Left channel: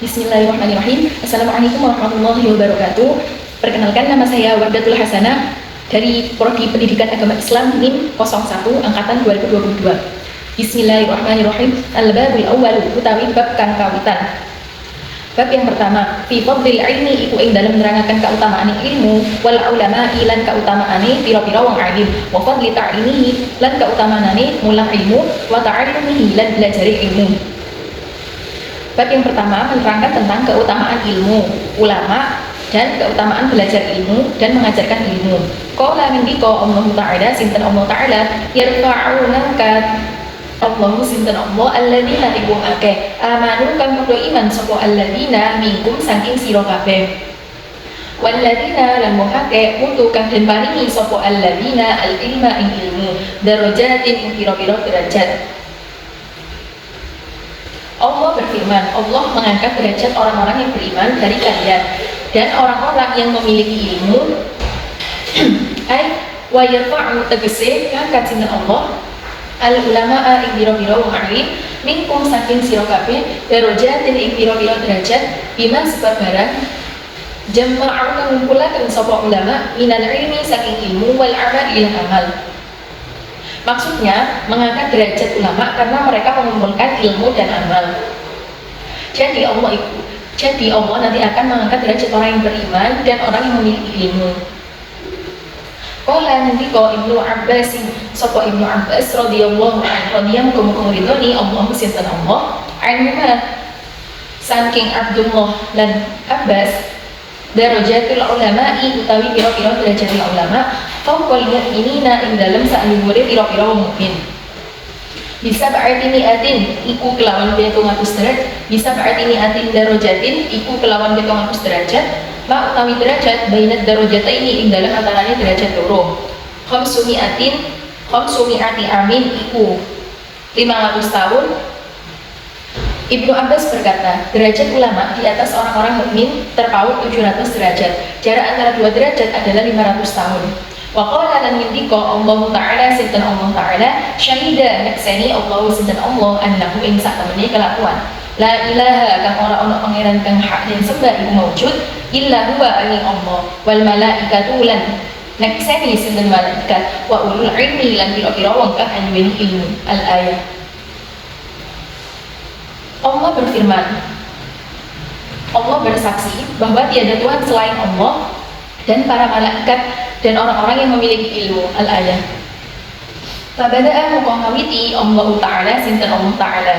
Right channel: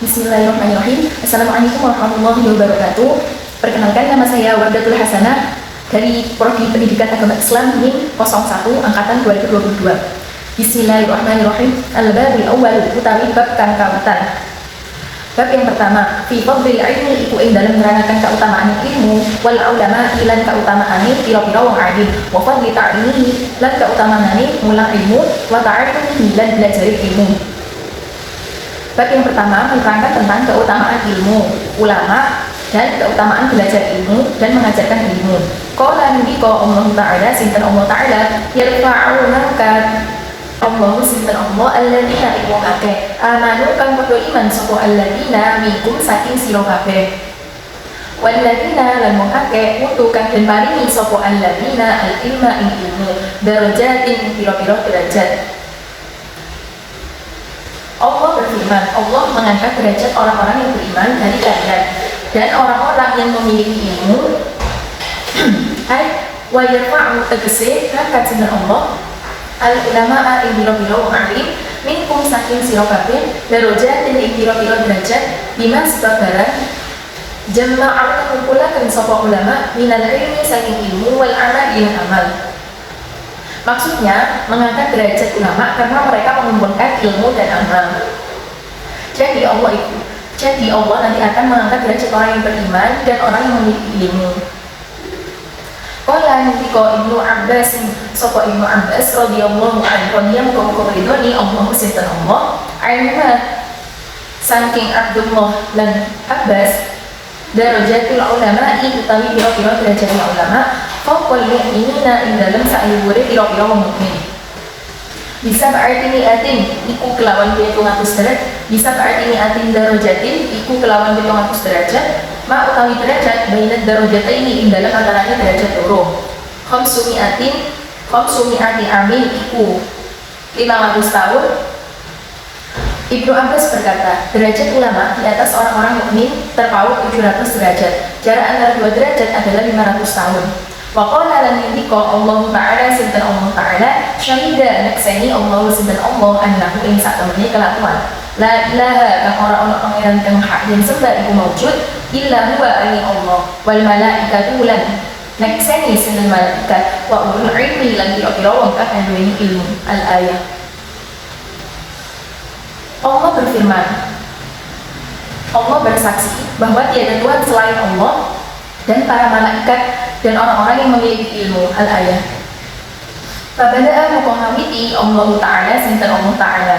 Bismillahirrahmanirrahim. Assalamualaikum warahmatullahi wabarakatuh. Perkenalkan, nama saya Wardatul Hasanah dari Prodi Pendidikan Agama Islam NIM 01 angkatan 2022. Bismillahirrahmanirrahim. Al-babul awwal utawi bab kang kawitan. Bab yang pertama, fi fadlil ilmi iku ing dalem nerangaken kautamaan ilmu, wal ulama lan kautamaane pira-pira wong alim, wa fadli ta'limihi lan kautamaane mulang ilmu, wa ta'allumihi lan belajari ilmu. Bab yang pertama menerangkan tentang keutamaan ilmu, ulama, dan keutamaan belajar ilmu dan mengajarkan ilmu. Qala ngendika Allah Ta'ala, sinten Allah Ta'ala, yarfa'u ngangkat Allah sinten Allah alladzina iku akeh amanu kang padha iman sapa alladzina minkum saking sira kabeh. Walladzina lan muhake mutu kang den paringi sapa alladzina al-ilma ing ilmu darajatin pira-pira derajat. Allah berfirman, Allah mengangkat derajat orang-orang yang beriman dari kalian dan orang-orang yang memiliki ilmu. Ay wa yarfa'u tegese ngangkat sinten Allah al ulama'a ing biro-biro wong alim minkum saking sira kabeh darajatin ing biro-biro derajat bima sebab barang jama'u ngumpulaken sapa ulama minal ilmi saking ilmu wal amal ila amal. Maksudnya mengangkat derajat ulama karena mereka mengumpulkan ilmu dan amal. Jadi Allah nanti akan mengangkat derajat orang yang beriman dan orang yang memiliki ilmu. Qala nanti ko Ibnu Abbas sapa Ibnu Abbas radhiyallahu anhu radhiyallahu anhu ridhoni Allah sinten Allah alima saking Abdullah lan Abbas darajatul ulama'i utawi pira-pira derajat ulama fawqal mu'minina ing dalem saayure pira-pira mukmin. Bisa berarti niatin iku kelawan 700 derajat, bisa berarti niatin darajatin iku kelawan 700 derajat, ma utawi derajat bainat darajataini ing dalem antarane derajat loro. Khamsumi'ati amin iku 500 tahun. Ibnu Abbas berkata, derajat ulama di atas orang-orang mukmin terpaut 700 derajat. Jarak antara dua derajat adalah 500 tahun. Wa qala lan yindika Allah Ta'ala sinten Allah Ta'ala syahida naksani Allah sinten Allah annahu ing sak temene kelakuan. La ilaha kang ora ana pangeran kang hak den sembah iku maujud illa huwa ani Allah wal malaikatu lan naksani sinten malaikat wa ulul ilmi lan kira-kira wong kang duweni ilmu. Al-ayat. Allah berfirman, Allah bersaksi bahwa tiada Tuhan selain Allah dan para malaikat dan orang-orang yang memiliki ilmu. Al-ayat. Fabada'a muqawamiti Allah Ta'ala sinten Allah Ta'ala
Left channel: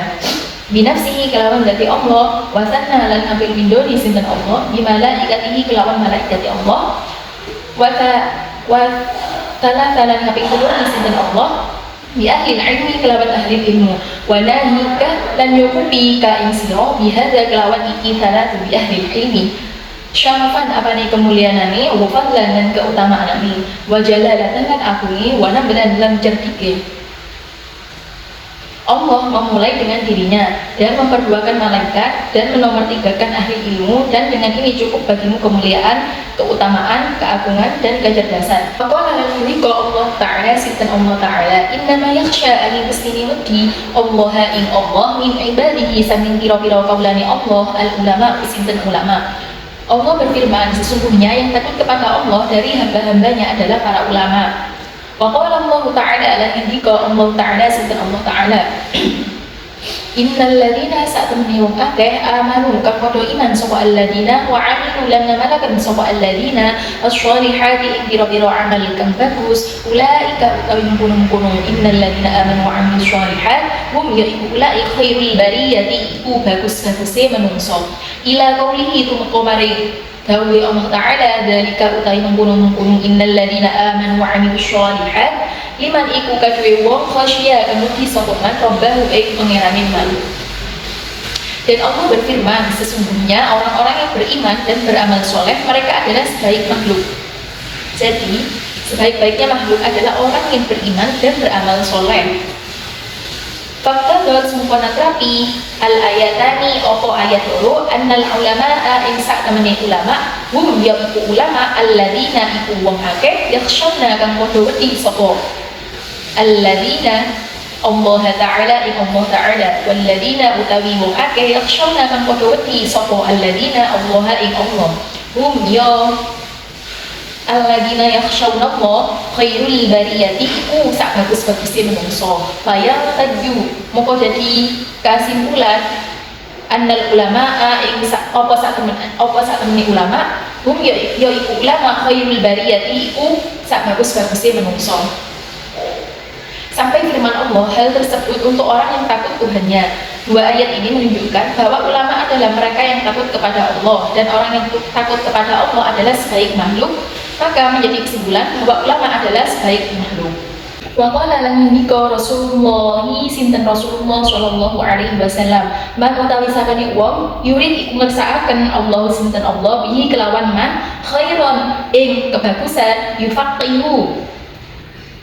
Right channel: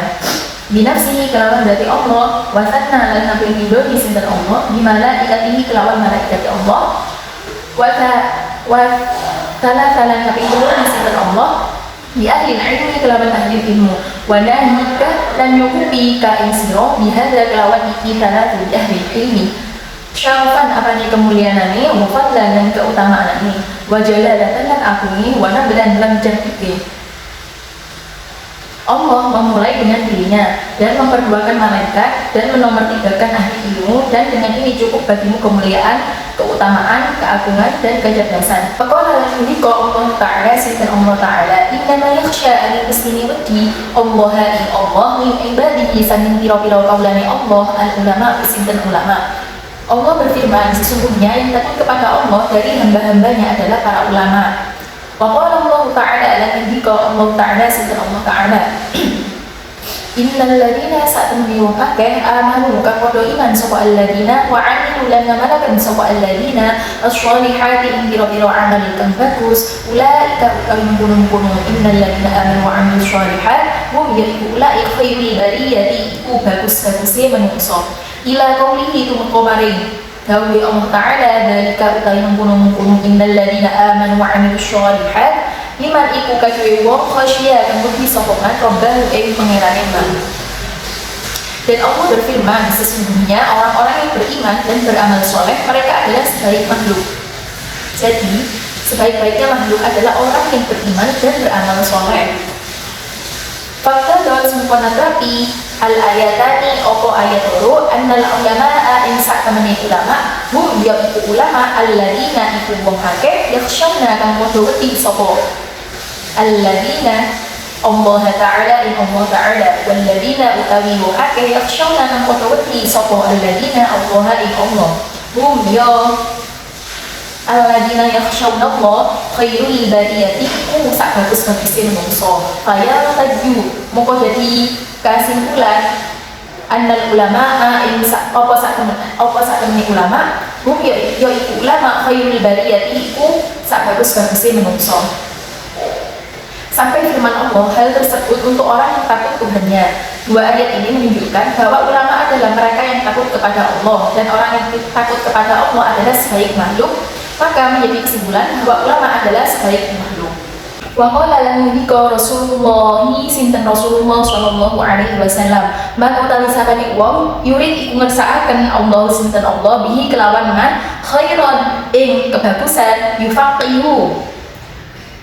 binafsihi kelawan dati Allah wasanna lan nabil bindoni sinten Allah bimalaikatihi kelawan malaikat Allah wa talan nabil bindoni sinten Allah bi ahli ilmi kelawan ahli ilmu wa nahika lan yukubi ka insiro bihadza kelawan iki talatu bi ahli ilmi syarafan apane kemuliaanane wa fadlan dan keutamaanane wa jalalatan lan agunge wa nablan lan jerdike. Allah memulai dengan dirinya dan memperduakan malaikat dan menomortigakan ahli ilmu dan dengan ini cukup bagimu kemuliaan, keutamaan, keagungan dan kecerdasan. Faqala lan yudika Allah Ta'ala sinten Allah Ta'ala innama yakhsha ani mustini wedi Allah ing Allah min ibadihi saking pira-pira kaulane Allah al ulama sinten ulama. Allah berfirman, sesungguhnya yang takut kepada Allah dari hamba-hambanya adalah para ulama. Wa qala Allah Ta'ala lan indika Allah Ta'ala sinten Allah Ta'ala innal ladzina sa'tumni wa akeh amanu kang padha iman sapa alladzina wa amilu lan ngamalaken sapa alladzina as-shalihati ing pira-pira amal kang bagus ulaika utawi mungkon innal ladzina amanu wa amilus shalihat hum yaiku ulaika khairul bariyati iku bagus-baguse manungsa. Ila qaulihi tumeka maring dawuhe Allah Ta'ala dalika utawi mungkon innal ladzina amanu wa amilus shalihat liman iku kaduwe wong khasya kang wedi sapa man robbahu ing pangerane man. Dan Allah berfirman, sesungguhnya orang-orang yang beriman dan beramal soleh mereka adalah sebaik makhluk. Jadi sebaik-baiknya makhluk adalah orang yang beriman dan beramal soleh. Fakta dalam sempurna terapi al-ayatani opo ayat loro annal ulama'a ing sak temene ulama hum yaiku ulama alladzina iku wong akeh yakhshana kang padha wedi sapa alladzina Allah Ta'ala ing Allah Ta'ala walladzina utawi wong akeh yakhshawna kang padha wedi sapa alladzina Allah ing Allah hum ya alladzina yakhshawna Allah khairul bariyati iku sak bagus-baguse menungso kaya tadju moko dadi kasimpulan annal ulama ing apa sak temene ulama hum ya iku ulama khairul bariyati iku sak bagus-baguse menungso. Sampai firman Allah, hal tersebut untuk orang yang takut Tuhannya. Dua ayat ini menunjukkan bahwa ulama adalah mereka yang takut kepada Allah, dan orang yang takut kepada Allah adalah sebaik makhluk. Maka menjadi kesimpulan bahwa ulama adalah sebaik makhluk. Wa qala lahu bika Rasulullah sinten Rasulullah sallallahu alaihi wasallam man utawi sapane wong yurid iku ngersakaken Allah sinten Allah bihi kelawan man khairan ing kebagusan yufaqihu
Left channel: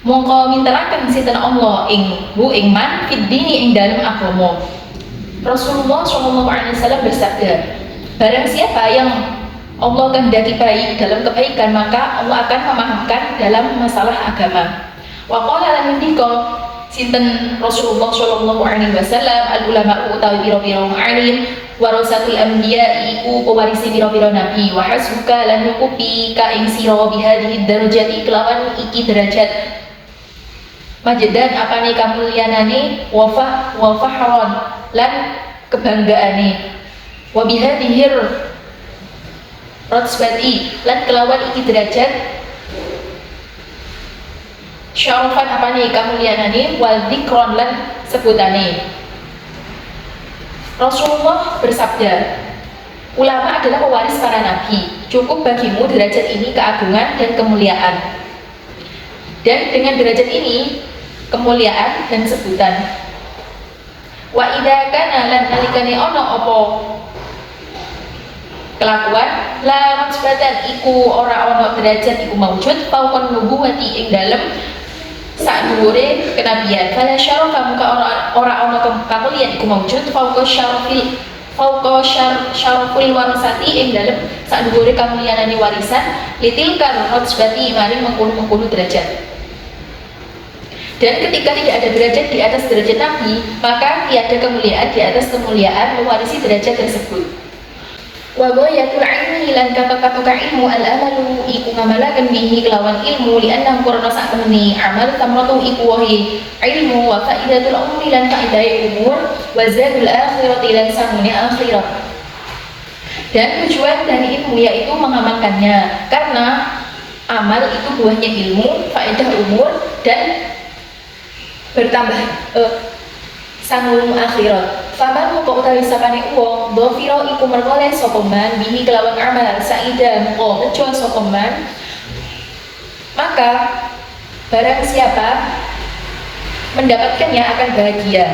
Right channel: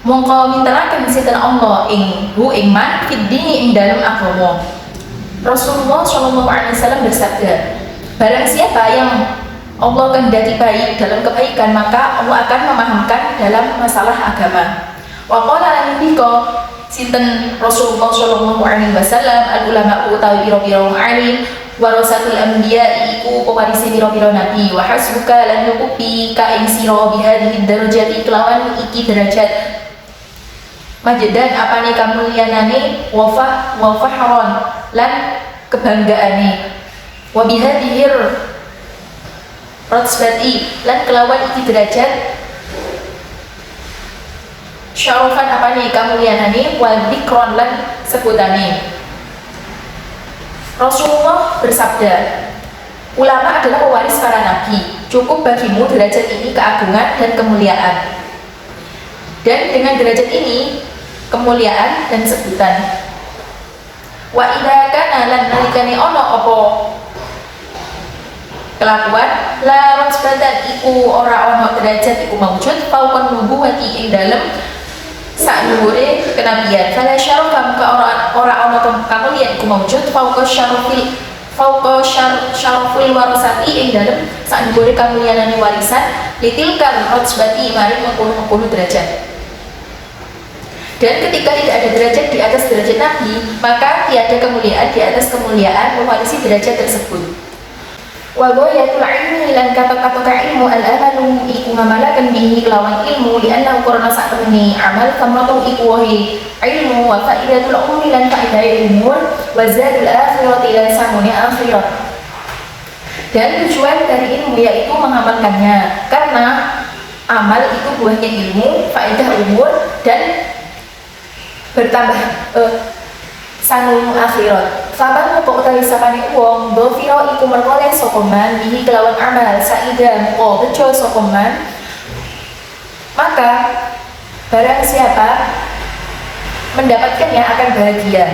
mongko minteraken sinten Allah ing man fid dini ing dalem agama. Rasulullah sallallahu alaihi wasallam bersabda, barang siapa yang Allah kehendaki baik dalam kebaikan maka Allah akan memahamkan dalam masalah agama. Wa qala lan dika sinten Rasulullah sallallahu alaihi wasallam al ulama utawi pira-pira alim warasatul anbiya iku pewarisi pira-pira nabi wa hasbuka lan nyukupi ka ing sira bihadhihi darajati kelawan iki derajat majedan apane kamulyanane wa fahron lan kebanggaane wa bihadhir ratsbati lan kelawan iki derajat syarafan apane kamulyanane wa dzikron lan sebutane. Rasulullah bersabda, ulama adalah pewaris para nabi, cukup bagimu derajat ini keagungan dan kemuliaan. Dan dengan derajat ini kemuliaan dan sebutan. Wa idza kana lan nalikane ana apa kelakuan la ratsbatan iku ora ana derajat iku maujud fauqan nubuwati ing dalem sak dhuwure kenabian. Fala syarafa muka ora ana kamulyan iku maujud fauqa syarafil warasati ing dalem sak dhuwure kamulyanane warisan litilkan ratsbati mari mengkono derajat. Dan ketika tidak ada derajat di atas derajat Nabi, maka tiada kemuliaan di atas kemuliaan mewarisi derajat tersebut. Wa ghayatul ilmi lan kata-kata ilmu al-amalu iku ngamalaken bihi kelawan ilmu li anna qurana sak temene amal kamratu iku wahi ilmu wa faidatul umuri lan faidah ilmu wa zadul akhirati lan samune akhirat. Dan tujuan dari ilmu yaitu mengamalkannya, karena amal itu buahnya ilmu, faedah umur dan bertambah sangun akhirat. Faman moko utawi sapane wong dhafira iku merkoleh sapa man bihi kelawan amal saida moko bejo sapa man, maka barang siapa mendapatkannya akan bahagia.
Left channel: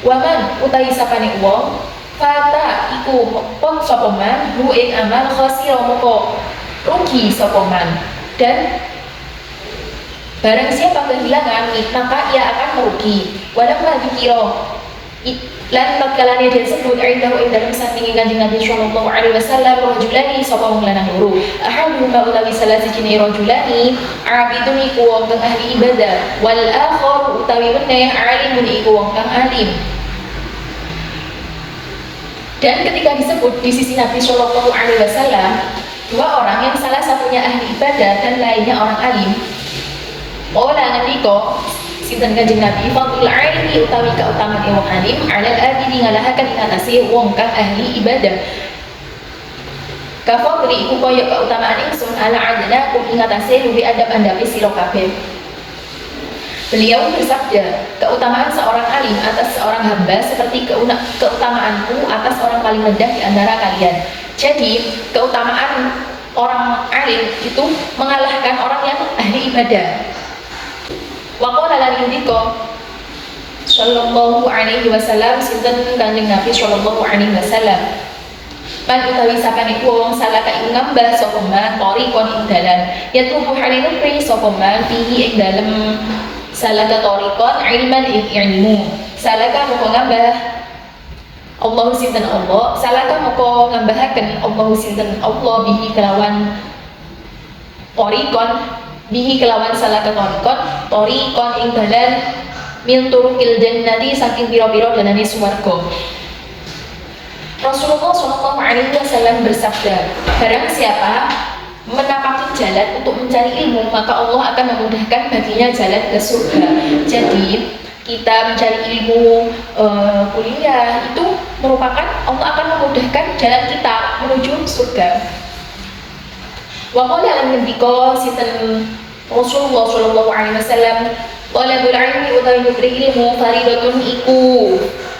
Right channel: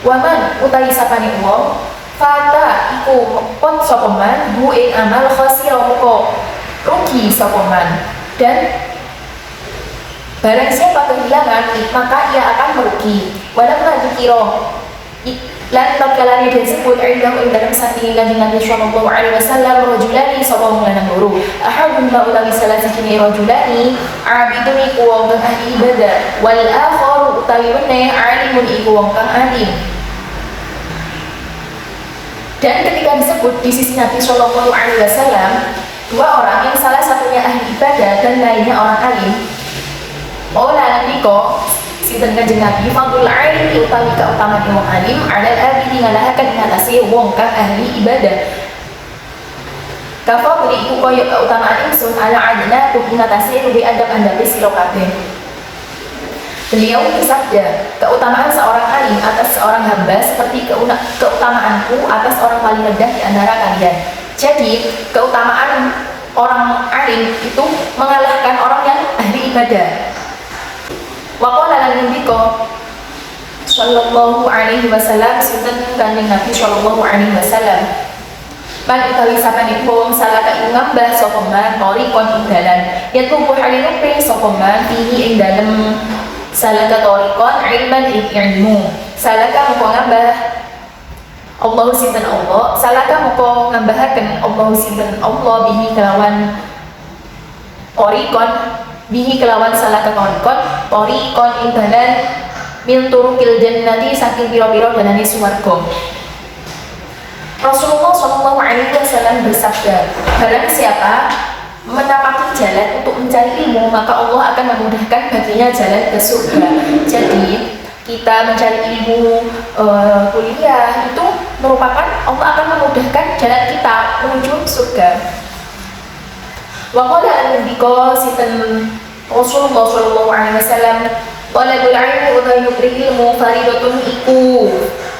Waman utawi sapane wong fata iku mepot sapa man bu ing amal khasira moko rugi sapa man. Dan barang siapa kehilangan maka ia akan merugi. Walau lagi kiro lan tatkalane disebut indahu ing dalam samping Kanjeng Nabi sallallahu alaihi wasallam rajulani sapa lanang loro ahadun ma utawi salah siji rajulani abidun iku wong kang ahli ibadah wal akhar utawi weneh alimun iku wong kang alim. Dan ketika disebut di sisi Nabi sallallahu alaihi wasallam dua orang yang salah satunya ahli ibadah dan lainnya orang alim, Maulana niko sinten Kanjeng Nabi fadlul ilmi utawi kautamaan ilmu alim alal abidi ngalahaken ing atase wong kang ahli ibadah. Kafadli iku kaya kautamaan ingsun ala adna kum ing atase rubi adab-adabe sira kabeh. Beliau bersabda, keutamaan seorang alim atas seorang hamba seperti keutamaanku atas orang paling rendah di antara kalian. Jadi, keutamaan orang alim itu mengalahkan orang yang ahli ibadah. Wa qala lan indika sallallahu alaihi wasallam sinten Kanjeng Nabi sallallahu alaihi wasallam man utawi sapane wong salaka ing ngambah sapa man tariqon ing dalan yatubu halinupe sapa man fihi ing dalem salaka tariqon ilman ing ilmu salaka moko ngambah Allah sinten Allah salaka moko ngambahaken Allah sinten Allah bihi kelawan tariqon bihi kelawan salaka tariqon ing dalan min turukil jannati saking pira-pira danane swarga. Rasulullah Shallallahu Alaihi Wasallam bersabda, barang siapa menapaki jalan untuk mencari ilmu, maka Allah akan memudahkan baginya jalan ke surga. Jadi kita mencari ilmu, kuliah itu merupakan Allah akan memudahkan jalan kita menuju surga. Wa qala an-nabiy sinten Rasulullah Shallallahu Alaihi Wasallam, talabul ilmi utawi ilmu faridatun iku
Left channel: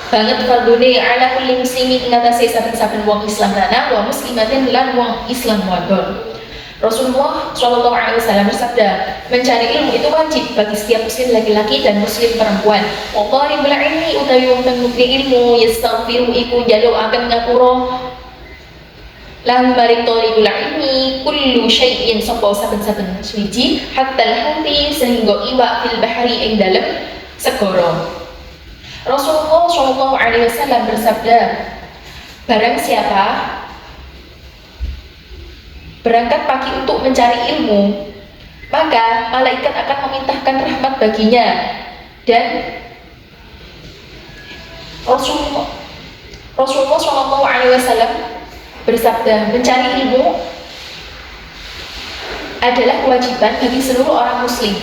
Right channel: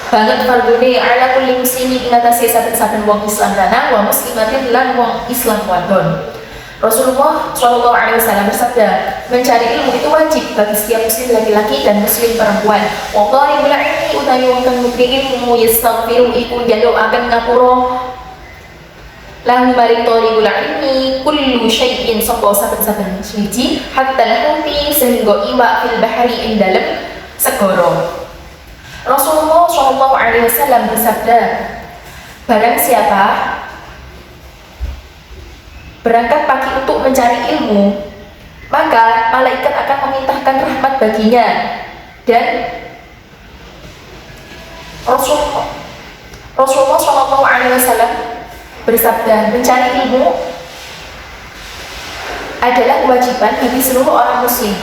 banget fardune ala kulli muslimin ngatasi saben-saben wong Islam lanang wa muslimatin lan wong Islam wadon. Rasulullah Shallallahu Alaihi Wasallam bersabda, mencari ilmu itu wajib bagi setiap muslim laki-laki dan muslim perempuan. Wa talibul ilmi utawi wong kang nuntut ilmu yastaghfiru iku njaluk akan ngapura lahu maring talibul ilmi kullu syai'in sapa saben-saben suci hatta al-hati sehingga iwak fil bahri ing dalem segara. Rasulullah Shallallahu Alaihi Wasallam bersabda, barang siapa berangkat pagi untuk mencari ilmu, maka malaikat akan memintahkan rahmat baginya. Dan Rasulullah Shallallahu Alaihi Wasallam bersabda, mencari ilmu adalah kewajiban bagi seluruh orang muslim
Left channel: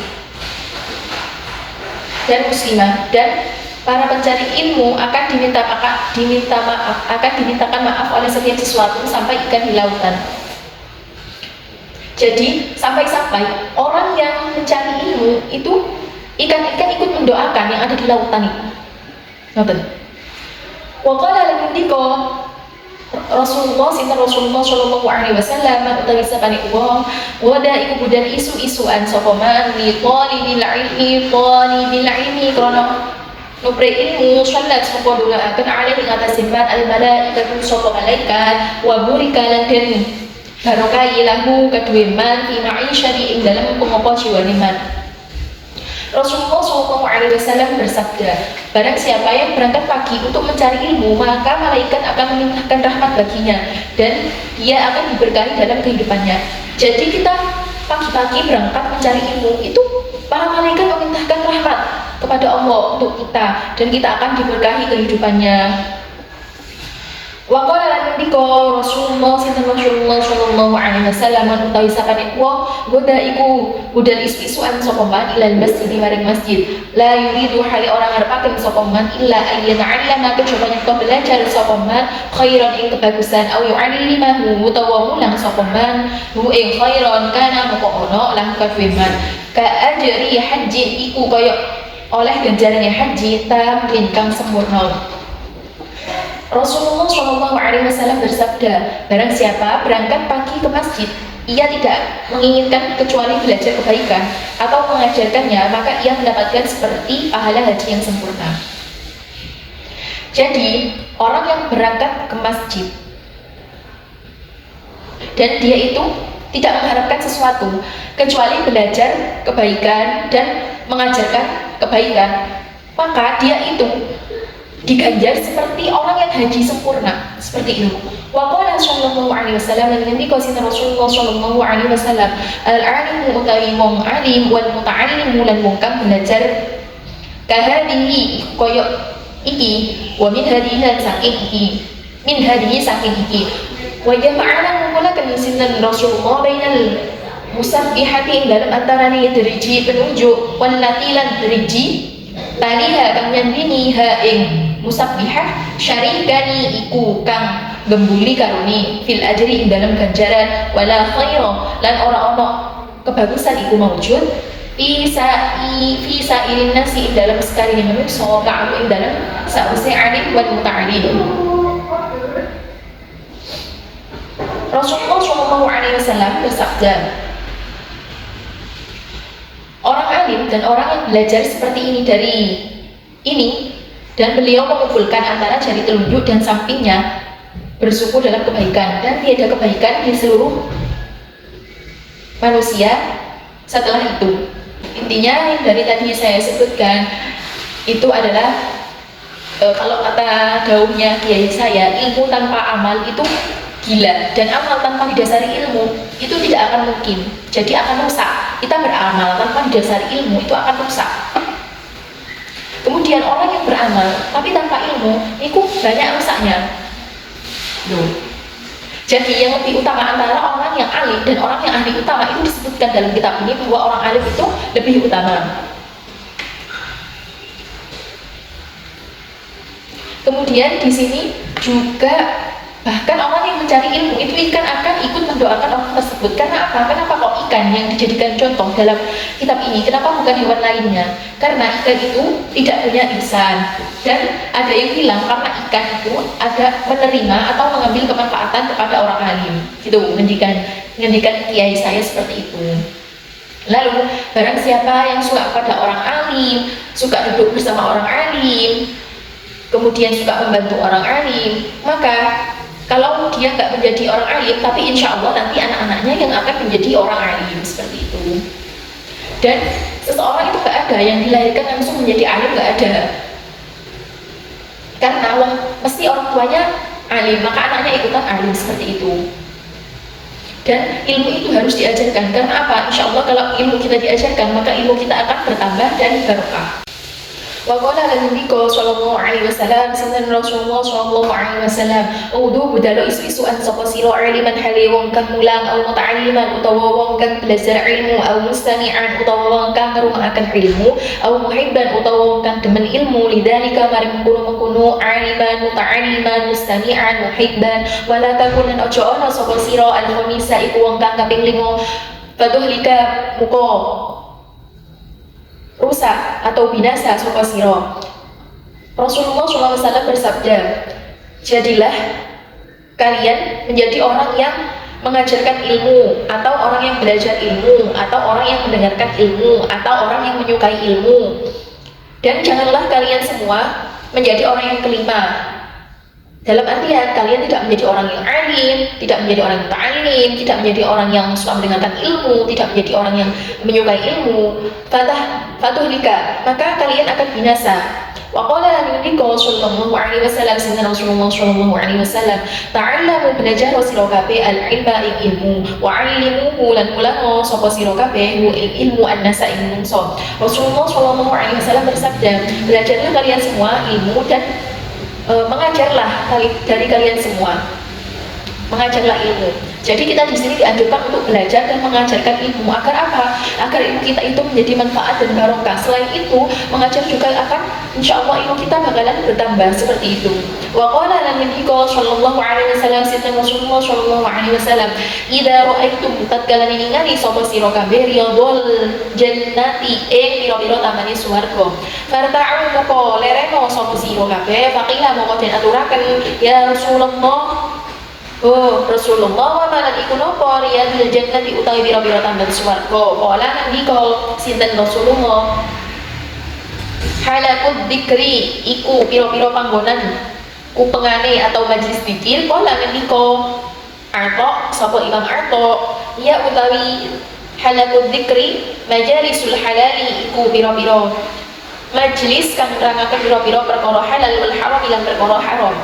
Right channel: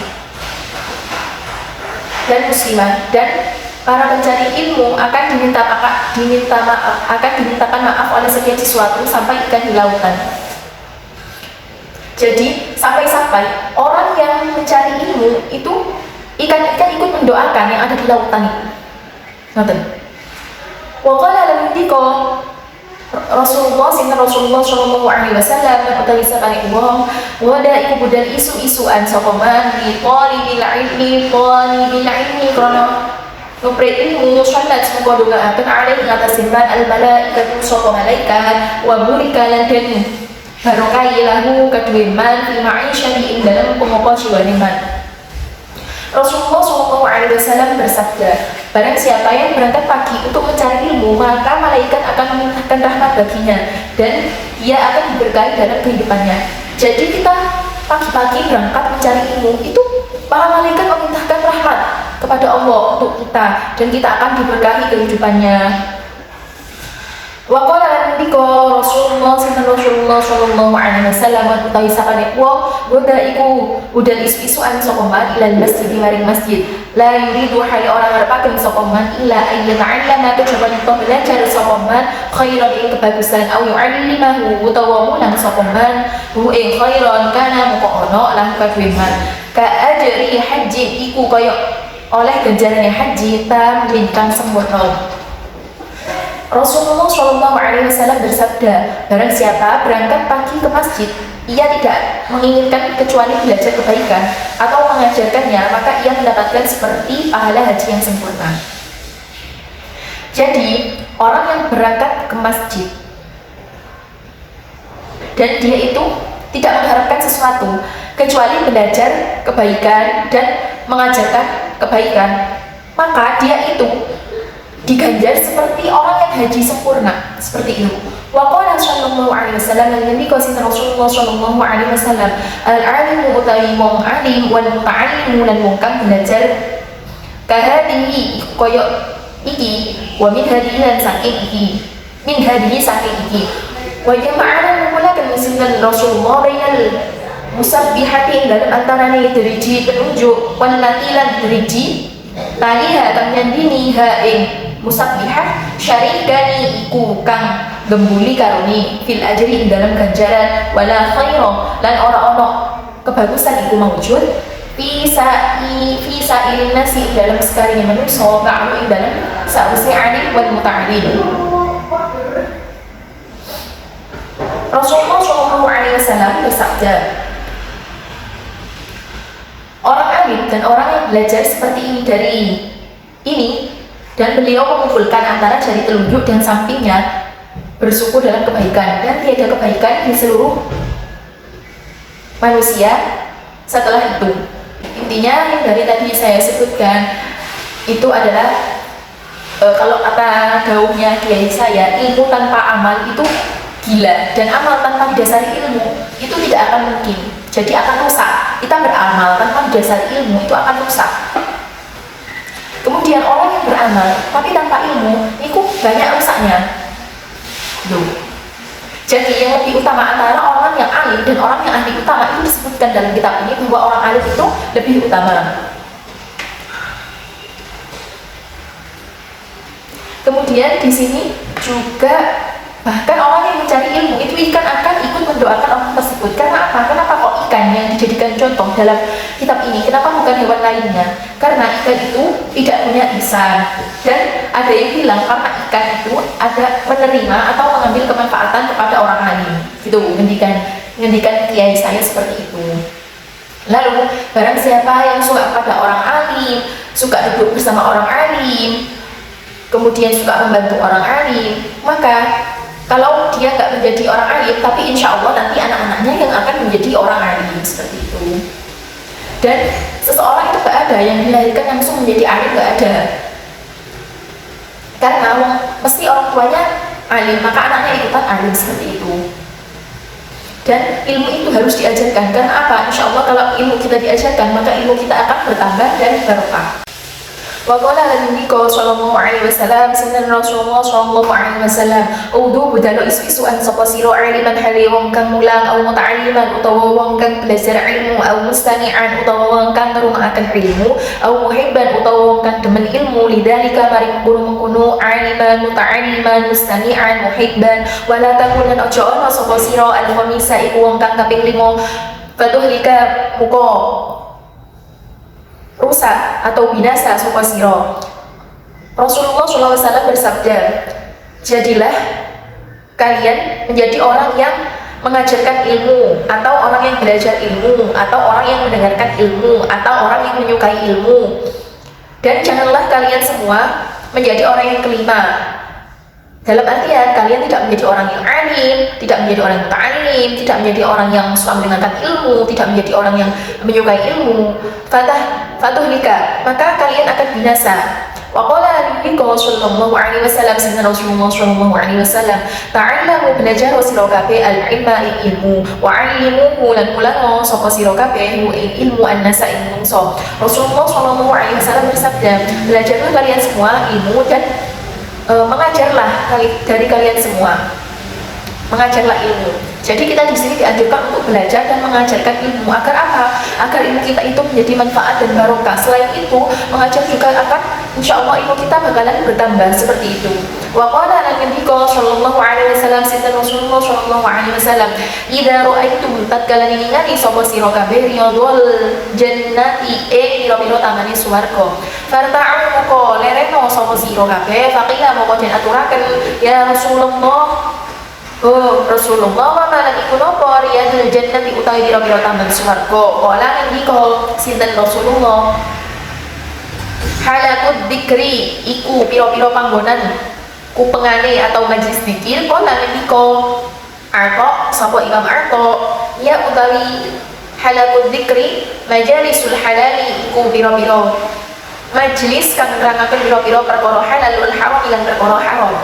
dan muslimah, dan para pencari ilmu akan dimintakan maaf oleh setiap sesuatu sampai ikan di lautan. Jadi sampai-sampai orang yang mencari ilmu itu ikan-ikan ikut mendoakan yang ada di lautan itu. Ngoten. Wa qala lan-ndika Rasulullah Shallallahu Alaihi Wasallam utawi sapane wong wada iku budal isu-isuan sapa man li talibil ilmi krana nupre ilmu salat semoga doaaken alih ing atas man al malaikatu sapa malaikat wa burika lan den barokai lahu kadue man fi ma'isyati ing dalam pengopo jiwane man. Rasulullah Shallallahu Alaihi Wasallam bersabda, barang siapa yang berangkat pagi untuk mencari ilmu, maka malaikat akan memintahkan rahmat baginya dan dia akan diberkahi dalam kehidupannya. Jadi kita pagi-pagi berangkat mencari ilmu itu para malaikat memintahkan rahmat kepada Allah untuk kita dan kita akan diberkahi kehidupannya. Wa qala ndika Rasulullah Shallallahu Alaihi Wasallam utawi sapane wong goda iku budal isu-isuan sapa man ilal masjid maring masjid la yuridu hali orang ngarepaken sapa man illa ayyata'allama kejaba nyekto belajar sapa man khairan ing kebagusan au yu'allimahu utawa mulang sapa man hu ing khairan kana muko ono lan kadhe man ka ajri haji iku kaya oleh ganjarane haji tamin kang sempurna. Rasulullah Shallallahu Alaihi Wasallam bersabda, barang siapa berangkat pagi ke masjid, ia tidak menginginkan kecuali belajar kebaikan atau mengajarkannya, maka ia mendapatkan seperti pahala haji yang sempurna. Jadi orang yang berangkat ke masjid dan dia itu tidak mengharapkan sesuatu kecuali belajar kebaikan dan mengajarkan kebaikan, maka dia itu diganjar seperti orang yang haji sempurna, seperti itu. Wa qala sallallahu alaihi wasallam lan nabi qasin Rasulullah sallallahu alaihi wasallam al-alimu utawi wong alim wal muta'allimu lan wong kang belajar kahadihi koyo iki wa min hadihi lan saking iki min hadihi saking iki wa jama'ana menggunakan sinten Rasulullah bainal musabbihati dalam antarane deriji penunjuk wal latilan deriji taliha kang nyandini ha ing musabbihah syarikani iku kang gembuli karuni fil ajri dalam ganjaran wala khaira lan ora ono kebagusan iku maujud fi sa'ilin nasi dalam sekarine manusa ka'alu dalam sa'use alim wal muta'alim. Rasulullah Shallallahu Alaihi Wasallam bersabda, orang alim dan orang yang belajar seperti ini dari ini dan beliau mengumpulkan antara jari telunjuk dan sampingnya bersyukur dalam kebaikan dan tiada kebaikan di seluruh manusia setelah itu. Intinya yang dari tadi saya sebutkan itu adalah kalau kata daunnya kiai saya, ilmu tanpa amal itu gila, dan amal tanpa didasari ilmu itu tidak akan mungkin, jadi akan rusak. Kita beramal tanpa didasari ilmu itu akan rusak. Kemudian orang yang beramal tapi tanpa ilmu, itu banyak rusaknya. Loh. Jadi yang lebih utama antara orang yang alim dan orang yang ahli utama itu disebutkan dalam kitab ini bahwa orang alim itu lebih utama. Kemudian di sini juga bahkan orang yang mencari ilmu itu ikan akan ikut mendoakan orang tersebut. Karena apa? Kenapa kok ikan yang dijadikan contoh dalam kitab ini? Kenapa bukan hewan lainnya? Karena ikan itu tidak punya lisan. Dan ada yang bilang karena ikan itu ada menerima atau mengambil kemanfaatan kepada orang lain. Gitu, ngendikan kiai saya seperti itu. Lalu barang siapa yang suka pada orang alim, suka duduk bersama orang alim, kemudian suka membantu orang alim, maka kalau dia nggak menjadi orang alim, tapi insya Allah nanti anak-anaknya yang akan menjadi orang alim, seperti itu. Dan seseorang itu nggak ada yang dilahirkan langsung menjadi alim, nggak ada. Karena mesti orang tuanya alim, maka anaknya ikutan alim, seperti itu. Dan ilmu itu harus diajarkan. Karena apa? Insya Allah kalau ilmu kita diajarkan, maka ilmu kita akan bertambah dan barokah. Wa qala Nabi sallallahu alaihi wasallam, sunan Rasulullah sallallahu alaihi wasallam, udu budalo isu an sapa sira aliman hale wong kang mulang au muta'alliman utawa wong kang belajar ilmu au mustami'an utawa wong kang ngrungokaken ilmu au muhibban utawa wong kang demen ilmu lidzalika mari mengkono-mengkono aliman muta'alliman mustami'an muhibban wala takunan aja ana sapa sira al-khamisa iku wong kang kaping 5 fatuhlika muka rusak atau binasa sapa sira. Rasulullah SAW bersabda, jadilah kalian menjadi orang yang mengajarkan ilmu, atau orang yang belajar ilmu, atau orang yang mendengarkan ilmu, atau orang yang menyukai ilmu. Dan janganlah kalian semua menjadi orang yang kelima. Dalam artian kalian tidak menjadi orang yang alim, tidak menjadi orang yang ta'alim, tidak menjadi orang yang suka mendengarkan ilmu, tidak menjadi orang yang menyukai ilmu. Fatuhlika, maka kalian akan binasa. Wa qala Nabi sallallahu alaihi wasallam, sayyidina Rasulullah sallallahu alaihi wasallam, ta'allamu belajar sira kabeh al-ilma ilmu, wa 'allimuhu lan ulama sapa sira kabeh ilmu an-nasa ing mungso. Rasulullah sallallahu alaihi wasallam bersabda, belajarlah kalian semua ilmu dan mengajarlah dari kalian semua, mengajarlah ilmu. Jadi kita di sini dianjurkan untuk belajar dan mengajarkan ilmu agar apa? Agar ilmu kita itu menjadi manfaat dan barokah. Selain itu, mengajar juga akan insya Allah ilmu kita bakalan bertambah, seperti itu. Wa qala Nabi sallallahu alaihi wasallam, sayyidina Rasulullah sallallahu alaihi wasallam, idza ra'aitum tatkala ningali sapa sira kabeh riyadul jannati pira-pira tamane swarga, farta'u moko lereno sapa sira kabeh, faqila moko den aturaken, ya Rasulullah, oh Rasulullah, wa malan iku napa riyadul jannati utawi pira-pira tamban swarga. Kala Nabi sinten Rasulullah, halaqud dzikri iku pira-pira panggonan kupengane atau majlis dzikir. Kala Nabi Arto sapa Imam Arto, ya utawi halaqud dzikri majalisul halali iku pira-pira majlis kang nerangaken pira-pira perkara halal wal haram lan perkara haram.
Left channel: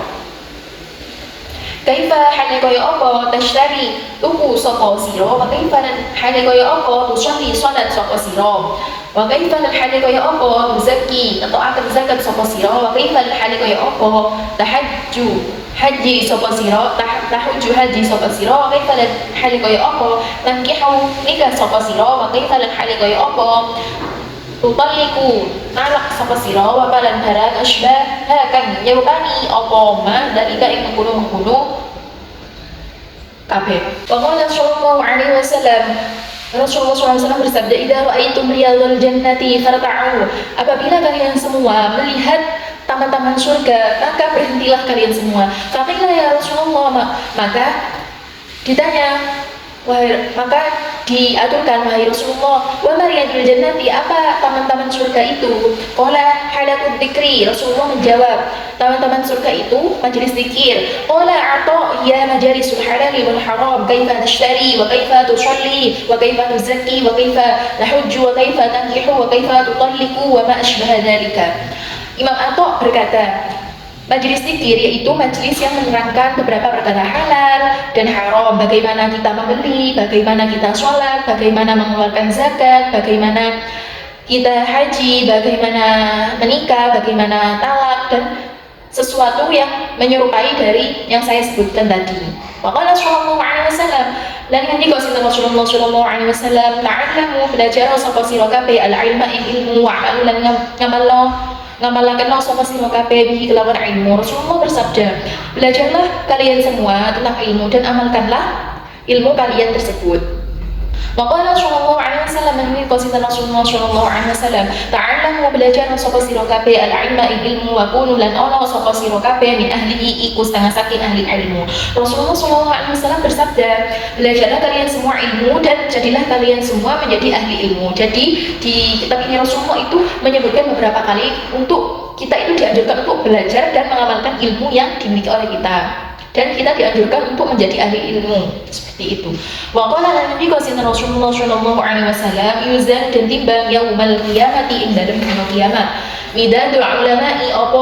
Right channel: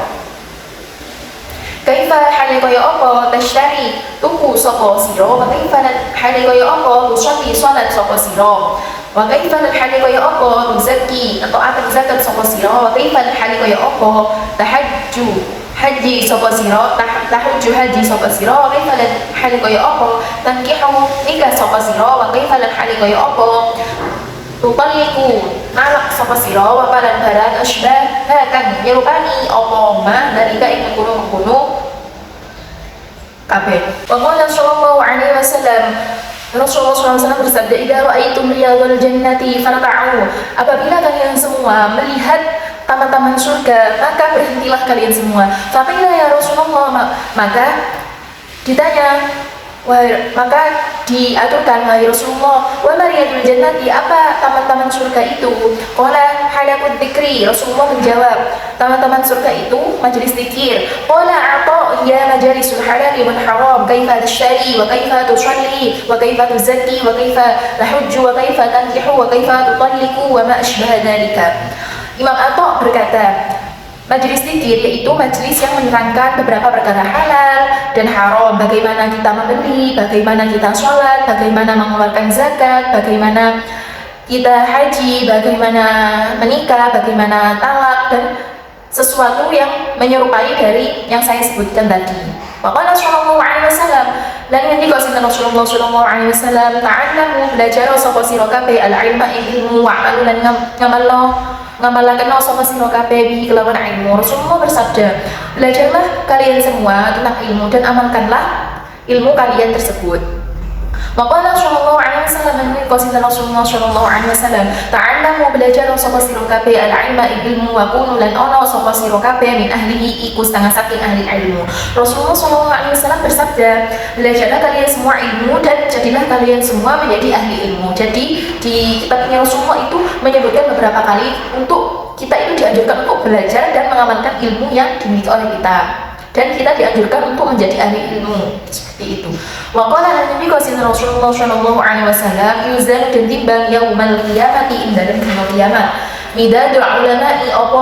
Kaifa hale kaya apa tashtari tuku sapa sira, wa kaifa hale kaya apa tusolli salat sapa sira, wa kaifa hale kaya apa tuzakki atau akan zakat sapa sira, wa kaifa hale kaya apa tahajju haji sapa sira, tahajju haji sapa sira, wa kaifa hale kaya apa tankihu nikah sapa sira, wa kaifa hale kaya apa tutalliku nalak sapa sira, wa balan barang asbah kang nyerupani apa ma dalika ing mengkono kabeh. Wa qala sallallahu alaihi wasallam, Rasulullah SAW bersabda, idza ra'aitum riyadul jannati farta'u, apabila kalian semua melihat taman-taman surga, maka berhentilah kalian semua. Faqila ya Rasulullah, maka ditanya, maka diaturkan, wahai Rasulullah, wa mariyadul jannati, apa taman-taman surga itu? Qala halaqud dzikri, Rasulullah menjawab, taman-taman surga itu majelis zikir. Qala ata ya majalisul halali wal haram, kaifa tashtari wa kaifa tusalli wa kaifa tuzakki wa kaifa tahujju wa kaifa tankihu wa kaifa tutalliqu wa ma asbaha dzalika. Imam Atta berkata, majelis zikir yaitu majelis yang menerangkan beberapa perkara halal dan haram, bagaimana kita membeli, bagaimana kita sholat, bagaimana mengeluarkan zakat, bagaimana kita haji, bagaimana menikah, bagaimana talak, dan sesuatu yang menyerupai dari yang saya sebutkan tadi. Maka Rasulullah SAW lan ngendika sinten Rasulullah sallallahu alaihi wasallam, ta'allamu, belajar sapa sira kabeh al-ilma ilmu wa lan ngamalaken sapa sira kabeh bi kelawan ilmu. Rasulullah bersabda, belajarlah kalian semua tentang ilmu dan amalkanlah ilmu kalian tersebut. Maka Rasulullah SAW menurut sinten Rasulullah sallallahu alaihi wasallam, ta'allamu, belajar sapa sira kabeh al-ilma ilmu wa kunu lan ana sapa sira kabeh min ahlihi iku setengah saking ahli ilmu. Rasulullah sallallahu alaihi wasallam bersabda, belajarlah kalian semua ilmu dan jadilah kalian semua menjadi ahli ilmu. Jadi di kitabnya Rasulullah itu menyebutkan beberapa kali untuk kita itu dianjurkan untuk belajar dan mengamalkan ilmu yang dimiliki oleh kita, dan kita dianjurkan untuk menjadi ahli ilmu seperti itu. Waqala Nabi Rasulullah sallallahu alaihi wasallam, yuzan dan timbang yaumal qiyamati ing dalem dina kiamat. Midadul ulama'i apa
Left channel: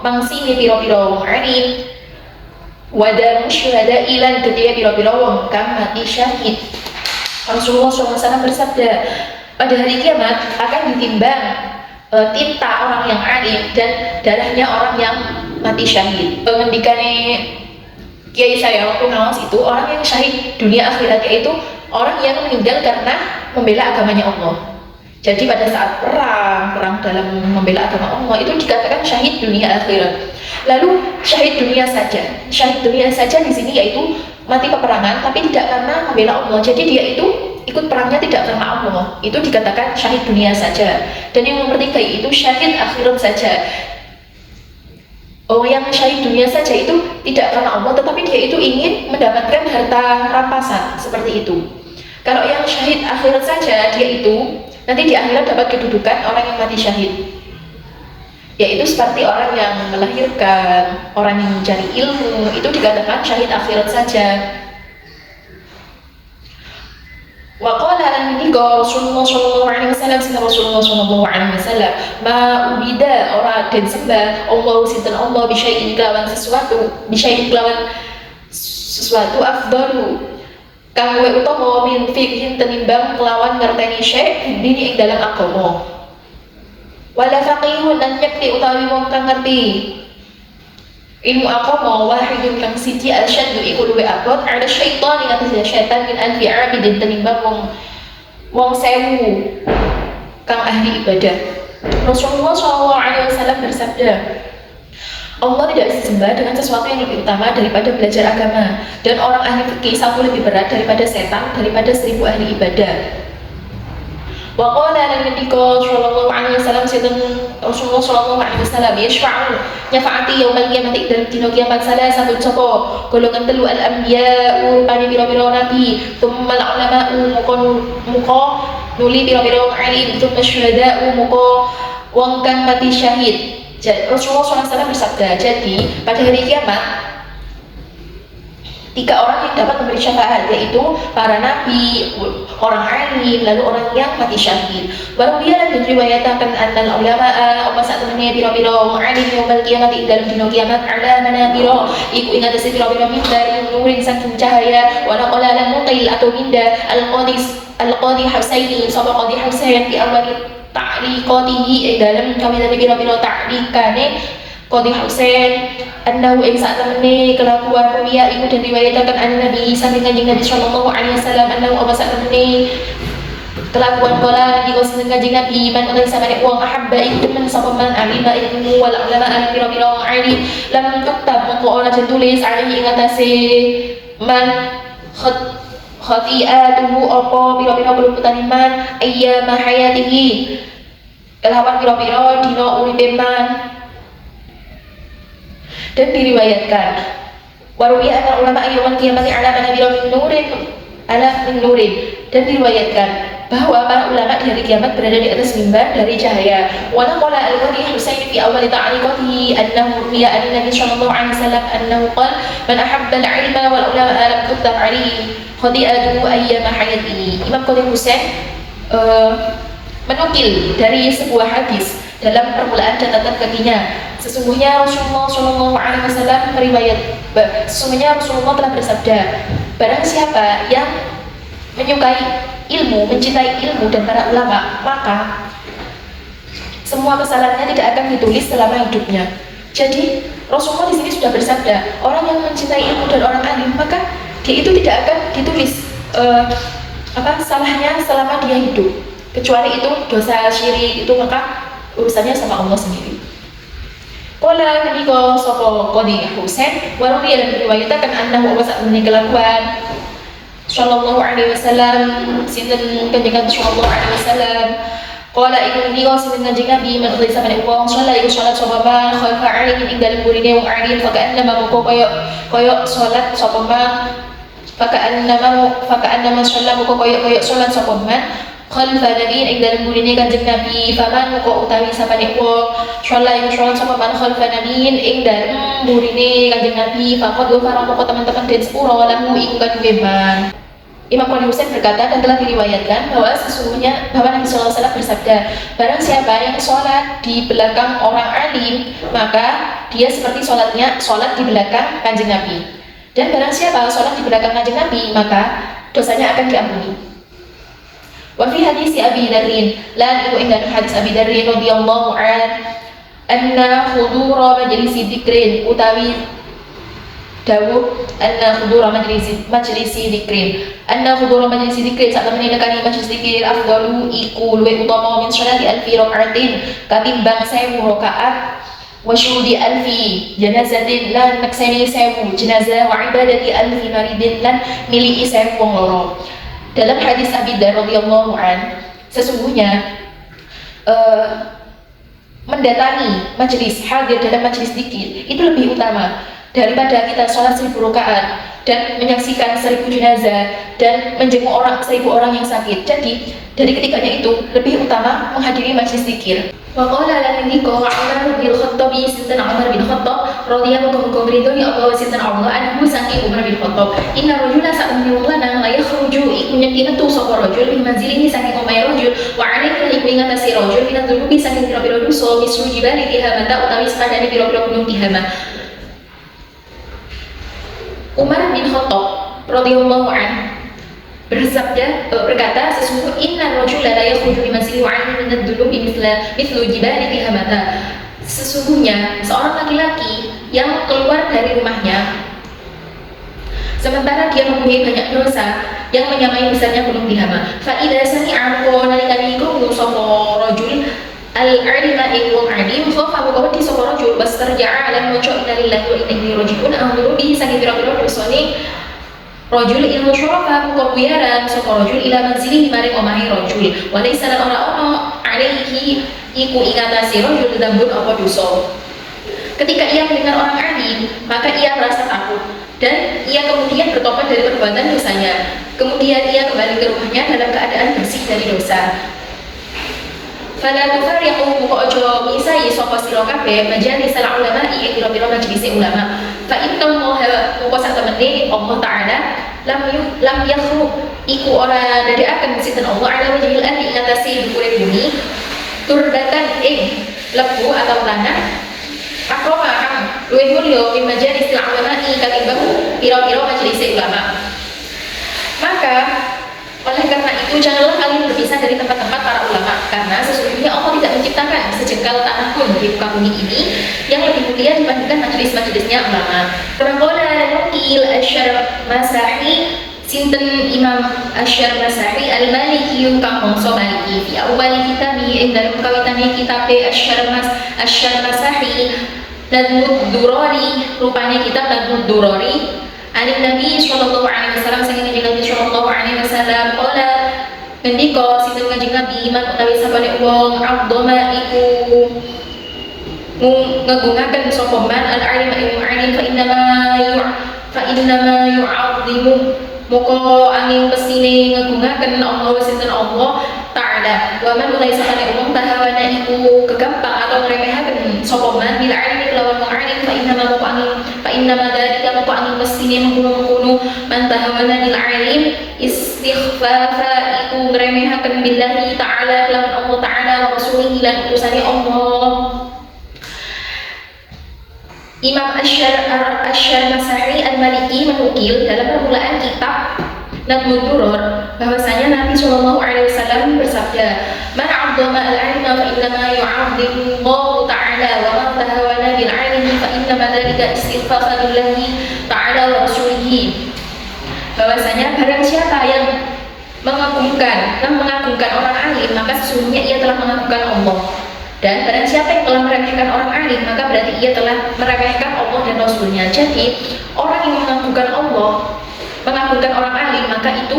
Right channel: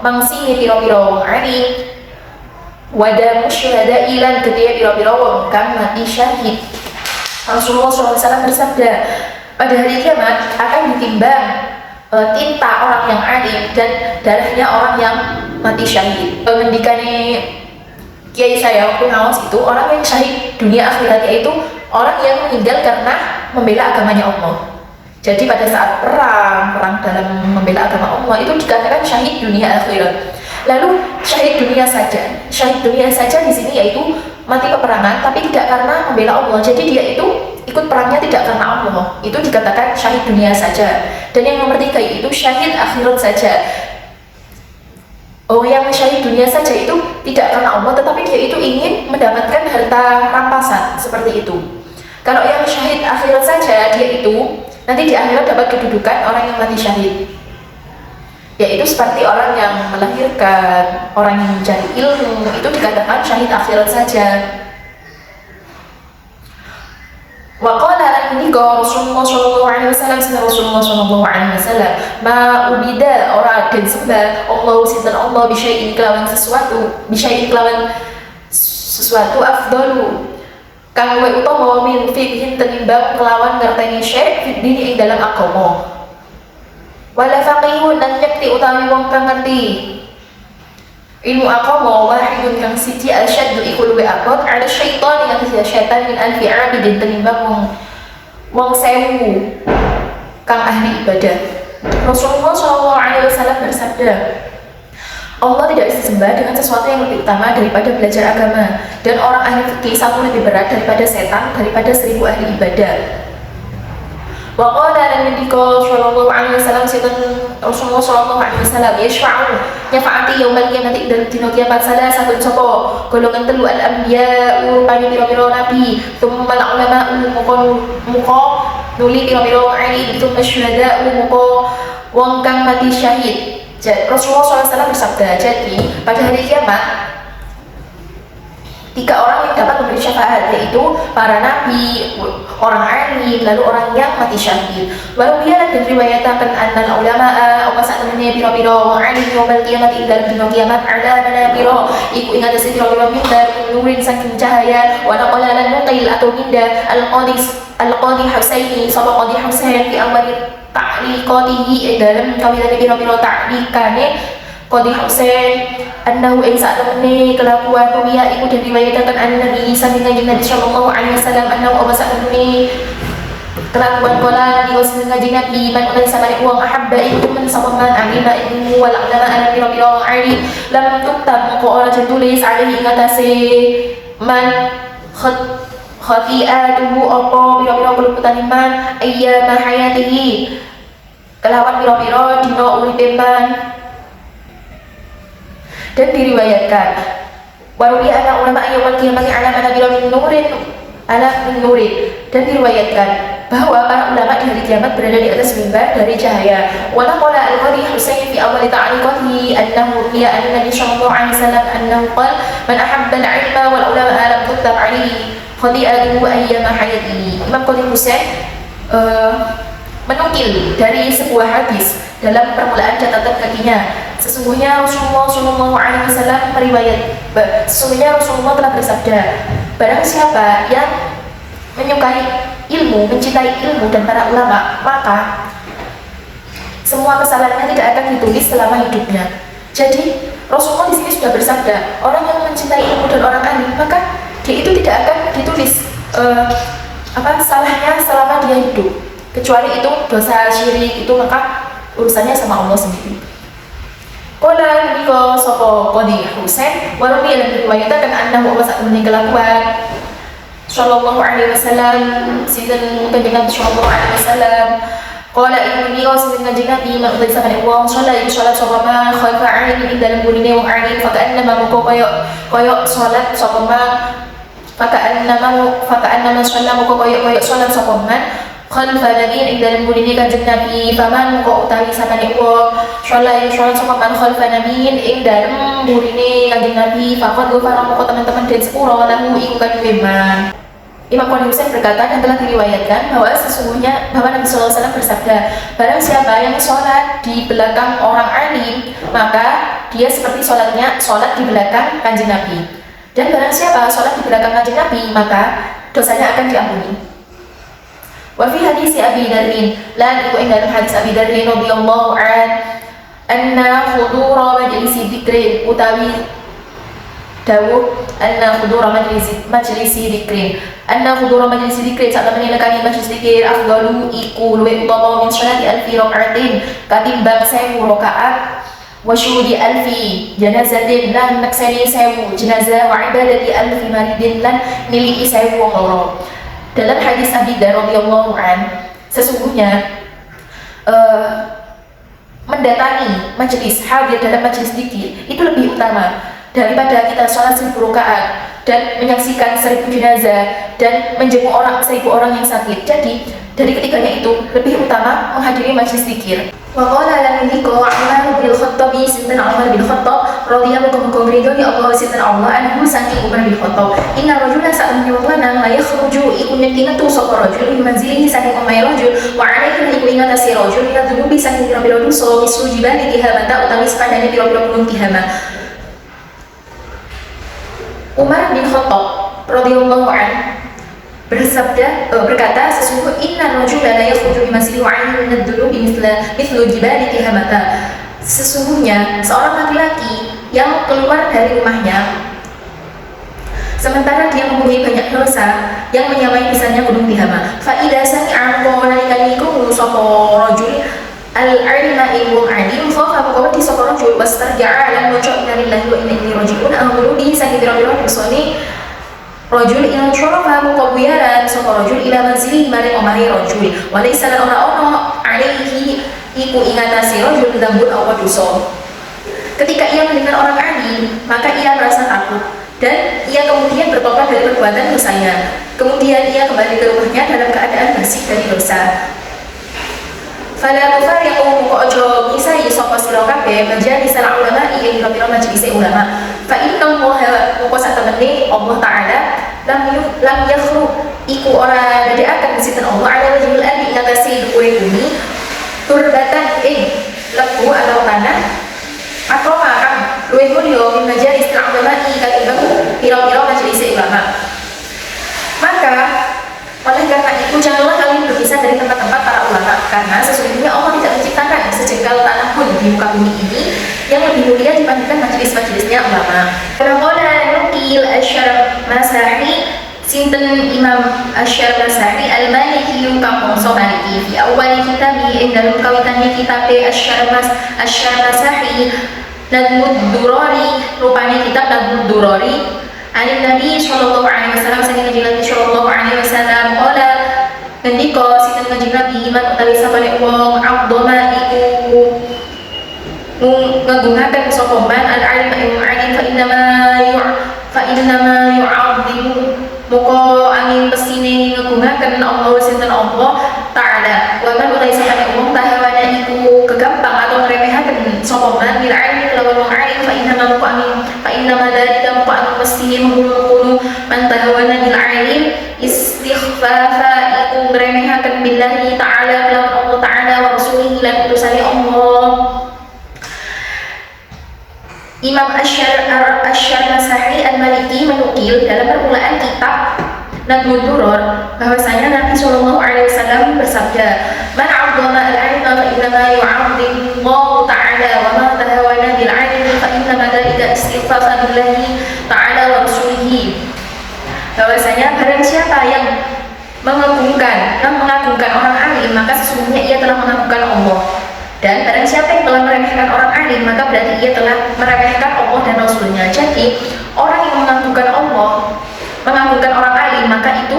mangsine pira-pira wong alim, wada musyhada ilan gede pira-pira wong kang mati syahid. Rasulullah SAW bersabda, pada hari kiamat akan ditimbang tinta orang yang alim dan darahnya orang yang mati syahid. Ngendikane kiai saya waktu ngawas itu, orang yang syahid dunia akhirat yaitu orang yang meninggal karena membela agamanya Allah. Jadi pada saat perang dalam membela agama Allah itu dikatakan syahid dunia akhirat. Lalu syahid dunia saja di sini yaitu mati peperangan tapi tidak karena membela Allah. Jadi dia itu ikut perangnya tidak karena Allah, itu dikatakan syahid dunia saja. Dan yang nomor 3 itu syahid akhirat saja. Oh, yang syahid dunia saja itu tidak karena Allah, tetapi dia itu ingin mendapatkan harta rampasan, seperti itu. Kalau yang syahid akhirat saja, dia itu nanti di akhirat dapat kedudukan orang yang mati syahid, yaitu seperti orang yang melahirkan, orang yang mencari ilmu, itu dikatakan syahid akhirat saja. Waqala lan ngendika Rasulullah sallallahu alaihi wasallam, sinten Rasulullah sallallahu alaihi wasallam, ma ubida ora den sembah Allah sinten Allah bisyai'in kelawan sesuatu afdalu kang luwih utama min fiqhin tenimbang kelawan ngerteni syai' dini ing dalam agama. Wala faqihun lan yakti utawi wong kang ngerti ilmu agama wahidun kang siji asyaddu iku luwih abot ala syaitan ing atas syaitan min alfi abidin tenimbang wong sewu kang ahli ibadah. Rasulullah SAW bersabda, Allah tidak bisa disembah dengan sesuatu yang lebih utama daripada belajar agama, dan orang ahli fikih satu lebih berat daripada setan daripada 1000 ahli ibadah. Wa qala lan ngendika sallallahu alaihi wasallam, sinten Rasulullah sallallahu alaihi wasallam, yashfa'u nyafaati yaumul qiyamati dalem dina kiamat salasatun sapa golongan telu al anbiya'u pari pira-pira nabi, tsumma al ulama'u muqa nuli pira-pira alim, tsumma syuhada'u muqa wong kang mati syahid. Rasulullah SAW bersabda, jadi pada hari kiamat 3 orang yang dapat memberi syafaat, yaitu para nabi, orang alim, lalu orang yang mati syahid. Baru dia dan riwayatkan annal ulama'a apa sak temene pira-pira wong alim yaumul qiyamah ing dalem dina kiamat ada manabira iku ing atase pira-pira mimbar nurin saking cahaya wa naqala lan nuqil atau minda al-qadi Husaini sapa qadi Husain fi awali ta'liqatihi dalam kawitane pira-pira ta'liqane Qadi Husain annahu ing sak temene kelakuan wiya iku den riwayataken an-nabi saking Kanjeng Nabi sallallahu alaihi wasallam annahu apa sak temene kelakuan kala iku saking Kanjeng Nabi man utan samane wong ahabba ing temen sapa man alima ilmu wal ulama an pira-pira ali lam tuktab moko ora ditulis alaihi ing atase man khati'atuhu apa pira-pira keluputane man ayyama hayatihi kelawan pira-pira dina uripe man. Dan diriwayatkan waruya anak ulama yaumul qiyamati ala manabira min nurin, dan diriwayatkan bahwa para ulama di hari kiamat berada di atas mimbar dari cahaya. Wa naqala al-qadi Husain fi awal ta'liqatihi annahu ruwiya an Nabi sallallahu alaihi wasallam annahu qala man ahabba al-ilma wal ulama lam tuktab alaihi khati'atuhu ayyama hayatihi. Imam Qadi Husain menukil dari sebuah hadis dalam permulaan catatan kakinya, sesungguhnya Rasulullah SAW sesungguhnya Rasulullah telah bersabda, barang siapa yang menyukai ilmu, mencintai ilmu dan para ulama, maka semua kesalahannya tidak akan ditulis selama hidupnya. Jadi Rasulullah di sini sudah bersabda, orang yang mencintai ilmu dan orang alim, maka dia itu tidak akan ditulis salahnya selama dia hidup, kecuali itu dosa syirik itu, maka urusannya sama Allah sendiri. Qala nabika sapa Qadi Husain wa ruwiya dan diriwayatkan annahu wasa'un kelakuan sallallahu alaihi wasallam sinten kanjeng Nabi sallallahu alaihi wasallam qala ini sinten kanjeng Nabi man utai samane wong salat sapa ma khalfa alim ing dalem burine wong alim faka'annama muko koyo salat sapa ma faka'annama salat muko koyo salat sapa man khalfa nabi ing dalem burine kanjeng Nabi faman muko utawi samane wong salat sapa man khalfa nabi ing dalem burine kanjeng Nabi faqad ghafara muko teman-teman den sepuro lahu iku kanjeng man. Imam Qadi Husain berkata dan telah diriwayatkan bahwa sesungguhnya bahwa Nabi SAW bersabda, barang siapa yang sholat di belakang orang alim, maka dia seperti sholat di belakang kanjeng Nabi. Dan barang siapa sholat di belakang kanjeng Nabi, maka dosanya akan diampuni. Wa fi hadis Abi Dzarrin, lan iku ing dalam hadis Abi Dzarrin radhiyallahu anna hudura majlisi dzikrin utawi dawuh anna hudura majlisi dzikrin sak temene lekani majlis dzikir afdalu iku luwih utama min sholati alfi rakaatin katimbang 1000 rakaat wa syuhudi alfi janazatin lan nakseni 1000 jenazah wa ibadati alfi maridin lan miliki 1000 wong loro. Dalam hadis Abi Dzar radhiyallahu sesungguhnya mendatangi majlis, hadir dalam majlis dzikir itu lebih utama daripada kita sholat 1000 rakaat dan menyaksikan 1000 jenazah dan menjenguk 1000 orang yang sakit. Jadi dari ketiganya itu lebih utama menghadiri majlis zikir. Wa qala lan dzikra Umar bin Khattab sinten Umar bin Khattab radhiyallahu anhu ridho ya Allah sinten Allah anhu saking Umar bin Khattab inna rajula sa'an lanang la yakhruju iku nyekinatu sapa rajul min manzilihi saking omahe rajul wa alaihi iku ingatasi rajul min dzunubi saking pira-pira dosa misru jibali tihamata utawi sepandane pira-pira gunung tihama. Umar bin Khattab radhiyallahu anhu berkata, sesungguhnya inna rajula la yakhruju min manzilihi wa 'alayhi min ad-dunubi mithlu jibali tihamata. Sesungguhnya seorang laki-laki yang keluar dari rumahnya sementara dia mempunyai banyak dosa yang menyamai misalnya gunung Tihama. Fa idza sami'a nalikani iku sapa rajul al-'alima ilmu alim fa maqawati sapa rajul wastarja'a lan waca inna lillahi wa inna ilaihi raji'un amru bi sanira rusuli rajul ilmu syarafa muqabiyaran sapa rajul ila manzilihi maring omahe rajul wa laysa lan ono alaihi iku ingatasi rajul dambun apa dosa. Ketika ia mendengar orang alim, maka ia merasa takut dan ia kemudian bertobat dari perbuatan dosanya. Kemudian ia kembali ke rumahnya dalam keadaan bersih dari dosa. Fala tufariqu muka ojo misai sapa sira kabeh majalis ulama ing pira-pira majelis ulama. Fa inna Allah muka sak temene Allah taala lam yakhluq iku ora dadekaken sinten Allah ala wajhil ardi ing atase dhuwure bumi turbatan ing lebu atau tanah akroma kang luwih mulya min majalis ulama katimbang pira-pira majelis ulama. Maka oleh karena itu janganlah kalian berpisah dari tempat-tempat para ulama, karena sesungguhnya Allah tidak menciptakan sejengkal tanah pun di muka bumi ini yang lebih mulia dibandingkan majelis-majelisnya ulama. Qala nukil Asy'ar Masahi sinten Imam Asy'ar Masahi al-Maliki kang bangsa Maliki fi awal kitabi ing dalem kawitane kitab Asy'ar Masahi Nadmud Durari rupane kitab Nadmud Durari Alim Nabi sallallahu alaihi wasallam saking kanjeng Nabi sallallahu alaihi wasallam qala ngendika sinten kanjeng Nabi man utawi sapane wong abdoma iku ngagungaken sapa man al-alim ilmu alim fa innama yu'azzimu muka angin pesine ngagungaken Allah sinten Allah taala wa man utawi sapane wong tahawana iku kegampang atau ngremehaken sapa man bil alim lawan wong alim fa innama dalika muka angin pesine menggunu man tahawana bil alim istighfafa iku ngremehaken billahi taala lawan Allah taala wa rasulihi lan utusane Allah. Imam Asy'ar Masahi al-Maliki menukil dalam permulaan kitab Nadmud Duror, bahwasanya Nabi Shallallahu Alaihi Wasallam bersabda, "Man 'azzama al-'ilma fa innama yu'azzimu Allah Ta'ala, wa man tahawana bil 'ilmi fa innama dzalika istighfafan lillahi ta'ala wa rasulihi." Bahwasanya barang siapa yang mengagungkan orang alim, maka sesungguhnya ia telah mengagungkan Allah. Dan barang siapa yang telah meremehkan orang alim, maka berarti ia telah meremehkan Allah dan Rasulnya. Jadi orang yang mengagungkan Allah, mengagungkan orang alim, maka itu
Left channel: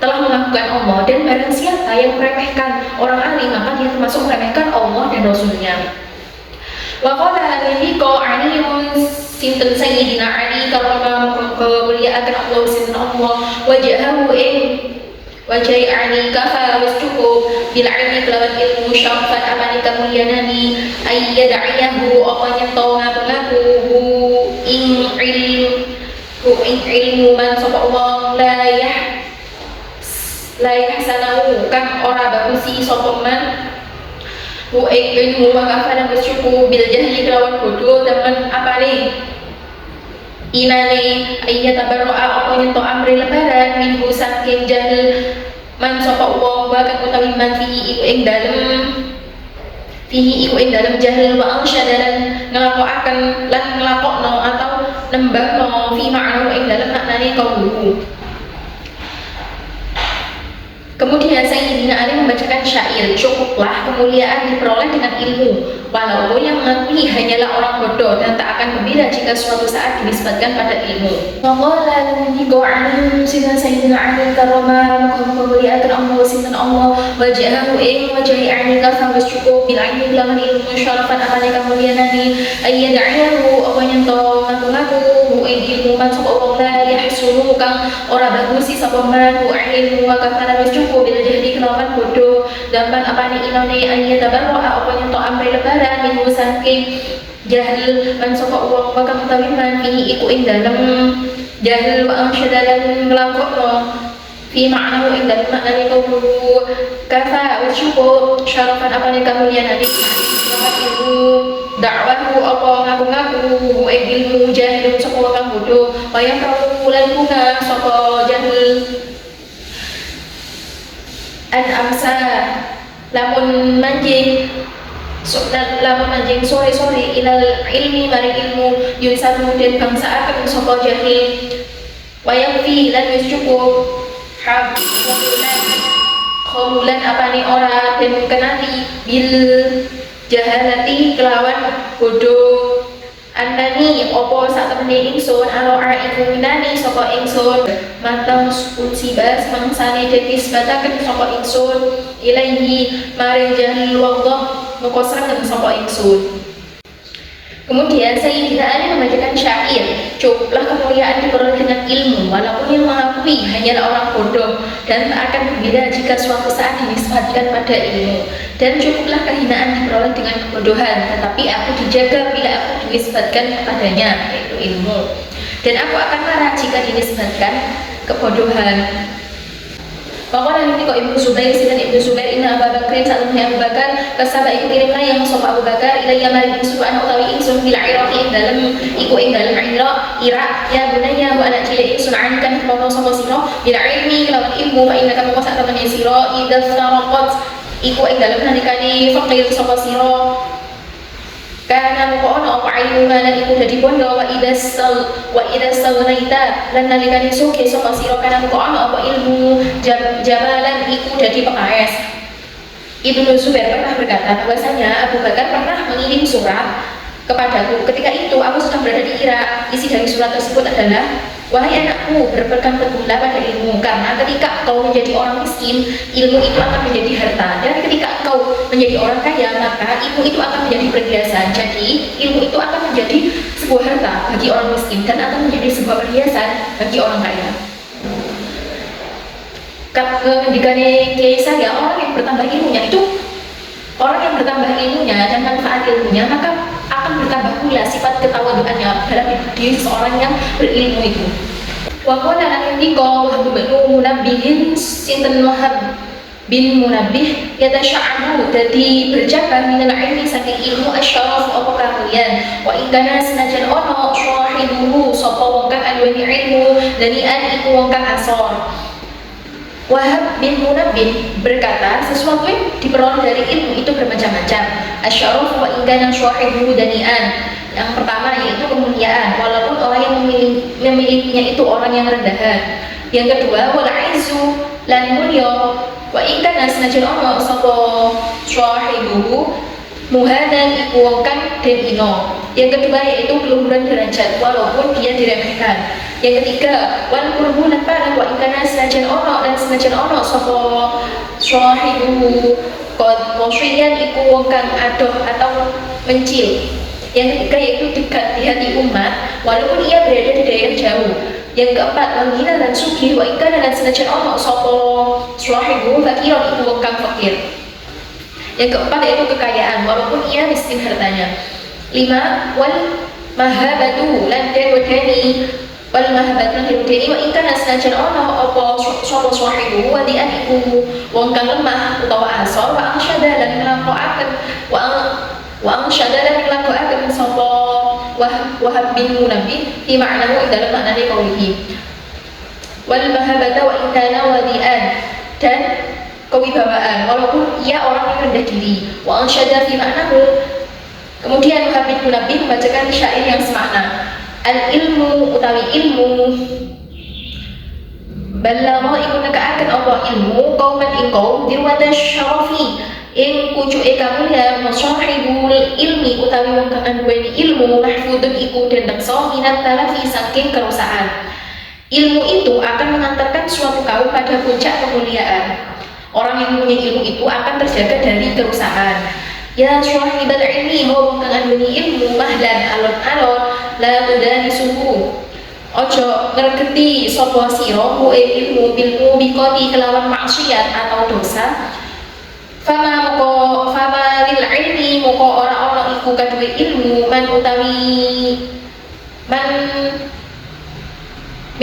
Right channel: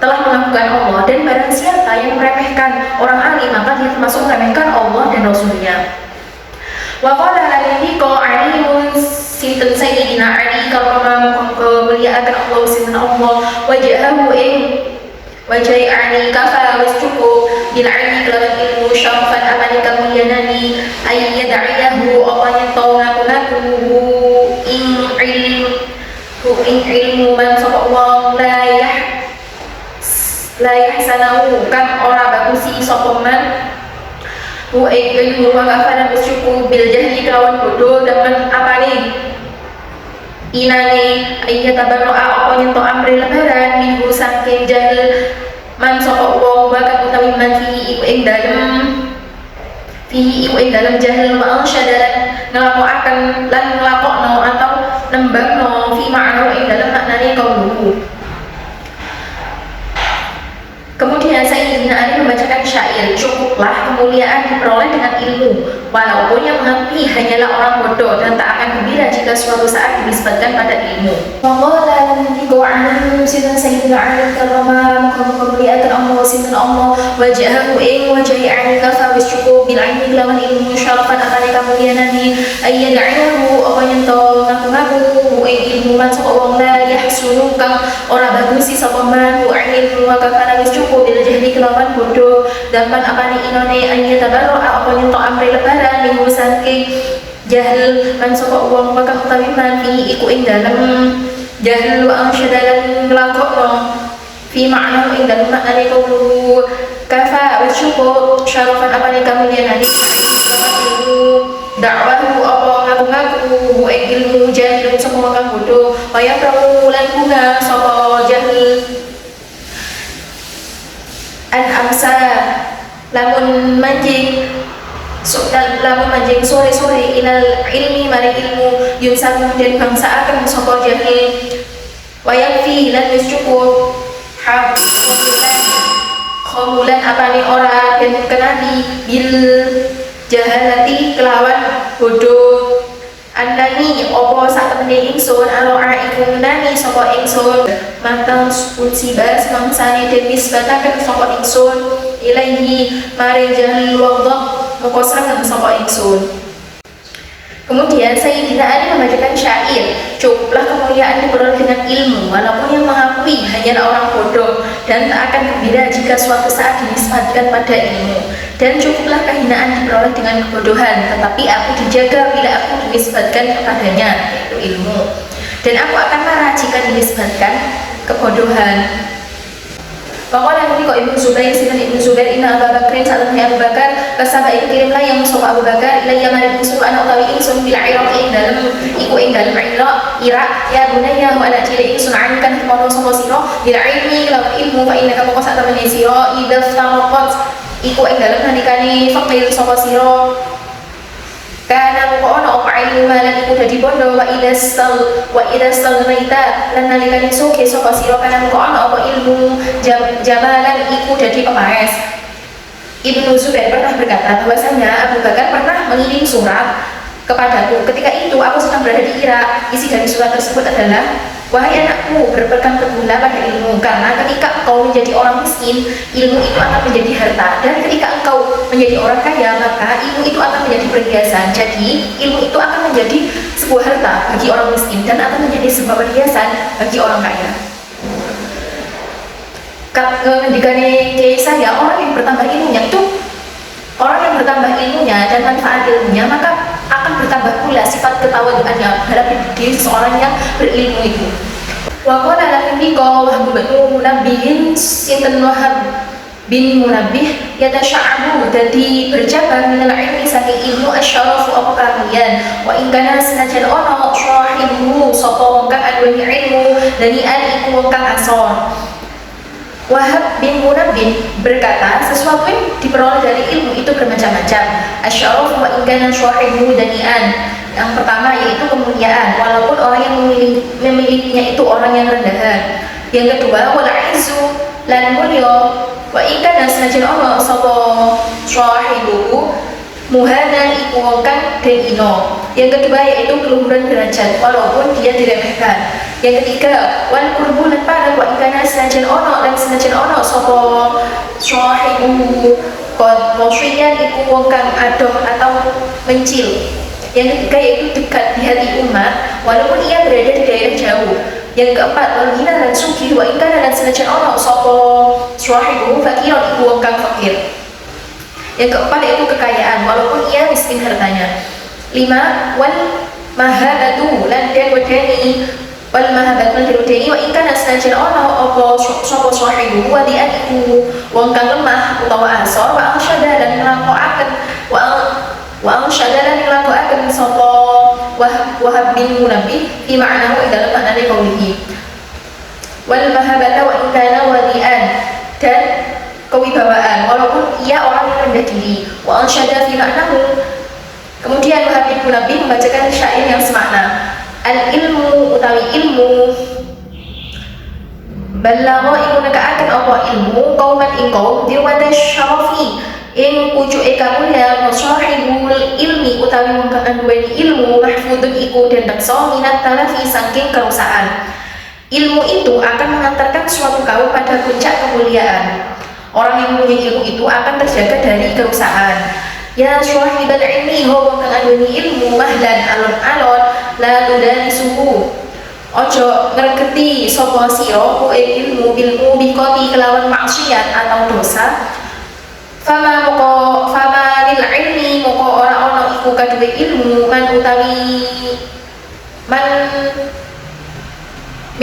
telah mengagungkan Allah. Dan barang siapa yang meremehkan orang alim, maka dia termasuk meremehkan Allah dan Rasulnya. Wa qala alaihi qa'alimun sinten sayyidina Ali karramallahu kemuliaan Allah sinten Allah wajahahu wajai Ali kafa was cukup bil ilmi kelawan ilmu syarafan amani kemuliaanani ayyada'iyahu apa nyento ngaku-ngaku ing ilmu man sapa Allah la yahsanahu kan ora bagusi sapa man ilmu wa kafalan bersyukur bil jahli kelawan bodoh dan apane inane ayat tabarro'a apa nyento amri lebaran minggu saking jahil man sapa wong wa kang utawi man fihi iku ing dalem jahil wa ansyadalan nglakokaken lan nglakokno atau nembangno fi ma'na ing dalem maknane kauluhu. Kemudian Sayyidina Ali membacakan syair, cukuplah kemuliaan diperoleh dengan ilmu, walaupun yang mengakui hanyalah orang bodoh dan tak akan gembira jika suatu saat dinisbatkan pada ilmu. Wallah lantiqu alim sinten Sayyidina Ali karama kemuliaan Allah sinten Allah wajahahu wajahi ani kafa wis cukup bil ilmi lawan ilmu syarafan atane kemuliaanane ayyada'iyahu apa nyento ngaku-ngaku ilmu man sapa wong la yahsunu kang ora bagusi sapa man ilmu wa kana wis cukup bil jahdi kelawan bodoh dan man apane inane ayat tabarro'a apa nyento amri lebaran minggu saking jahil man sapa wong wa kang utawi man fihi iku ing dalem jahil wa ansyadalan nglakokno fi ma'na ing dalem maknane kaulu kafa wis cukup syarafan apane kamuliaanane dakwahu apa ngaku-ngaku ilmu jahil sapa kang bodoh wayang prawu lan bunga sapa jahil an amsa lamun manjing sore-sore ilal ilmi mari ilmu yunsamu dan bangsa akan sapa jahil wayang fi lan wis cukup khumulan apane ora dan kenali bil jahalati kelawan bodoh anani opo sak temene ingsun aloa iku minani sapa ingsun matang unsibas mangsane den nisbataken sapa ingsun ilaihi mare jahil wadha moko saged sapa ingsun. Kemudian Sayyidina Ali membacakan syair, cukuplah kemuliaan diperoleh dengan ilmu, walaupun yang mengakui hanyalah orang bodoh dan tak akan gembira jika suatu saat dinisbatkan pada ilmu. Dan cukuplah kehinaan diperoleh dengan kebodohan, tetapi aku dijaga bila aku dinisbatkan kepadanya, yaitu ilmu. Dan aku akan marah jika dinisbatkan kebodohan. Pokoknya nanti kok Ibnu Zubair sinten Ibnu Zubair inna Abu Bakrin saat Abu Bakar kasaba kirimlah yang sapa Abu Bakar ilayya maring ingsun ana utawi ingsun bil Iraq ing dalem iku ing dalem Iraq ya bunaya wa ana cilik ingsun ankan kono sapa sira bil ilmi lawan ilmu fa inna kama sak temene sira idza saraqat iku ing dalem nalikane faqir sapa sira kana muqona apa ilmu lan iku dadi bondo wa idza salraita lan nalikane suke sapa sira kana muqona apa ilmu jamalan iku dadi pepaes. Ibnu Zubair pernah berkata bahwasanya Abu Bakar pernah mengirim surat kepadaku. Ketika itu aku sedang berada di Irak. Isi dari surat tersebut adalah, wahai anakku, berpegang teguhlah pada ilmu, karena ketika kau menjadi orang miskin, ilmu itu akan menjadi harta, dan ketika engkau menjadi orang kaya, maka ilmu itu akan menjadi perhiasan. Jadi ilmu itu akan menjadi sebuah harta bagi orang miskin dan akan menjadi sebuah perhiasan bagi orang kaya. Ketika saya orang yang bertambah ilmunya itu orang yang bertambah ilmunya dan manfaat ilmunya, maka akan bertambah pula sifat ketawaduannya dalam diri seorang yang berilmu itu. Wa qala lan indika Wahab bin Munabbih sinten Wahab bin Munabbih yatasya'abu dadi bercabang minal ilmi saking ilmu asyarafu apa kamulian wa ingkana senajan ono syahibuhu sapa wong kang aduweni ilmu danian iku wong kang asor Wahab bin Munabbih berkata, sesuatu yang diperoleh dari ilmu itu bermacam-macam. Asy'arafu wa in kana syahibu dani'an. Yang pertama yaitu kemuliaan, walaupun orang yang memilikinya itu orang yang rendahan. Yang kedua, wal izzu lan mulya wa in kana senajan ana sapa syahibu muhadan iku kang den ino. Yang kedua yaitu keluhuran derajat, walaupun dia diremehkan. Yang ketiga, wal qurbu lan pahala wa ikana senajan ono sapa sahibu qad washiyan iku wong kang adoh atau mencil. Yang ketiga yaitu dekat di hati umat walaupun ia berada di daerah jauh. Yang keempat, wal ghina lan sugih wa ikana lan senajan ono sapa sahibu fakiron iku wong kang fakir. Yang keempat yaitu kekayaan walaupun ia miskin hartanya. 5, wal mahabatu lan den wedeni wal mahabatu lan den wedeni wa in kana senajan ana apa sapa sahibu wa dian iku wong kang lemah utawa asor wa ansyada lan nglakoaken wa ansyada lan nglakoaken sapa Wahab bin Munabbih fi ma'nahu dalam makna kaulihi wal mahabata wa in kana wadian dan kewibawaan walaupun ia orang yang rendah diri wa ansyada fi ma'nahu. Kemudian Wahab bin Munabbih membacakan syair yang semakna. Al-ilmu utawi ilmu balagha iku nekaaken apa ilmu qauman ing qaum dirwada syarafi ing pucuke kamulyan sahibul ilmi utawi wong kang duweni ilmu mahfudun iku den reksa minat talafi saking kerusakan. Ilmu itu akan mengantarkan suatu kaum pada puncak kemuliaan. Orang yang punya ilmu itu akan terjaga dari kerusakan. Ya syahibal ilmi ho kang duweni ilmu mahlan alon-alon la tudanisuhu ojo ngregeti sapa sira ilmu bilmu biqati kelawan maksiat atau dosa. Fama lil ilmi moko ora ana iku kaduwe ilmu man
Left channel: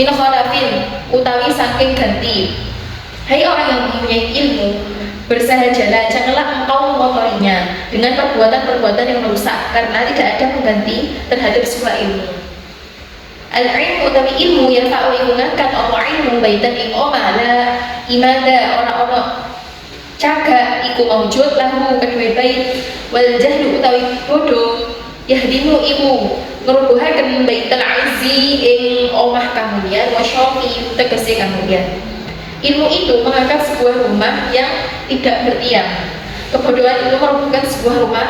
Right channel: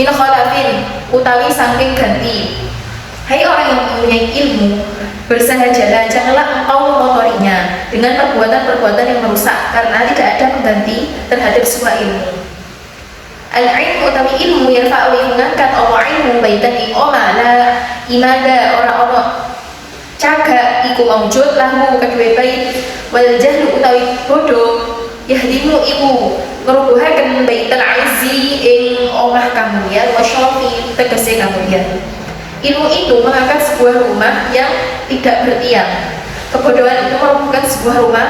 min khalafin utawi saking ganti. Hai orang yang mempunyai ilmu, bersahajalah, janganlah engkau mengotorinya dengan perbuatan-perbuatan yang merusak, karena tidak ada pengganti terhadap sebuah ilmu. Al-ilmu utawi ilmu yarfa'u mengangkat apa ilmu baitan ing oma la imada ora-ora caga iku maujud lahu kedue bait wal jahlu utawi bodoh yahdimu iku ngrubuhaken baital izzi ing omah kamulyan wa syafi tegese kamulyan. Ilmu itu mengangkat sebuah rumah yang tidak bertiang. Kebodohan itu merupakan sebuah rumah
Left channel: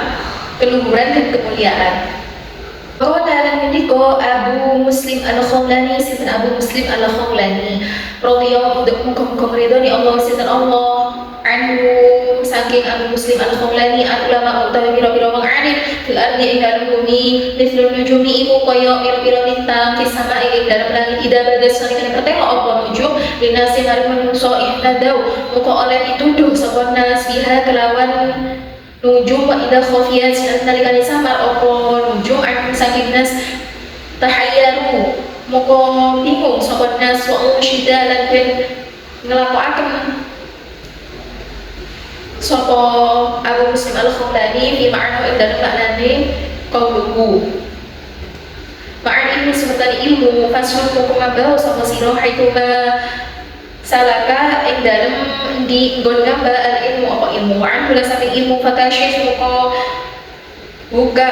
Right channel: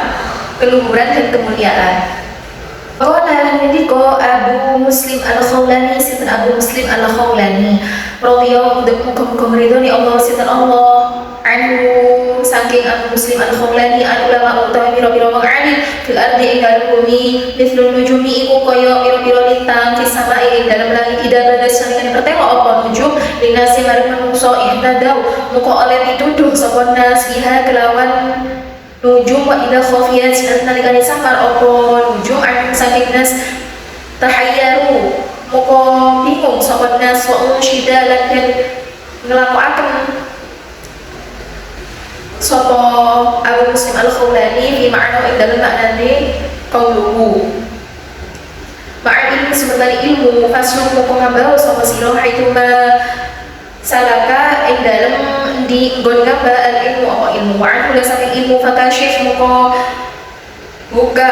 keluhuran dan kemuliaan. Qala lan ndika Abu Muslim Al-Khawlani sinten Abu Muslim Al-Khawlani radhiyallahu anhu ridhoni Allah sinten Allah anhu saking Abu Muslim Al-Khawlani an ulama utawi pira-pira wong alim fil ardi ing dalem bumi mithlun nujumi iku kaya pira-pira lintang fi sama'i ing dalem langit ida bagas salikane pertelo apa nujum linasi marang manungsa ihtadau muka oleh dituduh sapa nas biha kelawan nujum wa ida khafiyat nalikane samar apa nujum an saking nas tahayyaru muka bingung sapa nas wa syida lan nglakoaken sapa Abu Muslim Al-Khawlani fi ma'na ing dalem maknane qauluhu ma'an ilmu seperti ilmu fasul kok ngambau sapa sira haituma salaka ing dalem di nggon ngamba al ilmu apa ilmu wa'an kula saking ilmu fakashif muka buka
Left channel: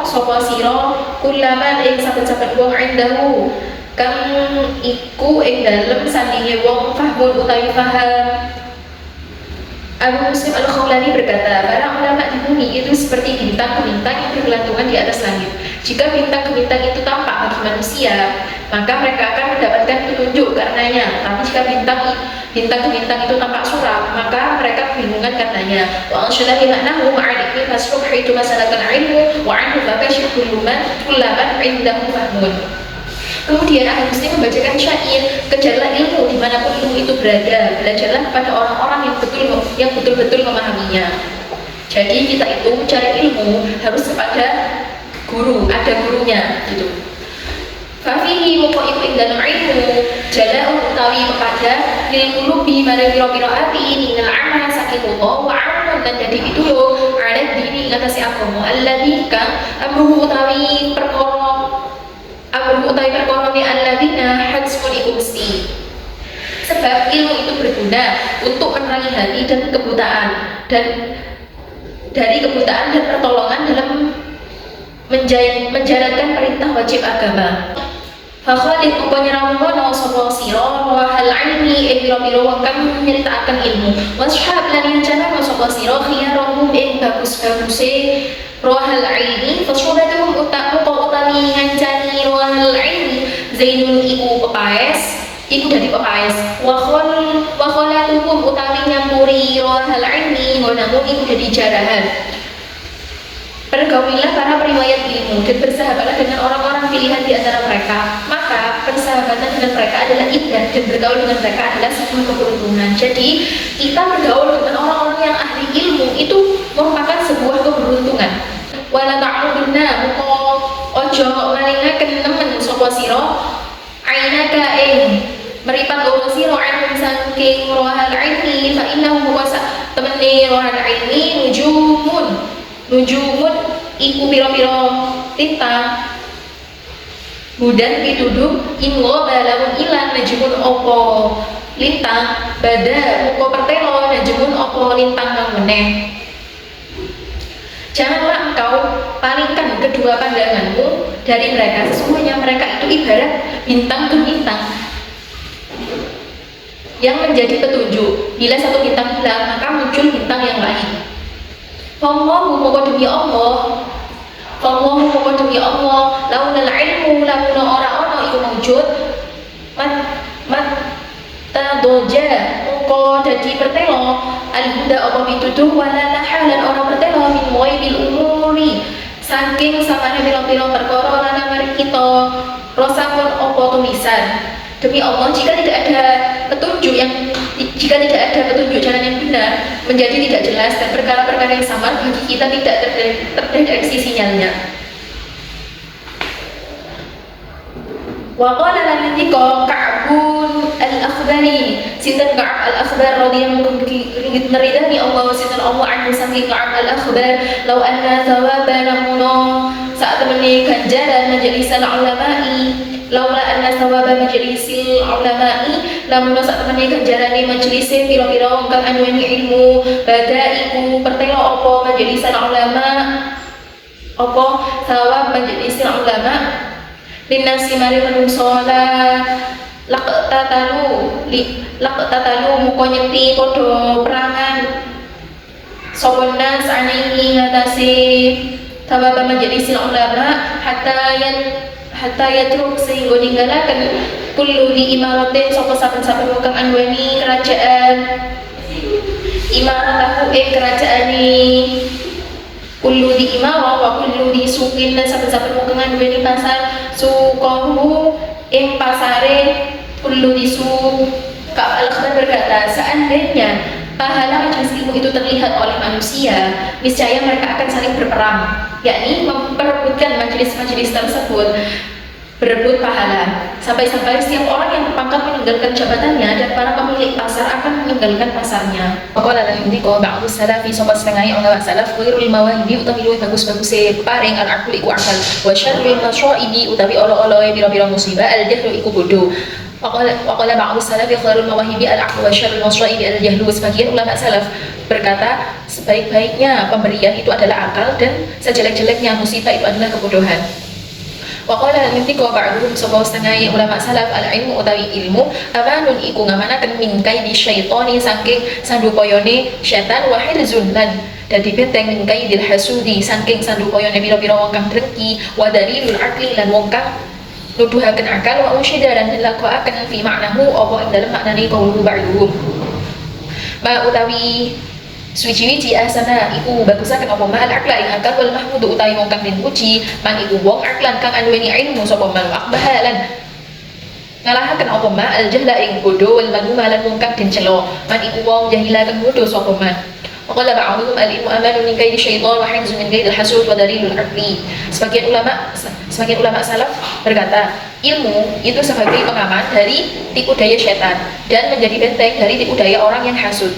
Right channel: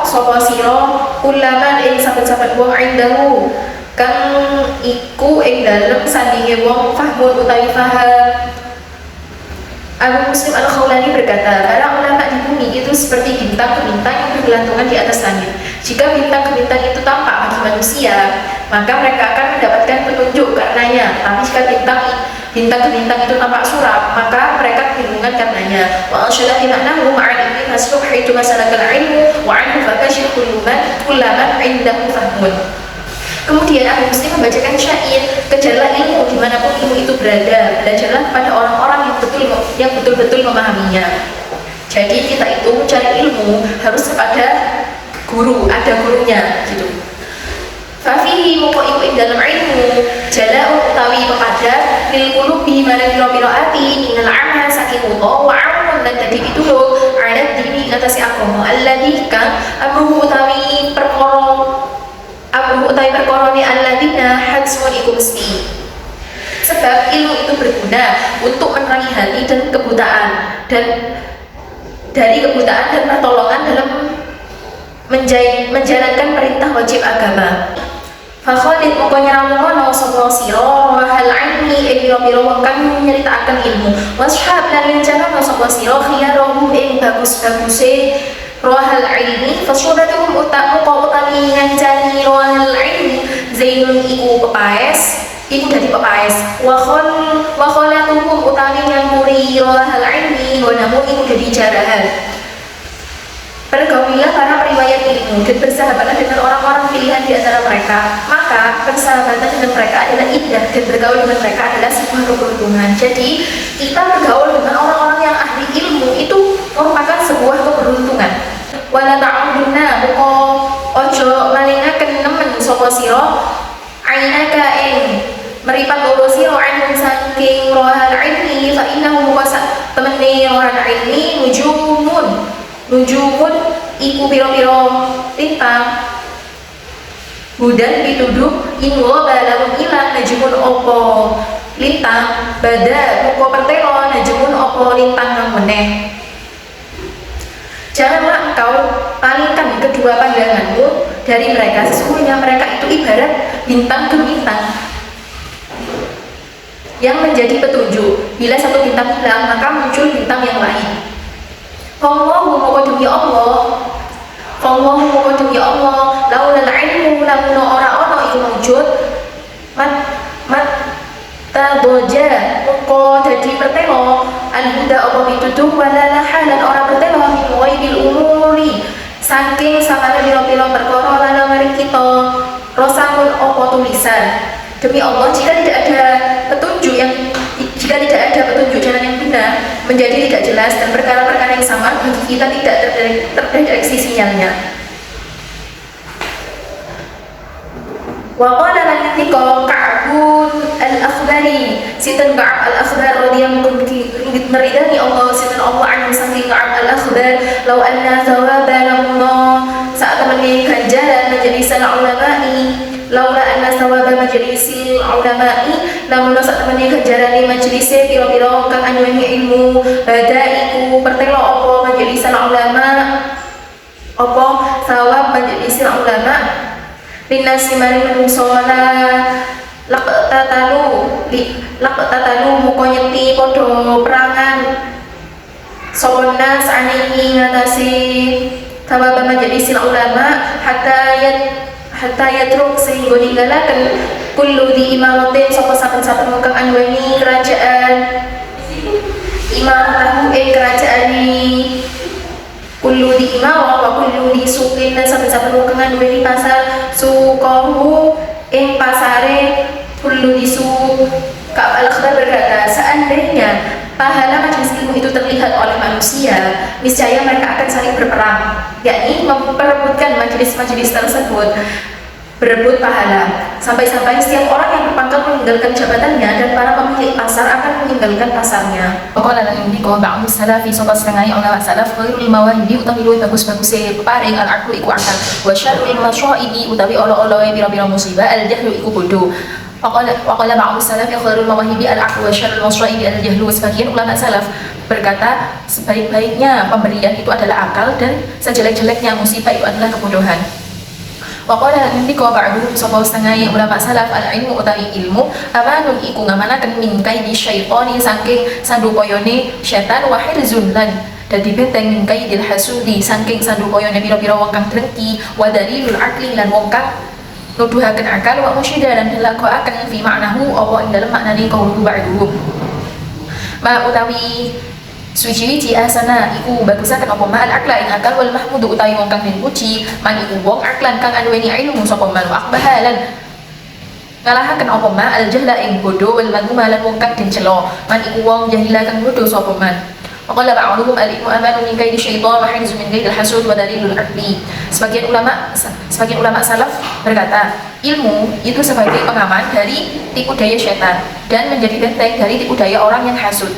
sapa sira kulaman ing saben-saben wong indahu kang iku ing dalem sandinge wong fahmun utawi faham. Abu Muslim Al-Khawlani berkata, para ulama di bumi itu seperti bintang-bintang yang bergelantungan di atas langit. Jika bintang-bintang itu tampak bagi manusia, maka mereka akan mendapatkan petunjuk karenanya. Tapi jika bintang-bintang itu tampak suram, maka mereka kebingungan karenanya. Wa ansyadahi maknahu ma'al ilmi hasruh haitu masalakal ilmu wa anhu fakashir kullaman indahu fahmun. Kemudian Abu Muslim membacakan syair, kejarlah ilmu dimanapun ilmu itu berada, belajarlah kepada orang-orang yang betul-betul memahaminya. Jadi kita itu mencari ilmu harus kepada guru, ada gurunya gitu. Fafihi moko iku ing dalam ilmu jala'u utawi pepadat lil qulubi mana pira-pira ati innal amma saking uta wa amun lan dadi pitulung ala dini ngatasi agama alladzi kang amruhu utawi perkara ni alladzina hadzmun iku mesti. Sebab ilmu itu berguna untuk menerangi hati dan kebutaan, dan dari kebutaan dan pertolongan dalam menjalankan perintah wajib agama. Fakhalid moko nyeramono sapa sira wahal ilmi biro-biro kang nyritakaken ilmu, washab lan rencana sapa sira khiyarahum ing bagus-baguse rohal ilmi, fasyuratuhum utami ngancani rohal ilmi zainun iku pepaes, iku dadi pepaes, wa khalatuhum utami nyampuri rohal ilmi gonamu iku dadi jarahan. Pergaulilah para periwayat ilmu dan bersahabatlah dengan orang-orang pilihan di antara mereka. Maka persahabatan dengan mereka adalah indah dan bergaul dengan mereka adalah sebuah keberuntungan. Jadi kita bergaul dengan orang-orang yang ahli ilmu itu merupakan sebuah keberuntungan. Wala ta'uduna muko ojo malingaken nemen sapa sira ainaka ing meripat loro sira anhum saking rohal ilmi fa innahu muqasa temene rohal ilmi nujumun iku piro-piro lintang hudan pituduh inwo balamun ilang najumun opo lintang bada muko pertelo najumun opo lintang meneh. Janganlah engkau palingkan kedua pandanganmu dari mereka, sesungguhnya mereka itu ibarat bintang ke bintang yang menjadi petunjuk. Bila satu bintang hilang maka muncul bintang yang lain. Allahu muka demi Allah, Allahu muka demi Allah, laulal ilmu lamun ora iku mawujud mat tadoja muka dadi pertelo al-huda apa pituduh wala halan ora pertelo min ghairil umuri saking samane pira-pira perkara lan mari kita rosamun apa tulisan. Demi Allah, jika tidak ada petunjuk jalan yang benar menjadi tidak jelas dan perkara-perkara yang sama bagi kita tidak terdeteksi sinyalnya. Wa qala lanithika Ka'bun al-Akhbari, sinten Ka'ab al-Akhbar radhiyallahu anhu meridani Allah sinten Allah anhu saking Ka'ab al-Akhbar, law anna thawaba lamna saat temani ganjaran majlisan ulama'i, laula anna thawaba majlisil ulama'i lamun saat temani ganjarane majlise pira-pira kang anyuweni ilmu badaiku pertelo apa majlisan ulama apa thawab majlisil ulama linnasi mari manungsa laqtatalu muka nyekti padha perangan sapa nas anihi ngatasi thawab majlisil ulama hatta yatruk sehingga ninggalaken kullu di imaratin sapa saben-saben kang anduweni kerajaan imaratahu kerajaane kullu di imarah wa kullu di suqin dan saben-saben kang anduweni pasar suqahu ing pasare kullu di suq. Ka'ab al-Akhbar berkata, seandainya pahala majelis ilmu itu terlihat oleh manusia, niscaya mereka akan saling berperang, yakni memperebutkan majelis-majelis tersebut, berebut pahala, sampai-sampai setiap orang yang berpangkat meninggalkan jabatannya dan para pemilik pasar akan meninggalkan pasarnya. Qala lan yundiko ba'du salafi sapa setengah ulama salaf khairul mawahibi utawi luwih bagus-baguse paring al-aqlu iku akal, wa syarrul masyaibi utawi olo-olo pira-pira musibah al-jahlu iku bodoh. Waqala ba'du salafi khairul mawahibi al-aqlu wa syarrul masyaibi al-jahlu. Sebagian ulama salaf berkata sebaik-baiknya pemberian itu adalah akal dan sejelek-jeleknya musibah itu adalah kebodohan. Waqala nindiko ba'du sapa setengah ulama salaf al-ilmu utawi ilmu amanun iku ngamanaken min kaidi syaitani saking sandupayane setan wa hirzun lan dadi benteng min kaidil hasudi saking sandupayane pira-pira wong kang drengki wa dalilul aqli lan wong kang nuduhaken akal wa musyidaran lakoaken fi maknahu apa ing dalem maknane qaulu ba'duhum ma utawi suci-wici asana iku bagusaken apa ma'al akla ing akal wal mahmudu utawi wong kang den puji man iku wong aklan kang anduweni ilmu sapa man akbahalan ngalahaken apa ma'al jahla ing bodho wal magumalan wong kang den celo man iku wong jahila kang bodho sapa man. Waqala ba'duhum al-ilmu amanu min kaidi syaitan wa hifzu min kaidil hasud wa dalilul aqli. Sebagian ulama salaf berkata, ilmu itu sebagai pengaman dari tipu daya syaitan dan menjadi benteng dari tipu daya orang yang hasud.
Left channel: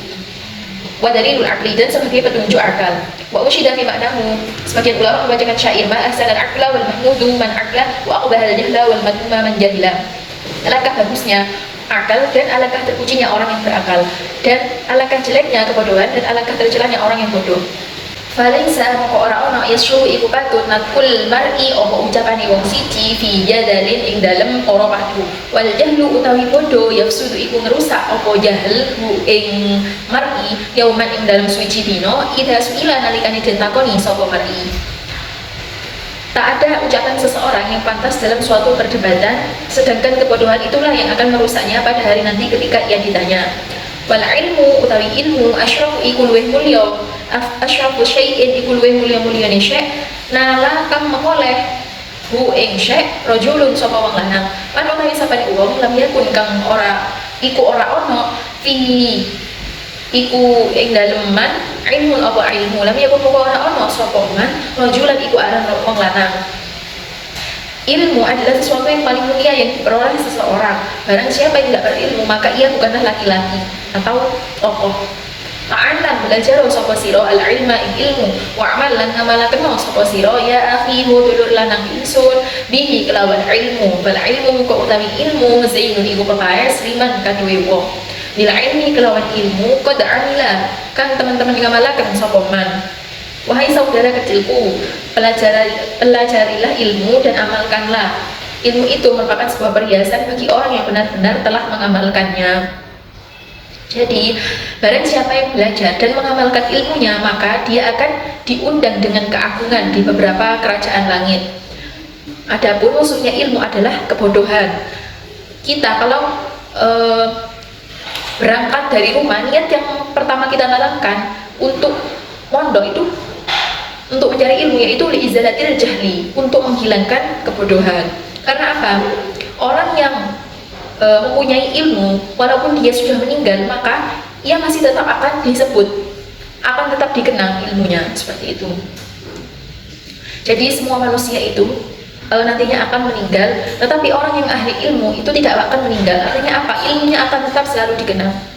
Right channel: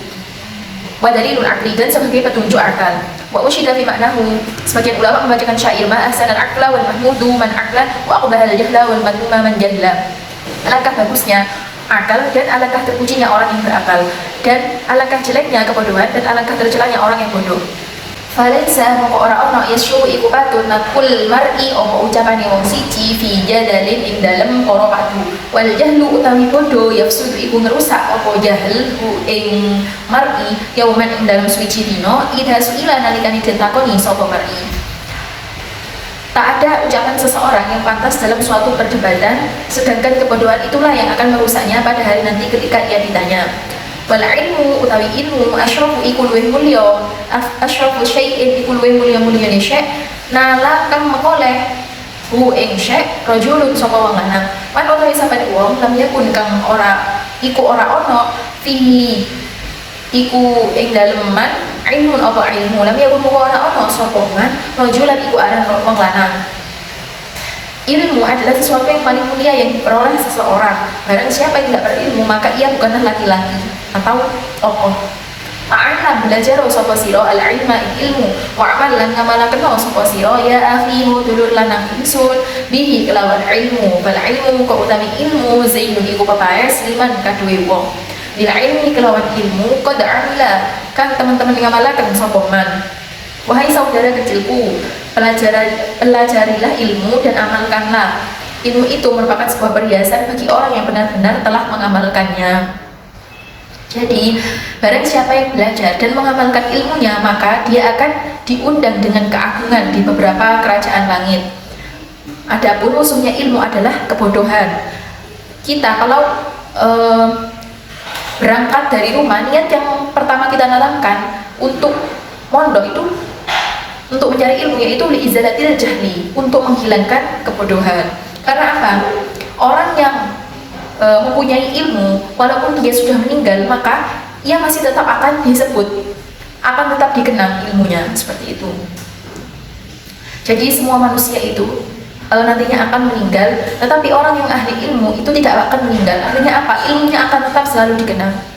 Wa dalilul aqli dan sebagai petunjuk akal. Wa usyida fi maknahu. Sebagian ulama membacakan syair ma ahsanal aqla wal mahmudu man aqla wa aqbaha al jahla wal madmuma man jahla. Alangkah bagusnya akal, dan alangkah terpujinya orang yang berakal, dan alangkah jeleknya kebodohan, dan alangkah tercelanya orang yang bodoh. Falaisa moko ora ono yasu iku patut nakul mar'i apa ucapane wong siji fi jadalin ing dalem para padu. Wal jahlu utawi bodoh yafsudu iku ngerusak apa jahlu ing mar'i yauman ing dalem suci dina idza suila nalikane den takoni sapa mar'i. Tak ada ucapan seseorang yang pantas dalam suatu perdebatan, sedangkan kebodohan itulah yang akan merusaknya pada hari nanti ketika ia ditanya. Wal ilmu utawi ilmu asyrafu iku luwih mulya, asyrafu syai'in iku luwih mulya-mulyane syai' nala kang mekoleh hu ing syai' rajulun sapa wong lanang. Man utawi sapane wong lam yakun kang ora iku ora ono fi iku ing dalem man ilmu apa ilmu lam yakun moko ora ono sapa man rajulan iku aran wong lanang. Ilmu adalah sesuatu yang paling mulia yang diperoleh seseorang. Barang siapa yang tidak berilmu, maka ia bukanlah laki-laki atau tokoh. Ta'allam belajar sapa sira al-ilma ilmu wa amal lan ngamalaken sapa sira ya akhi dulur lanang ingsun bihi kelawan ilmu. Bal ilmu kok utawi ilmu zainun iku pepaes liman kaduwe wong. Bil ilmi kelawan ilmu qad amila kan teman-teman ngamalaken sapa man. Wahai saudara kecilku, pelajarilah ilmu dan amalkanlah. Ilmu itu merupakan sebuah perhiasan bagi orang yang benar-benar telah mengamalkannya. Jadi, barang siapa yang belajar dan mengamalkan ilmunya, maka dia akan diundang dengan keagungan di beberapa kerajaan langit. Adapun musuhnya ilmu adalah kebodohan. Kita kalau berangkat dari rumah, niat yang pertama kita tanamkan untuk mondok itu untuk mencari ilmu, yaitu liizalatil jahli, untuk menghilangkan kebodohan. Karena apa? Orang yang mempunyai ilmu, walaupun dia sudah meninggal, maka ia masih tetap akan disebut, akan tetap dikenang ilmunya, seperti itu. Jadi semua manusia itu nantinya akan meninggal, tetapi orang yang ahli ilmu itu tidak akan meninggal. Artinya apa? Ilmunya akan tetap selalu dikenang.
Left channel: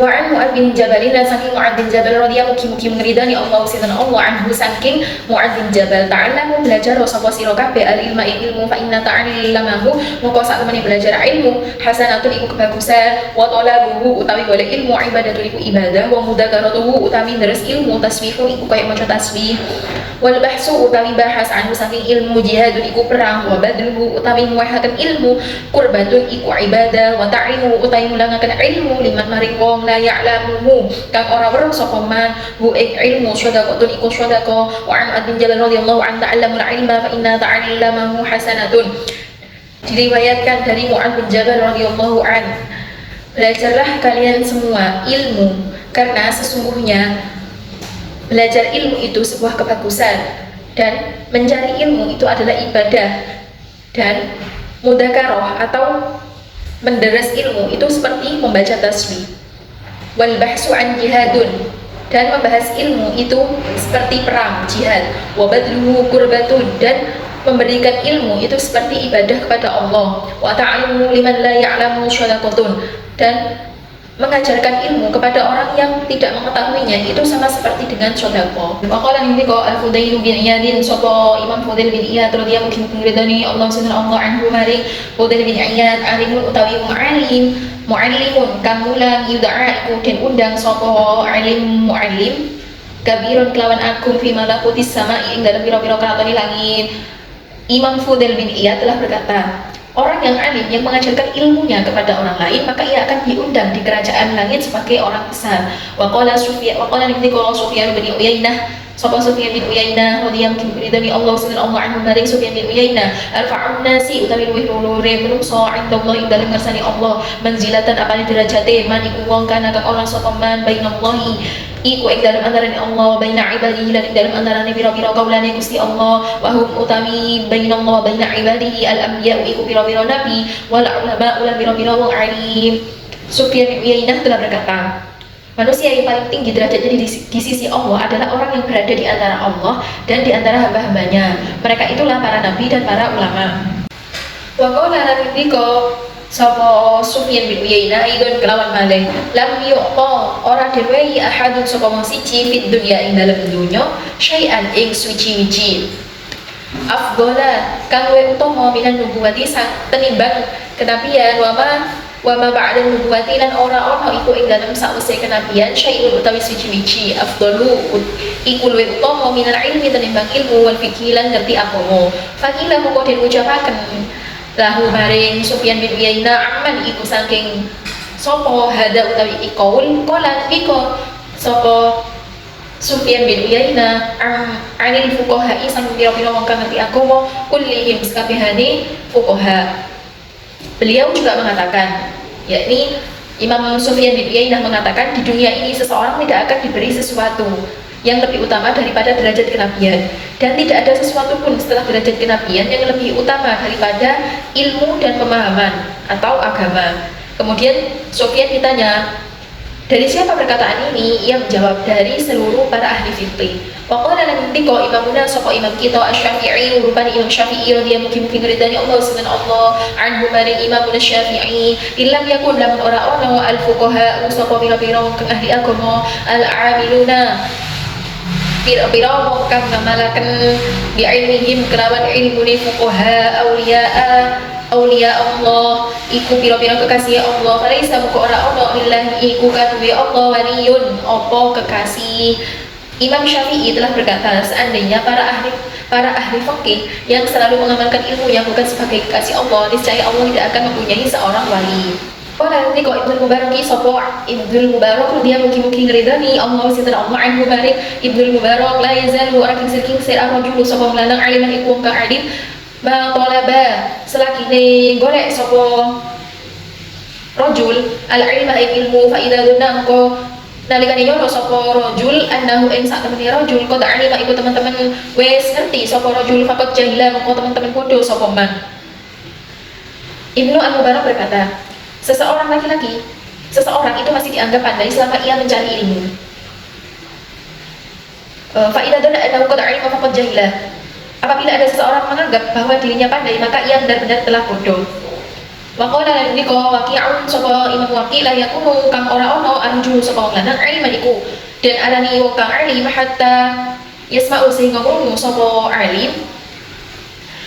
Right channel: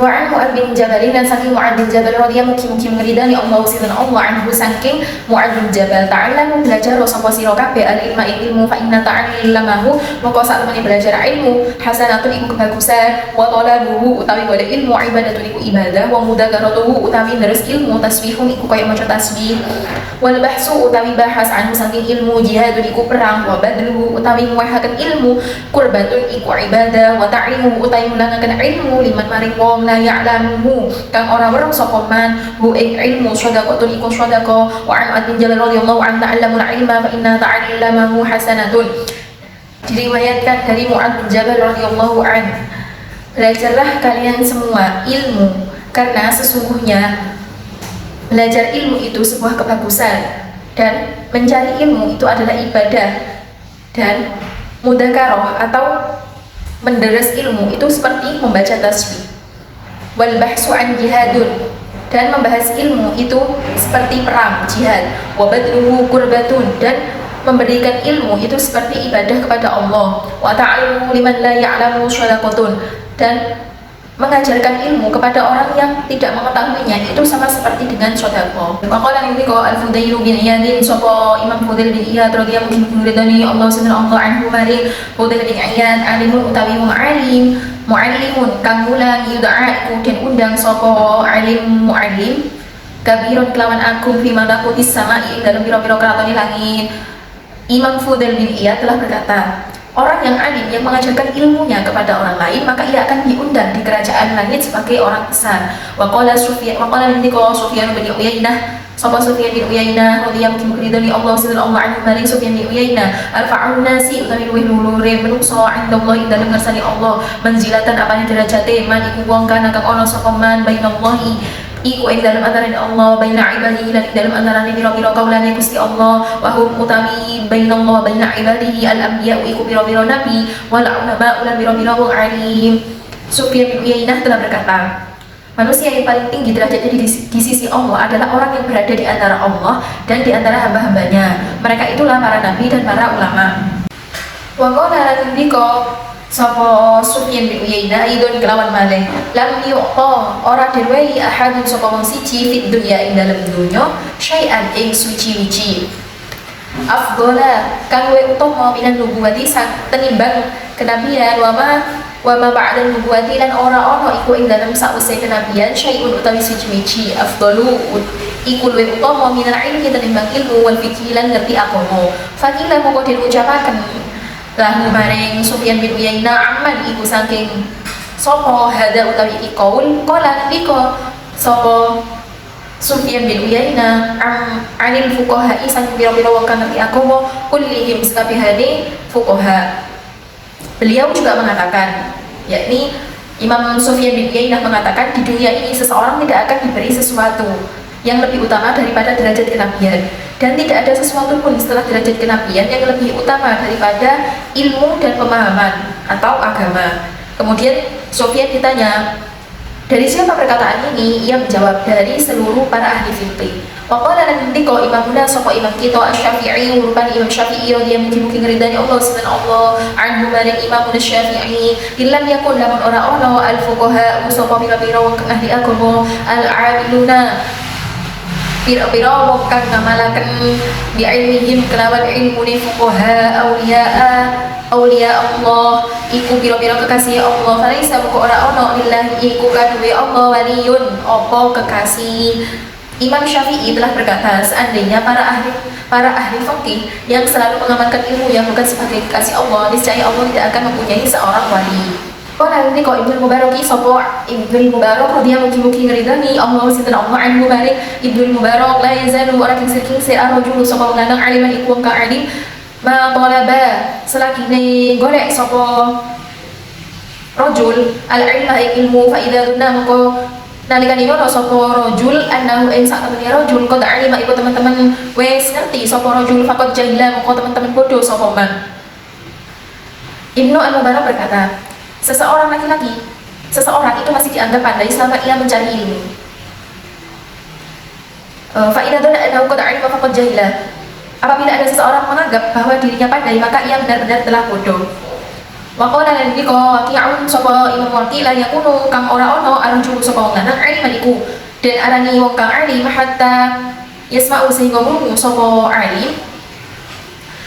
Wa'an Mu'ad bin Jabal, dan saking Mu'ad bin Jabal radhiyallahu mugi-mugi meridani Allah sidan Allah anhu, saking Mu'ad bin Jabal ta'allam belajar sapa sira kabeh al-ilma ilmu fa inna ta'allamahu moko sak temene belajar ilmu hasanatun iku kebagusan wa talabuhu utawi golek ilmu ibadatun iku ibadah wa mudzakaratuhu utawi deres ilmu tasbihun iku kaya maca tasbih wal bahsu utawi bahas anhu saking ilmu jihadun iku perang wa badluhu utawi muwahaken ilmu qurbatun iku ibadah wa ta'imu utawi mulangaken ilmu liman maring wong la ya'lamuhu kang ora weruh sapa man hu ing ilmu shadaqatun iku shadaqah wa an bin Jabal radhiyallahu an ta'allamul ilma fa inna ta'allamahu hasanatun. Diriwayatkan dari Mu'ad bin Jabal radhiyallahu an, belajarlah kalian semua ilmu karena sesungguhnya belajar ilmu itu sebuah kebagusan dan mencari ilmu itu adalah ibadah, dan mudzakarah atau menderes ilmu itu seperti membaca tasbih. Wal bahsu an jihadun, dan membahas ilmu itu seperti perang jihad. Wa badluhu qurbatun, dan memberikan ilmu itu seperti ibadah kepada Allah. Wa ta'allumu liman la ya'lamu shadaqatun, dan mengajarkan ilmu kepada orang yang tidak mengetahuinya itu sama seperti dengan sedekah. Maqala ini ko Al-Fudail bin Iyad, sapa Imam Fudail bin Iyad radhiyallahu ridani Allah subhanahu anhu maring Fudail bin Iyad alimun utawi mu'allim, mu'allimun kang mulang yud'a iku den undang sapa alim mu'allim kabirun kelawan agung fi malakutis sama'i ing dalem pira-pira kratone langit. Imam Fudail bin Iyad telah berkata, orang yang alim yang mengajarkan ilmunya kepada orang lain, maka ia akan diundang di kerajaan langit sebagai orang besar. Waqala Sufyan bin Uyainah, sapa Sufyan bin Uyainah radhiyallahu ridani Allah sallallahu anhu maring Sufyan bin Uyainah, arfa'un nasi utawi luwih luhure menungso indallah ing dalem ngersani Allah, manzilatan apane derajate man iku wong kana kang ana sapa man bainallahi iku ing dalem antarané Allah baina ibadihi lan ing dalem antarané pira-pira kaulane Gusti Allah, wa hum utami bainallah baina ibadihi al-anbiya iku pira-pira nabi wal ulama ulah pira-pira wong alim. Sufyan bin Uyainah telah berkata, manusia yang paling tinggi derajatnya di sisi Allah adalah orang yang berada di antara Allah dan di antara hamba-hambanya. Mereka itulah para nabi dan para ulama. Wa qala radhiyallahu sapa Sufyan bin Uyainah idon kelawan malih lam yuqa ora diwehi ahadun sapa wong siji fid dunya ing dalem donya syai'an ing suci-wici afdhala kang luwih utama minan nubuwati sang tenimbang kenabian wa ma wa ma ba'da nubuwati lan ora ono iku ing dalem sawise kenabian syai'un utawi siji-siji afdalu iku luwih utama minal ilmi tinimbang ilmu wal fiqhi lan ngerti agama. Fakila moko den ucapaken lahu maring Sufyan bin Uyainah amman iku saking sapa hada utawi iqaul qala niko sapa Sufyan bin Uyainah anil fuqaha sang pira-pira wong kang ngerti agama kullihim sakabehane fuqaha. Beliau juga mengatakan, yakni Imam Sufyan bin Uyainah mengatakan di dunia ini seseorang tidak akan diberi sesuatu yang lebih utama daripada derajat kenabian, dan tidak ada sesuatu pun setelah derajat kenabian yang lebih utama daripada ilmu dan pemahaman atau agama. Kemudian Sufyan ditanya, dari siapa perkataan ini? Ia menjawab, dari seluruh para ahli fikih. Waqala lan ndika imamuna sapa imam kita Asy-Syafi'i rupane Imam Syafi'i radhiyallahu mugi ridani Allah subhanahu Allah anhu maring imamuna Syafi'i illam yakun lamun ora ono al fuqaha sapa pira-pira wong kang ahli agama al amiluna pira-pira wong kang ngamalaken bi ilmihim kelawan ilmune fuqaha aulia Allah iku pira-pira kekasih Allah kalaisa kok ora ono lillahi iku kadue Allah waliyun apa kekasih. Imam Syafi'i telah berkata, seandainya para ahli fikih yang selalu mengamalkan ilmu yang bukan sebagai kekasih Allah, niscaya Allah tidak akan mempunyai seorang wali. Kalau ini kok Ibnu Mubarak sopo Ibnu Mubarak dia mugi-mugi ngeridani Allah sinten Allah anhu barik Ibnu Mubarak la yazalu orang kingsir arrojulu sopo lanang aliman iku wong kang alim ma talaba selagine golek sopo rojul al ilma ilmu fa idza dunna mako nalikane yono sapa rajul annahu ing sak temene rajul qad alima iku teman-teman wis ngerti sapa rajul faqad jahila moko teman-teman bodoh sapa man. Ibnu Al-Mubarak berkata, seseorang laki-laki, seseorang itu masih dianggap pandai selama ia mencari ilmu. Fa idza dalla annahu qad alima faqad jahila. Apabila ada seseorang menganggap bahwa dirinya pandai, maka ia benar-benar telah bodoh. Waqala lan dika waqi'un sapa Imam Waqi' la yakunu kang ora ono arju sapa wong lanang aliman iku dan arani wong kang alim hatta yasma'u sehingga krungu sapa alim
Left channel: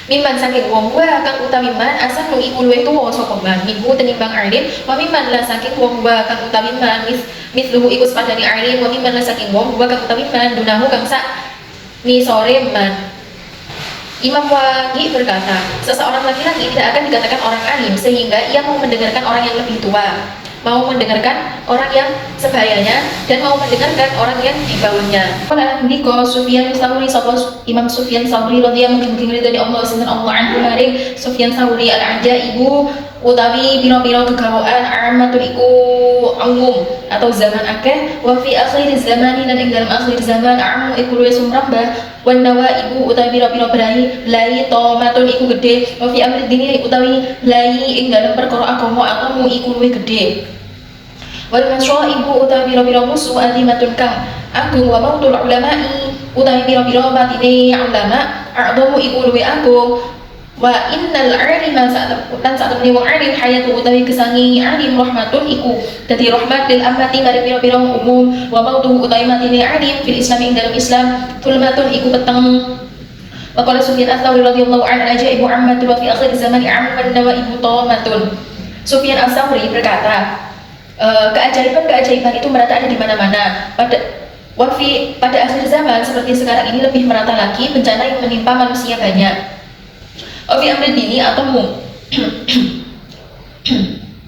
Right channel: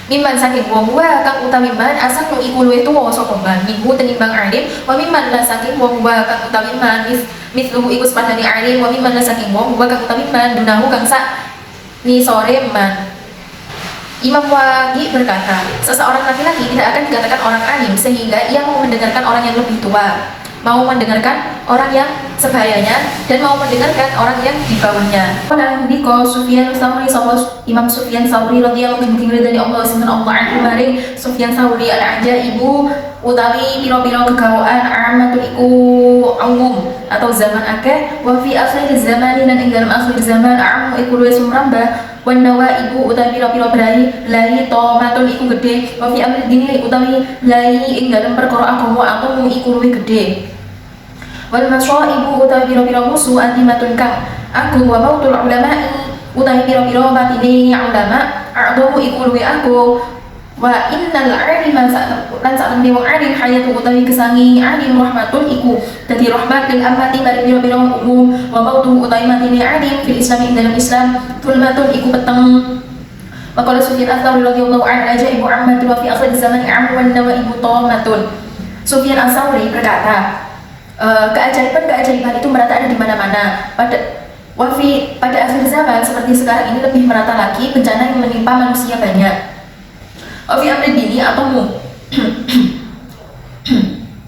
mimman saking wong wa kang utami man asal iku luwih tuwa sapa man iku tenimbang alim wa mimman la saking wong wa kang utami man mithluhu iku sepadane alim wa mimman la saking wong wa kang utami man dunahu kang sak nisore man. Imam Waqi' berkata, seseorang laki-laki tidak akan dikatakan orang alim sehingga ia mau mendengarkan orang yang lebih tua, mau mendengarkan orang yang sebayanya, dan mau mendengarkan orang yang di bawahnya. Kalau ndika Sufyan Tsauri sapa Imam Sufyan Tsauri radhiyallahu anhu ridani Allah sinten Allah anhu maring Sufyan Tsauri al-ajaibu utawi pira-pira kegawaan amatul iku umum atau zaman akeh wa fi akhir zaman lan ing dalam akhir zaman am iku luwih sumrambah wandawa ibu utawi pira-pira brai lai tomatun iku gede wa fi amri dini utawi lai ing dalam perkara agama aku iku luwih gede wal masya ibu utawi pira-pira musuh azimatun kang agung wa mautul ulama'i utawi pira-pira batine ulama a'dhamu iku luwih agung wa innal alima lan sak temene wong alim hayatu utawi kesangi alim rahmatun iku dadi rahmat lil amati mari pira-pira umum wa mautu utawi matine alim fil islam ing dalam Islam tulmatun iku peteng. Maqala Sufyan Ats-Tsauri radhiyallahu anhu ajaibu ammatun wa fi akhir zaman am wan nawaibu tamatun. Sufyan Ats-Tsauri berkata, keajaiban-keajaiban itu merata ada di mana-mana. Pada akhir zaman seperti sekarang ini lebih merata lagi bencana yang menimpa manusia banyak. Ofi amri dini atau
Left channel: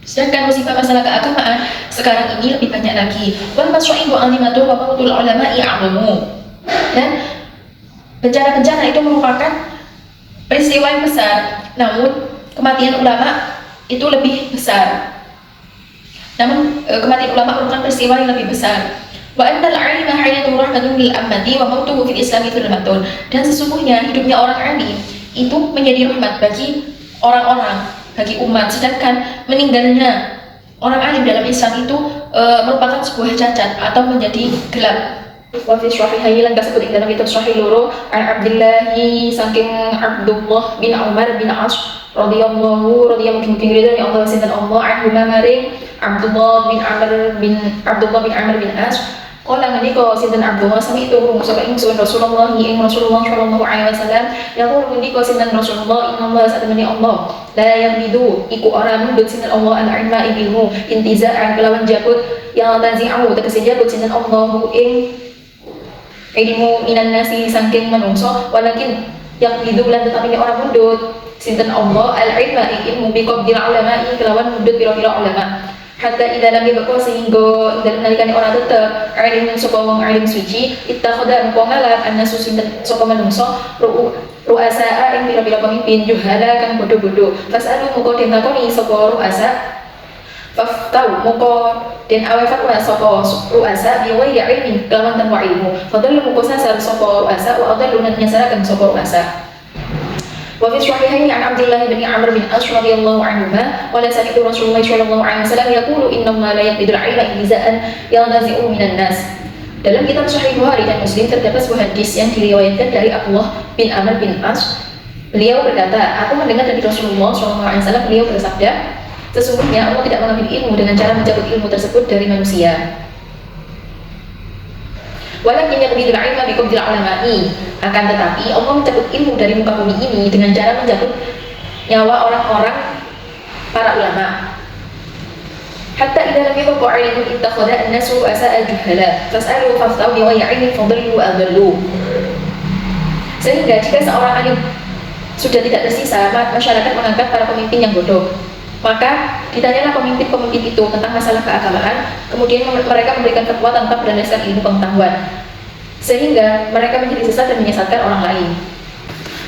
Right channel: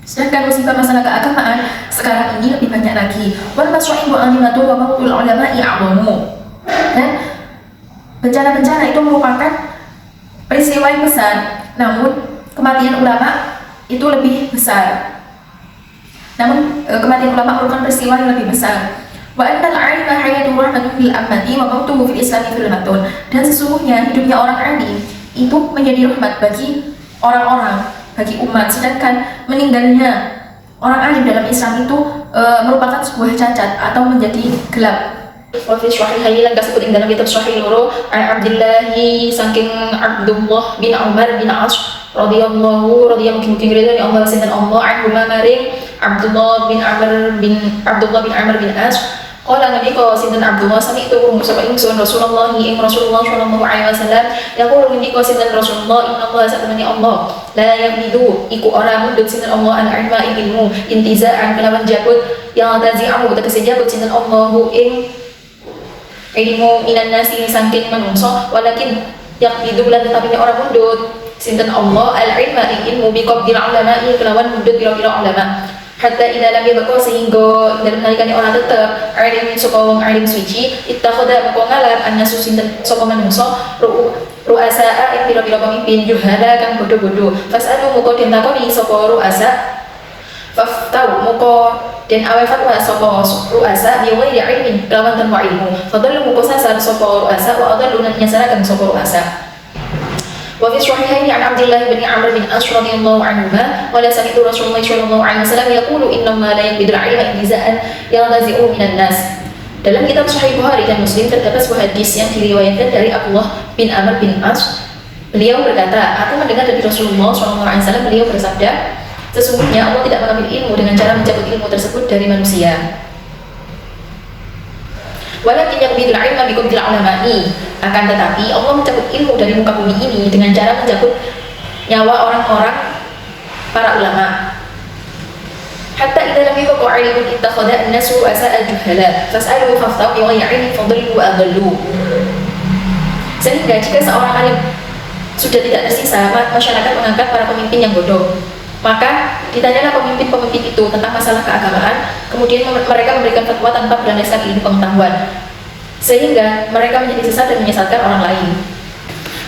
sedangkan musibah masalah keagamaan sekarang ini lebih banyak lagi. Wal masyaibu alimatu wa mautul ulama'i a'lamu. Dan bencana-bencana itu merupakan peristiwa yang besar, namun kematian ulama itu lebih besar. Kematian ulama merupakan peristiwa yang lebih besar. Wa annal 'alima hayatu rahmatun lil ammati wa mautuhu fil islami zulmatun. Dan sesungguhnya hidupnya orang alim itu menjadi rahmat bagi orang-orang, bagi umat, sedangkan meninggalnya orang alim dalam Islam itu merupakan sebuah cacat atau menjadi gelap. Wa fi sahihaini lan kasebut ing dalam kitab Sahih loro Abdillahi saking Abdullah bin Umar bin As radhiyallahu mungkin ridha Allah sinten Allah anhu maring Abdullah bin Amr bin As qala ngendika sinten Abdullah sami itu krungu sapa ingsun Rasulullah sallallahu alaihi wasallam yaqulu ngendika sinten Rasulullah innallaha satamani Allah la yaqidu iku ora mundut sinten Allah al-ilma ilmu intiza'an kelawan jabut yang tazi'amu tegese jabut sinten Allahu ing ilmu minan nasi saking manungsa walakin yaqidu lan tetapi ora mundut sinten Allah al-ilma ilmu biqabdil ulama kelawan mundut pira-pira ulama hatta ila lam yabqa sehingga dalam nalikane orang tetep alim saka wong alim suci ittakhadha mengko ngalap annasu sinten saka manungsa ru'asa ing pira-pira pemimpin juhala kang bodho-bodho fasalu muga den takoni saka ru'asa faftau muga den awe fatwa saka ru'asa biwai ilmin kelawan tanpa ilmu fadallu muga sasar saka ru'asa wa adallu lan nyasaraken saka ru'asa. وفي الصحيحين عن عبد الله بن عمرو بن العاص رضي الله عنهما قال سمعت رسول الله صلى الله عليه وسلم يقول إن الله لا يقبض العلم انتزاعا ينتزعه من الناس. Dalam kitab Sahih Bukhari dan Muslim terdapat sebuah hadis yang diriwayatkan dari Abdullah bin Amr bin As. Beliau berkata, aku mendengar dari Rasulullah SAW, beliau bersabda, sesungguhnya Allah tidak mengambil ilmu dengan cara mencabut ilmu tersebut dari manusia. Walakin yaqbidul ilma biqabdil ulama'i, akan tetapi Allah mencabut ilmu dari muka bumi ini dengan cara mencabut nyawa orang-orang para ulama. Hatta idza lam yabqa 'ilmun ittakhadha an-nasu asa'al juhala fas'alu faftau bi ghairi 'ilmin fadallu wa adallu. Sehingga jika seorang alim sudah tidak tersisa, masyarakat mengangkat para pemimpin yang bodoh. Maka ditanyalah pemimpin-pemimpin itu tentang masalah keagamaan, kemudian mereka memberikan fatwa tanpa berlandaskan ilmu pengetahuan, sehingga mereka menjadi sesat dan menyesatkan orang lain.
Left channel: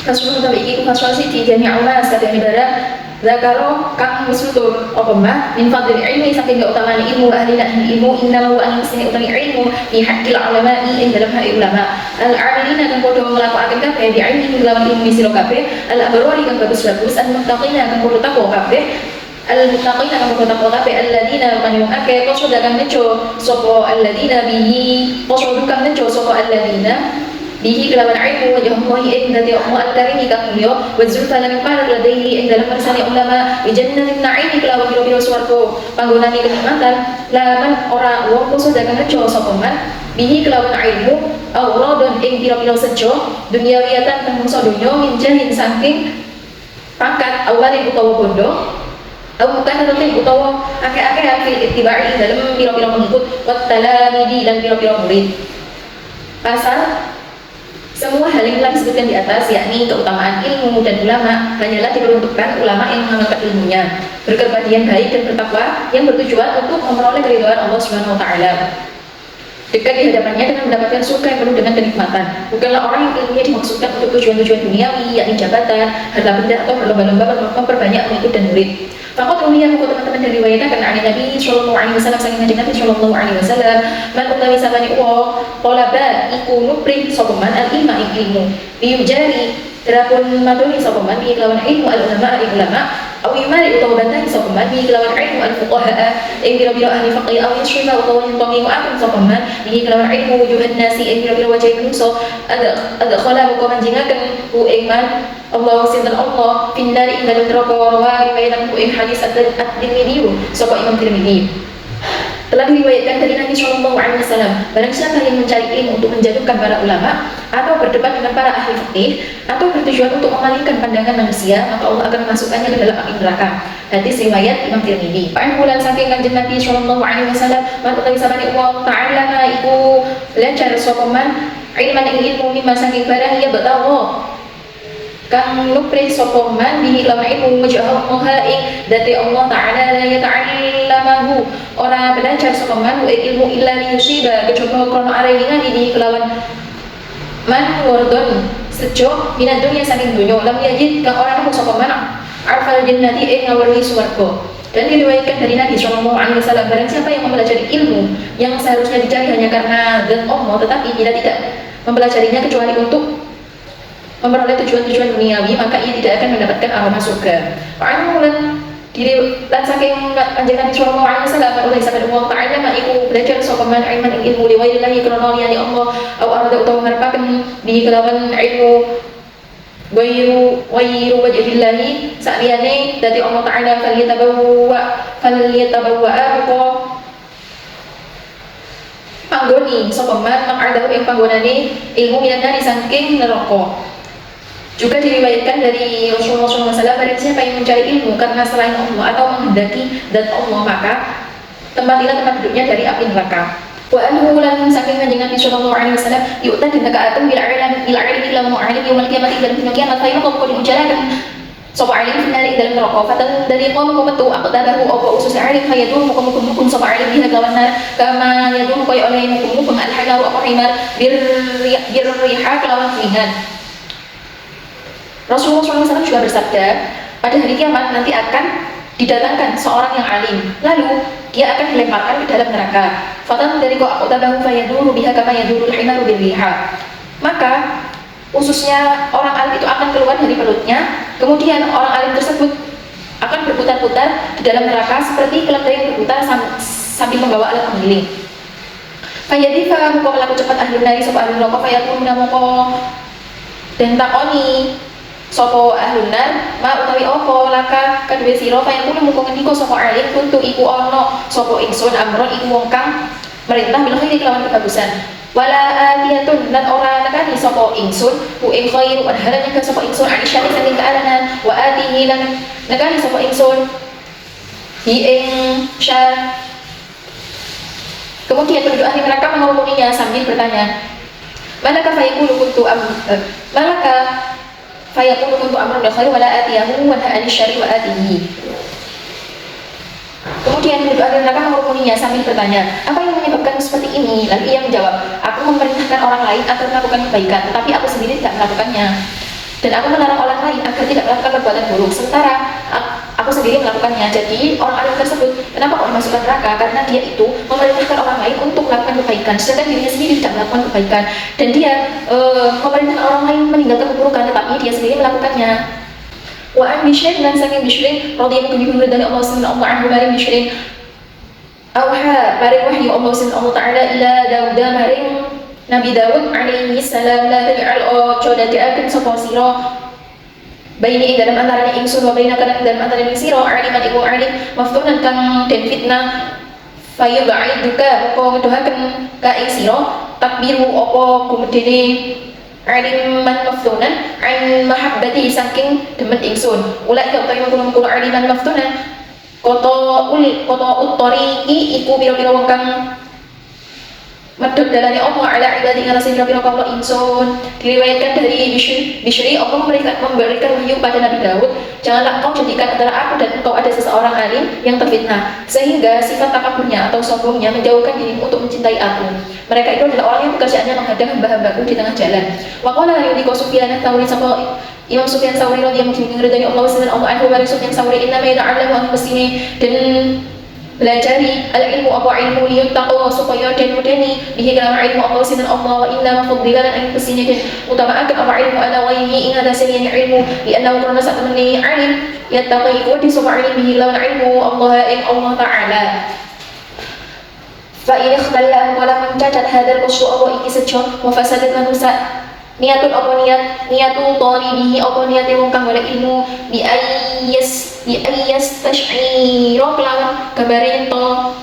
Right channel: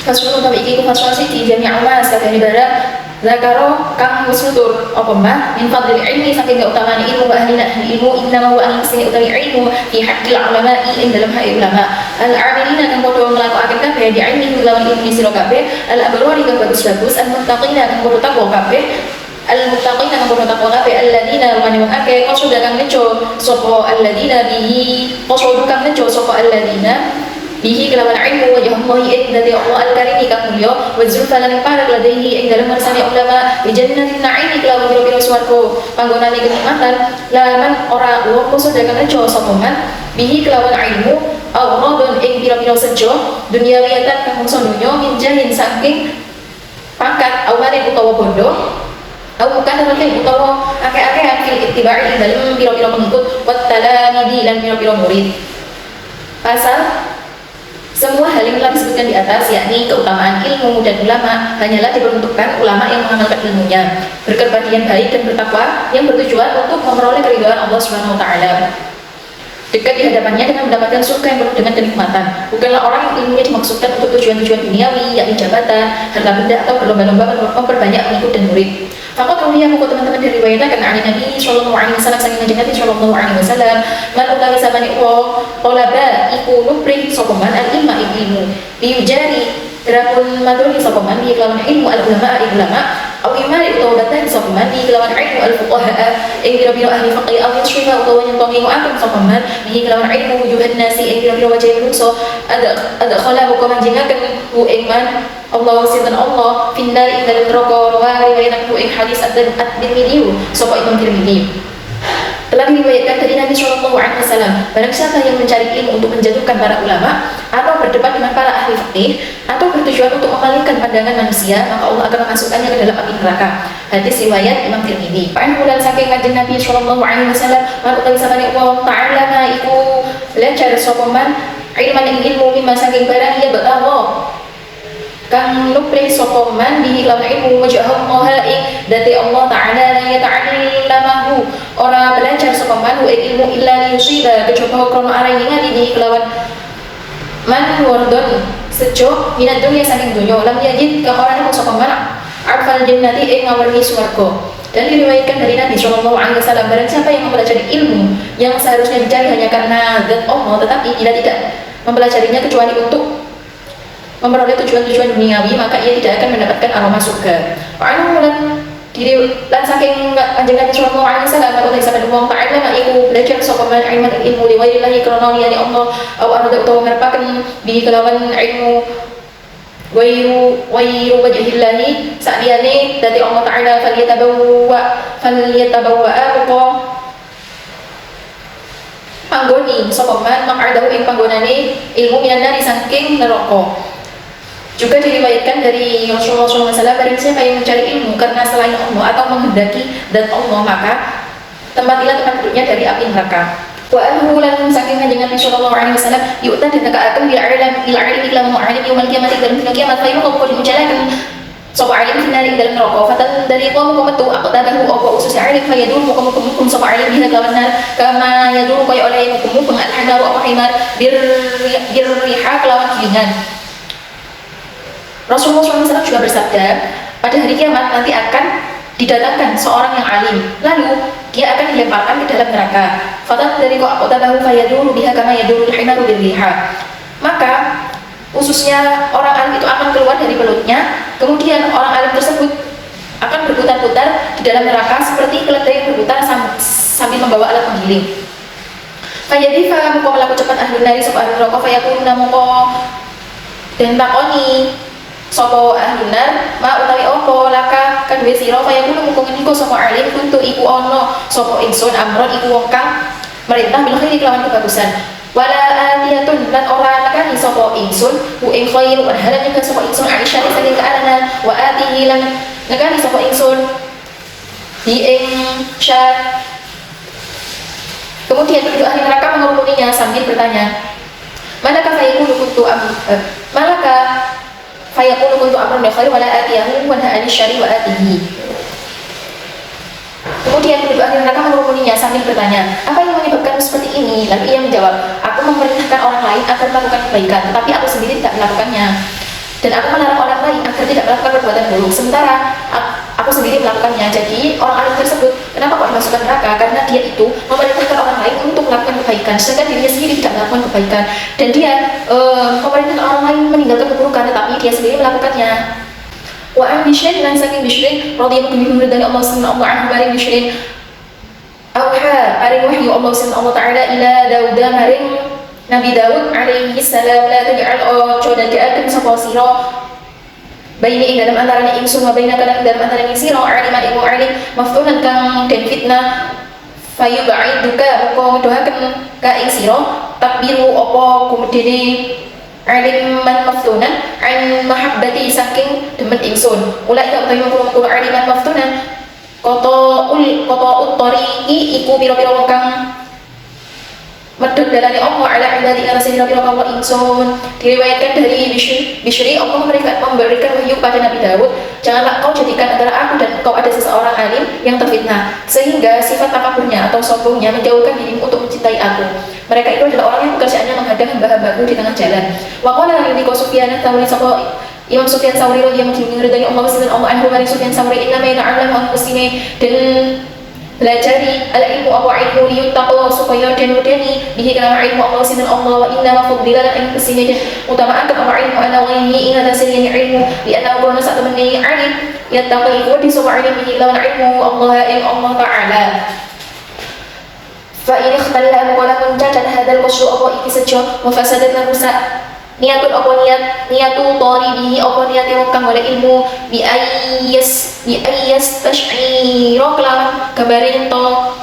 Rasulullah iki fasal siki jami'a mas kabeh ibarat zakaro kang musnutur apa mah min fadlil ilmi saking keutamaan ilmu ahli ilmu inna wa ahli utawi ilmu fi haqqil ulama'i ing dalam hak ulama al-amilina kang padha nglakokake kabeh di ilmi lawan ilmu sira kabeh al-abrari kang bagus-bagus al-muttaqina kang padha takwa kabeh al-muttaqina kang padha takwa kabeh alladzina kang akeh qasada kang nejo sapa alladzina bihi qasada kang nejo sapa alladzina bihi kelawan ilmu wajhallahi ing dadi Allah al-karimi kang mulya wa zulfa lan parek ladaihi ing dalam marsane ulama bi jannatin na'im kelawan pira-pira swarga panggonane kenikmatan lan ora wong qasada kang nejo sapa man bihi kelawan ilmu awradun ing pira-pira sejo duniawiyatan kang mungsa donya min jahin saking pangkat awalin utawa bondo bukan nanti utawa akeh-akeh fil ittiba'i dalam pira-pira pengikut wa talamidi lan pira-pira murid. Pasal semua hal yang telah disebutkan di atas, yakni keutamaan ilmu dan ulama, hanyalah diperuntukkan ulama yang mengamalkan ilmunya, berkerbadian baik dan bertakwa yang bertujuan untuk memperoleh keridhaan Allah Subhanahu wa taala. Dekat di hadapannya dengan mendapatkan surga yang penuh dengan kenikmatan. Bukanlah orang yang ilmunya dimaksudkan untuk tujuan-tujuan duniawi, yakni jabatan, harta benda atau berlomba-lomba memperbanyak pengikut dan murid. Maka tahuiya muka teman-teman dari riwayatnya karena Ali Nabi Sallallahu Alaihi Wasallam saking Nabi Sallallahu Alaihi Wasallam malulahi samani uwo kolaba iku nuprih sokoman al-ilma ilmu liujari rapun maturi sokoman di kelawan ilmu al-ulama awimari utawa bantah sokoman di kelawan ilmu al-fuqaha yang biro-biro ahli faqih awin syuhah utawa yang tongi mu'akan sokoman di kelawan ilmu wujuhan nasi yang biro-biro wajah menungso ada khala muka menjengakan u'ingman Allah sinten Allah finnari ing dalem neraka wa riwayat ing hadis at-Tirmidzi sapa Imam Tirmidzi telah diriwayatkan dari Nabi Sallallahu Alaihi Wasallam barang siapa yang mencari ilmu untuk menjatuhkan para ulama atau berdebat dengan para ahli fikih atau bertujuan untuk memalingkan pandangan manusia maka Allah akan memasukkannya ke dalam api neraka. Hadis riwayat Imam Tirmidzi. Paling bulan saking kanjeng Nabi Sallallahu Alaihi Wasallam man utawi samane Allah Ta'ala iku lancar sapa man ilmu mimma saking barang ia bertawa kang nupri sapa man bihi lawan ilmu wajah Allah ing dadi Allah taala la yata'allamahu ora belajar sapa man ilmu illa yusiba kecoba krono areng ngadi bihi kelawan man wardon sejo minat dunya saking donya lam yajid ka ora nemu sapa man arfal jannati ing ngawarni swarga. Dan diriwayatkan dari Nabi Sallallahu Alaihi Wasallam barang siapa yang mempelajari ilmu yang seharusnya dicari hanya karena zat Allah tetapi tidak mempelajarinya kecuali untuk memperoleh tujuan-tujuan duniawi maka ia tidak akan mendapatkan aroma surga. Fa'anu dan diri dan saking kanjeng Nabi Sallallahu Alaihi Wasallam maka sampai Allah Ta'ala mak iku belajar sapa man ilmu ilmu li wailillahi krono liyane Allah au arada utawa ngarepaken bi kelawan ilmu wayu wajhillahi sakliyane dadi Allah Ta'ala falyatabawwa apa panggoni sapa man mak adahu ing panggonane ilmu minan dari saking neraka. Juga diriwayatkan dari Rasulullah SAW, barang siapa yang mencari ilmu karena selain Allah atau menghendaki dan Allah, maka tempatilah tempat duduknya dari api neraka. Wa anhu lan saking kanjeng Nabi sallallahu alaihi wasallam yu'ta dinakaatun bil ilmi ila mu'alim yaumil qiyamati dalam dina kiamat fa yuqam qul menjalankan sapa alim finali dalam neraka fatan dari qaum metu aku tadahu apa usus alim fa yadur mukum sapa alim dina lawan nar kama yadur kaya oleh mukum al-hana wa himar bir riha kelawan ringan. Rasulullah SAW juga bersabda, pada hari kiamat nanti akan didatangkan seorang yang alim, lalu dia akan dilemparkan ke dalam neraka. Fatan dari kok aku tabahu fayadulu biha kama yadulul himaru birriha. Maka ususnya orang alim itu akan keluar dari perutnya, kemudian orang alim tersebut akan berputar-putar di dalam neraka seperti keledai yang berputar sambil membawa alat penggiling. Fayadifa muka melaku cepat ahlun nari sopa ahlun rokok fayakununa muka dan takoni sopo ahlun nar ma utawi opo laka kan besiro fayakunu muka ngendiko sopo alim tutu iku ono sopo ingsun amron iku wong kang merintah bil khairi kelawan kebagusan wala atiyatun lan ora nakani sopo ingsun bu ing khairu anharan yang sopo ingsun Aisyah saking kearanan wa atihi lan nakani sopo ingsun hi ing syah. Kemudian penduduk ahli neraka mengerumuninya sambil bertanya, manakah fayaqulu kuntu amran bi khairi wala atiyahu wa la syari wa atihi. Kemudian penduduk ahli neraka mengerumuninya sambil bertanya, apa yang menyebabkanmu seperti ini? Lalu ia menjawab, aku memerintahkan orang lain agar melakukan kebaikan, tetapi aku sendiri tidak melakukannya. Dan aku melarang orang lain agar tidak melakukan perbuatan buruk, sementara aku sendiri melakukannya. Jadi orang alim tersebut kenapa kok dimasukkan neraka? Karena dia itu memerintahkan orang lain untuk melakukan kebaikan, sedangkan dirinya sendiri tidak melakukan kebaikan. Dan dia memerintahkan orang lain meninggalkan keburukan, tetapi dia sendiri melakukannya. Wa an Bishr dan saking Bishr radhiyallahu anhu dari Allah subhanahu wa ta'ala maring Bishr auha paring wahyu Allah subhanahu wa ta'ala ila Daud maring Nabi Daud alaihi salam la taj'al ojo dadekaken sapa sira baini ing dalam antarané ingsun wa baina kana ing dalam antarané sira aliman iku alim maftunan kang den fitnah fayub'iduka uga ngedohaken ka ing sira takbiru apa kumedene aliman maftunan an mahabbati saking demen ingsun ulai ka utawi mengkono aliman maftunan kota uttoriqi iku pira-pira wong kang medhot dalane Allah ala ibadi ngarasi pira-pira Allah insun. Diriwayatkan dari Bishri Allah memberikan wahyu pada Nabi Daud, janganlah kau jadikan antara aku dan engkau ada seseorang alim yang terfitnah sehingga sifat takaburnya atau sombongnya menjauhkan dirimu untuk mencintai aku. Mereka itu adalah orang yang pekerjaannya menghadang hamba-hambaku di tengah jalan. Wa qala lani Sufyan Tsauri sama Imam Sufyan Tsauri radhiyallahu anhu dari Allah subhanahu wa ta'ala Sufyan Tsauri inna ma ya'lamu an-nafsini dan belajari al-ilmu apa ilmu liyuttaqwa supaya dan mudani bihi kalam ilmu Allah sinan Allah wa inna ma fadila lan kesini dan utamakan apa ilmu ala ghairihi ing rasilinya ilmu li anna qurana saat mengenai alim yattaqi wa di sapa ilmu bihi lawan ilmu Allah ing Allah taala fa in ikhtalla wala mencatat hadal qasyu Allah iki sejo wa fasadat lan rusak niatun apa niatu talibihi apa niate wong kang golek ilmu bi ayas tash'ira kelawan gambare ento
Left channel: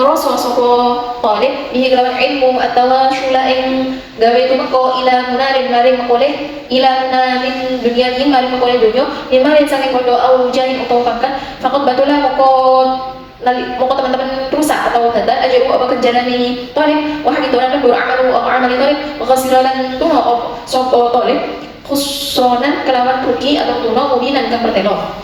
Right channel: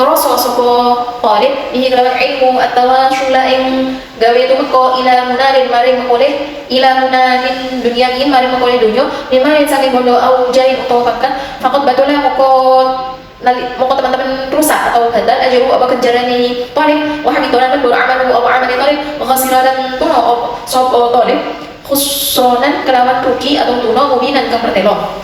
ngrasa sapa talib bihi kelawan ilmu atawa syula ing gawe tumeka ila munarin maring oleh ila munarin dunia ini maring oleh dunya limarin saking bondo au jai utawa pangkat fakot batulah moko teman-teman rusak atau batal aja apa kenjaran ini talib wah bitolan beramalu atau amali talib khasiran tuno sapa talib khusronan kelawan rugi atau tuno mubinan kang pertelo.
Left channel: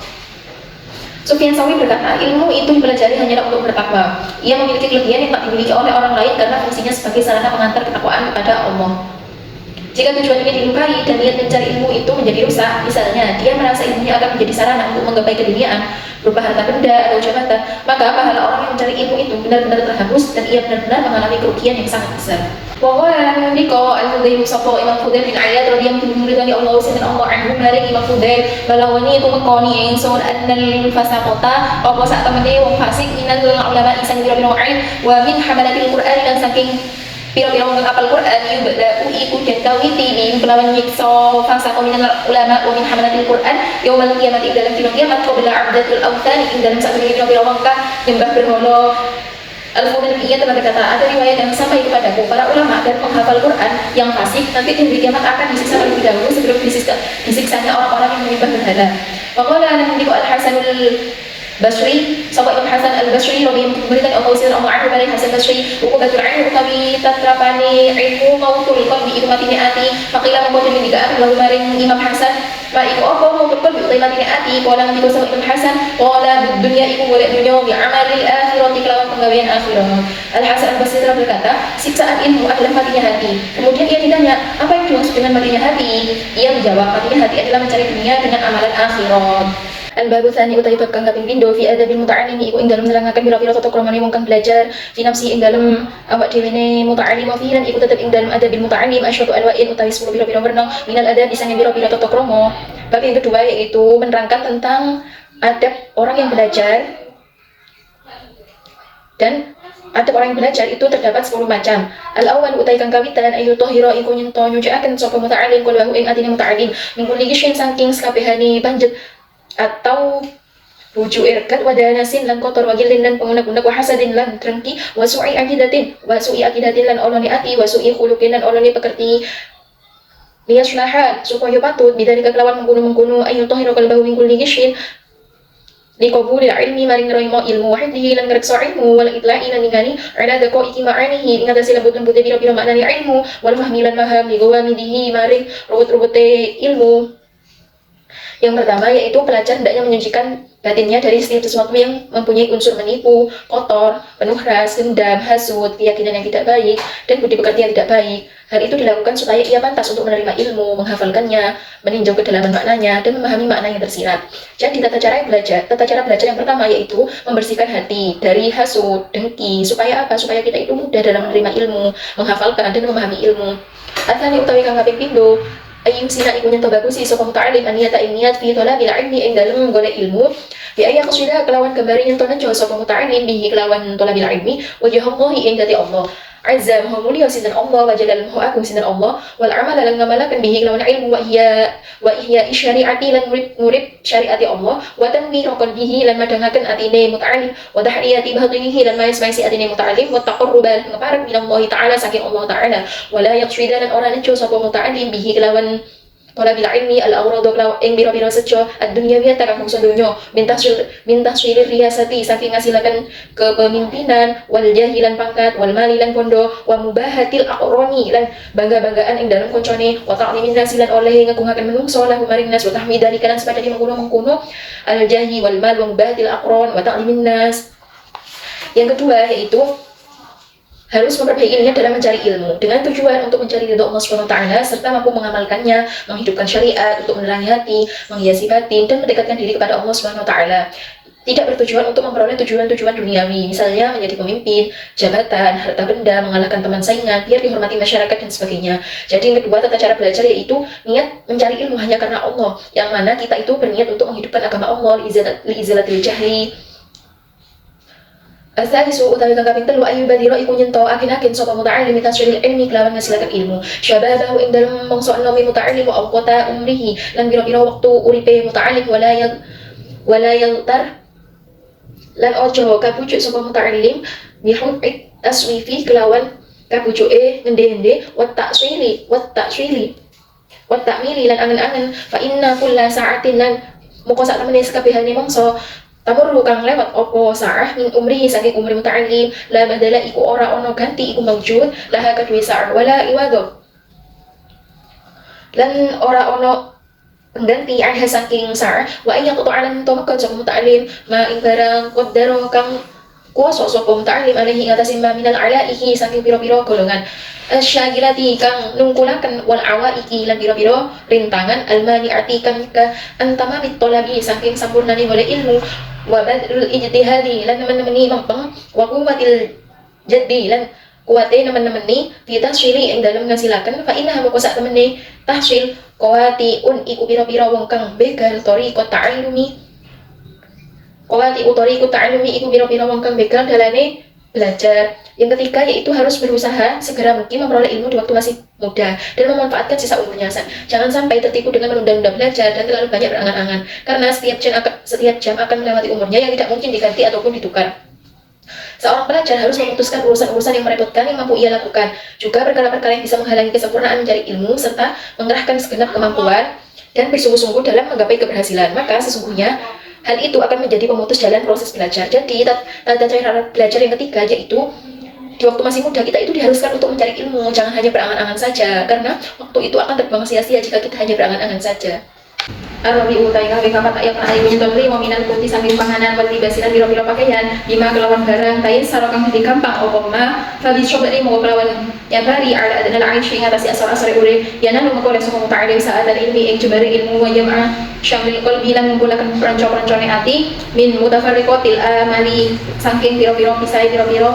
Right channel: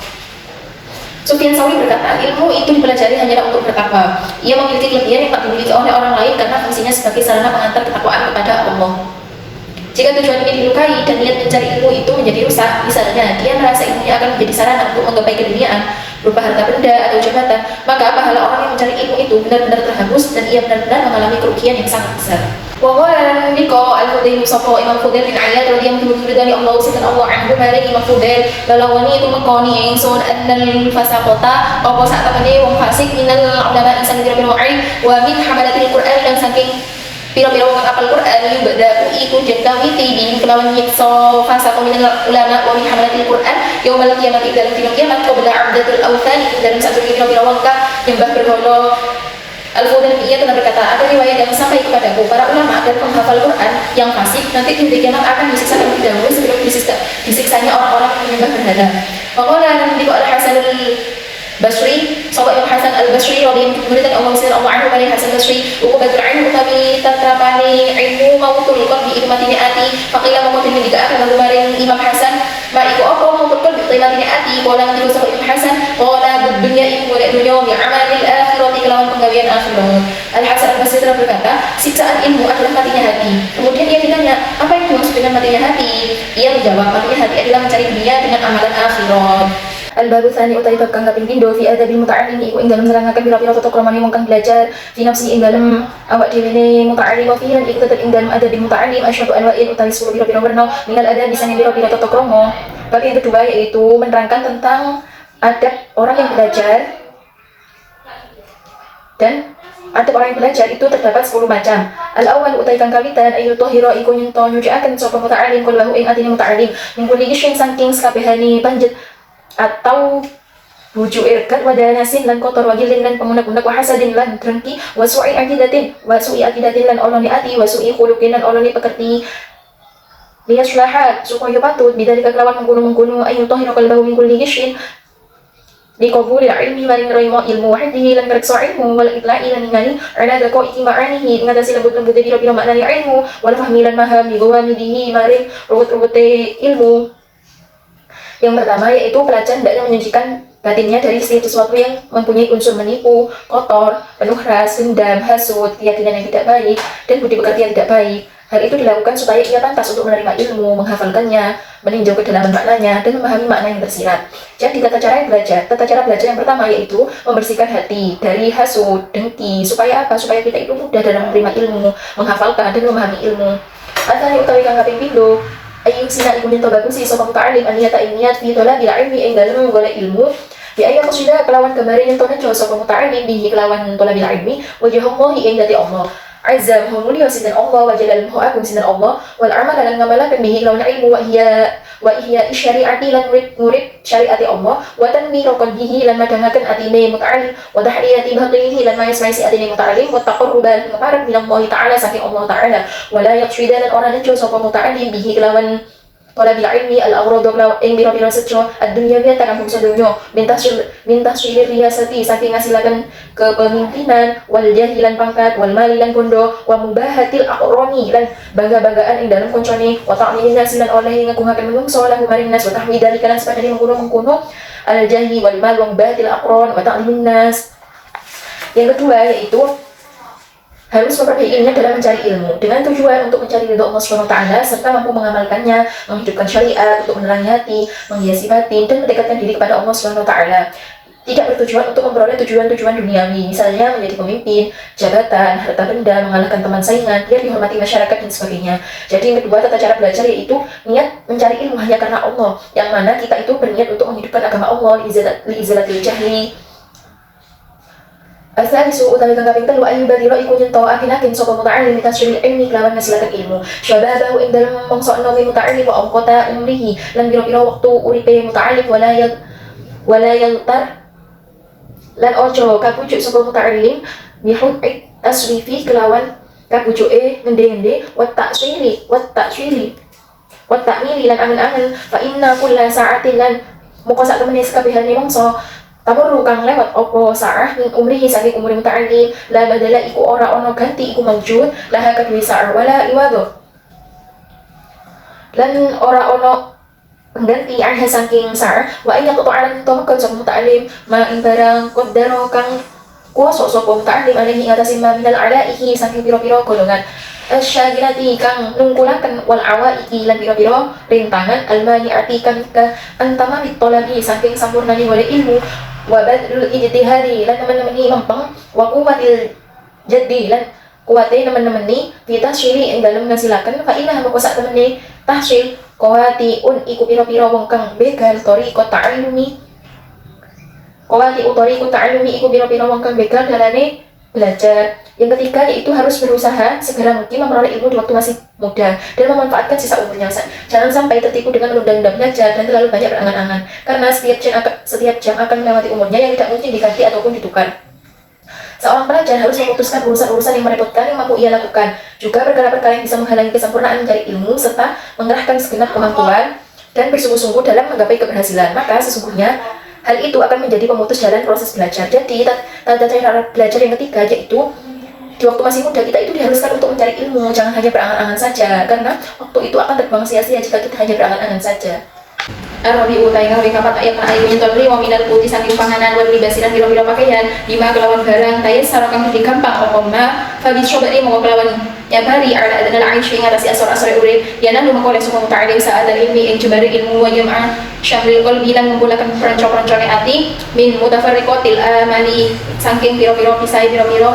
Sufyan Tsauri berkata, ilmu itu dipelajari hanyalah untuk bertakwa. Ia memiliki kelebihan yang tak dimiliki oleh orang lain karena fungsinya sebagai sarana pengantar ketakwaan kepada Allah. Jika tujuan ini dilukai dan niat mencari ilmu itu menjadi rusak, misalnya dia merasa ilmunya akan menjadi sarana untuk menggapai keduniaan berupa harta benda atau jabatan, maka pahala orang yang mencari ilmu itu benar-benar terhapus dan ia benar-benar mengalami kerugian yang sangat besar. Wa qala liqa al-Fudail sapa Imam Fudail bin Iyad radhiyallahu anhu dari Allah subhanahu Allah anhu maring Imam Fudail balawani itu mekoni ingsun annal fasaqata apa sak temene wong fasik minal ulama insan dira wa min hamalatil Qur'an dan saking pira-pira wong apal Qur'an yubda iku den kawiti bi kelawan nyiksa fasaqu minal ulama wa min hamalatil Qur'an yaumul qiyamah dalam dina kiamat qabla abdatul awthan dalam satu pira-pira wong kang nyembah berhala Al-Fudailiyah telah berkata, ada riwayat yang sampai kepadaku, para ulama dan penghafal Quran yang fasik nanti di hari kiamat akan disiksa terlebih dahulu sebelum disiksanya orang-orang yang menyembah berhala. Maka Diku Al-Hasan Basri, sahabat Imam Hasan Al-Basri radhiyallahu anhu Allah Anhu Hasan Basri, uqbatul ilm utawi tatamani ilmu mautul qalbi ikmatine ati, faqila mongko ditika akan maring Imam Hasan, ma iku apa mautul qalbi ikmatine ati, kala niku sahabat Imam Hasan, qala dunya iku golek dunya ya amalil akhirati kelawan penggawean akhirat. Al-Hasan Al-Basri telah berkata, siksaan ilmu adalah matinya hati. Kemudian ia ditanya, apa itu maksud dengan matinya hati? Ia menjawab, matinya hati adalah mencari dunia dengan amalan akhirat. Al-babu tsani utai bab kang kaping pindho fi adabil muta'allim iku ing dalem nerangaken pira-pira tata kramane wong kang belajar fi nafsi ing dalem awak dhewe ne muta'allim wa fi'lan iku tetep ing dalem adabil muta'allim asyadu anwa'in utawi 10 pira-pira werna minal adab disane pira-pira tata krama. Bab yang kedua yaitu menerangkan tentang adab orang yang belajar, dan adab orang yang belajar itu terdapat 10 macam. Al-awwal utai kang kawitan ayu tahira iku nyento nyuciaken sapa muta'allim qalbahu ing atine muta'allim minggu iki saking sakabehane panjet atau rujuk irkat wadanasin lan kotor wagilin lan pengunak-unak wahasadin lan drengki wasu'i akidatin lan oloni ati wasu'i khuluqin lan oloni pekerti liyaslaha supaya patut bidari kelawan menggunung ayu tahiru kalbahu min kulli gishin liqabuli ilmi maring roimo ilmu wahidi lan ngereksa ilmu wal itla'i lan ningali ala dako ikima'anihi ngatasi lembut-lembut bira-bira makna ilmu wal fahmi lan maham ligawamidihi maring rubut-rubute ilmu. Yang pertama yaitu pelajar hendaknya menyucikan batinnya dari setiap sesuatu yang mempunyai unsur menipu, kotor, penuh ras, dendam, hasud, keyakinan yang tidak baik, dan budi pekerti yang tidak baik. Hal itu dilakukan supaya ia pantas untuk menerima ilmu, menghafalkannya, meninjau kedalaman maknanya, dan memahami makna yang tersirat. Jadi tata cara belajar yang pertama yaitu membersihkan hati dari hasud, dengki, supaya apa? Supaya kita itu mudah dalam menerima ilmu, menghafalkan dan memahami ilmu. Atau utawi kang kaping pindho ayung sina iku nyen bagusi sapa muta'allim aniyata niat fi thalabil ilmi ing dalem golek ilmu bi ayya qasida kelawan gambare nyen tonen sapa muta'allim bihi kelawan thalabil ilmi wajhallahi ing dati Allah azza wa mulia sinten Allah wa jalal agung sinten Allah wal amal lan ngamalaken bihi kelawan ilmu wa ihya syari'ati lan murid syariati Allah wa tanwiraqan bihi lan madangaken atine muta'allim wa tahriyati batinihi lan maisi atine muta'allim wa taqarruban ngaparep minallahi ta'ala saking Allah ta'ala wa la yaqsida lan ora nejo sapa muta'allim bihi kelawan bil ilmi al-awrad ing biro-biro sejo ad-dunyawiyah takang bangsa dunya mintas syiri riyasati saking ngasilaken kepemimpinan wal jahilan pangkat wal mali lan bondo wa mubahatil aqrani lan bangga-banggaan ing dalem koncone wa ta'limin nasilan oleh ngagungaken menungso lahu maring nas wa tahmidalika lan sepadane mengkono al-jahi wal mal wa mubahatil aqran wa ta'limin nas. Yang kedua yaitu harus memperbaikinya dalam mencari ilmu dengan tujuan untuk mencari ridho Allah Subhanahu wa taala serta mampu mengamalkannya, menghidupkan syariat untuk menerangi hati, menghiasi batin dan mendekatkan diri kepada Allah Subhanahu wa taala. Tidak bertujuan untuk memperoleh tujuan-tujuan duniawi, misalnya menjadi pemimpin, jabatan, harta benda, mengalahkan teman saingan, biar dihormati masyarakat dan sebagainya. Jadi yang kedua tata cara belajar yaitu niat mencari ilmu hanya karena Allah, yang mana kita itu berniat untuk menghidupkan agama Allah liizalatil jahli. Al-thalisu utawi kang kaping 3 ayu badira iku nyento akin-akin sapa muta'allim tasyril ilmi kelawan ngasilaken ilmu syababahu ing dalem mangsa nomi muta'allim wa awqata umrihi lan pira-pira wektu uripe muta'allim wala yaltar lan ojo kabujuk sapa muta'allim bihuk taswifi kelawan kabujuke ngende-ende wa ta'swili lan angen-angen fa inna kulla sa'atin lan moko sak temene sakabehane mangsa tamurru kang lewat opo sa'ah min umrihi saking umri muta'allim la badala iku ora ono ganti iku mawjud laha kadwe sa'ah wala iwado lan ora ono pengganti anha saking sa'ah wa iya kutu'alan tomakon sop muta'allim ma ing barang qaddaro kang kuasa sop muta'allim alaihi ngatasin ma minal alaihi saking piro-piro golongan asyagilati kang nungkulaken wal awaiki lan pira-pira rintangan almani'ati kang ka antamamit talabi saking sampurnane oleh ilmu wa badrul ijtihadi lan temen-temeni mempeng wa quwwatil jaddi lan kuwate temen-temeni fi tahsyili ing dalem ngasilaken fa inna moko sak temene tahsyil qawatiun iku pira-pira wong kang begal tariqat ta'allumi iku pira-pira wong kang begal dalane belajar. Yang ketiga yaitu harus berusaha segera mungkin memperoleh ilmu di waktu masih muda dan memanfaatkan sisa umurnya. Jangan sampai tertipu dengan menunda-nunda belajar dan terlalu banyak berangan-angan karena setiap jam akan melewati umurnya yang tidak mungkin diganti ataupun ditukar. Seorang pelajar harus memutuskan urusan-urusan yang merepotkan yang mampu ia lakukan, juga perkara-perkara yang bisa menghalangi kesempurnaan mencari ilmu, serta mengerahkan segenap kemampuan dan bersungguh-sungguh dalam menggapai keberhasilan. Maka sesungguhnya hal itu akan menjadi pemutus jalan proses belajar. Jadi tata cara belajar yang ketiga yaitu di waktu masih muda kita itu diharuskan untuk mencari ilmu, jangan hanya berangan-angan saja, karena waktu itu akan terbuang sia-sia jika kita hanya berangan-angan saja. Arabi utai gawe kapak yang ayu nyentoli mominal putih saking panganan wat libasiran biro-biro pakaian lima kelawan barang tayin sarokang jadi gampang okoma fabis syobari mau kelawan nyabari ala adalah aisyah yang atasi asor-asor urip yana lu mengkolek suku muta'alim saat dari ilmi yang jubari ilmu wa jam'ah syamril qalbi lan menggulakan peranco-perancone hati min mutafarriqatil amali saking biro-biro kisai biro-biro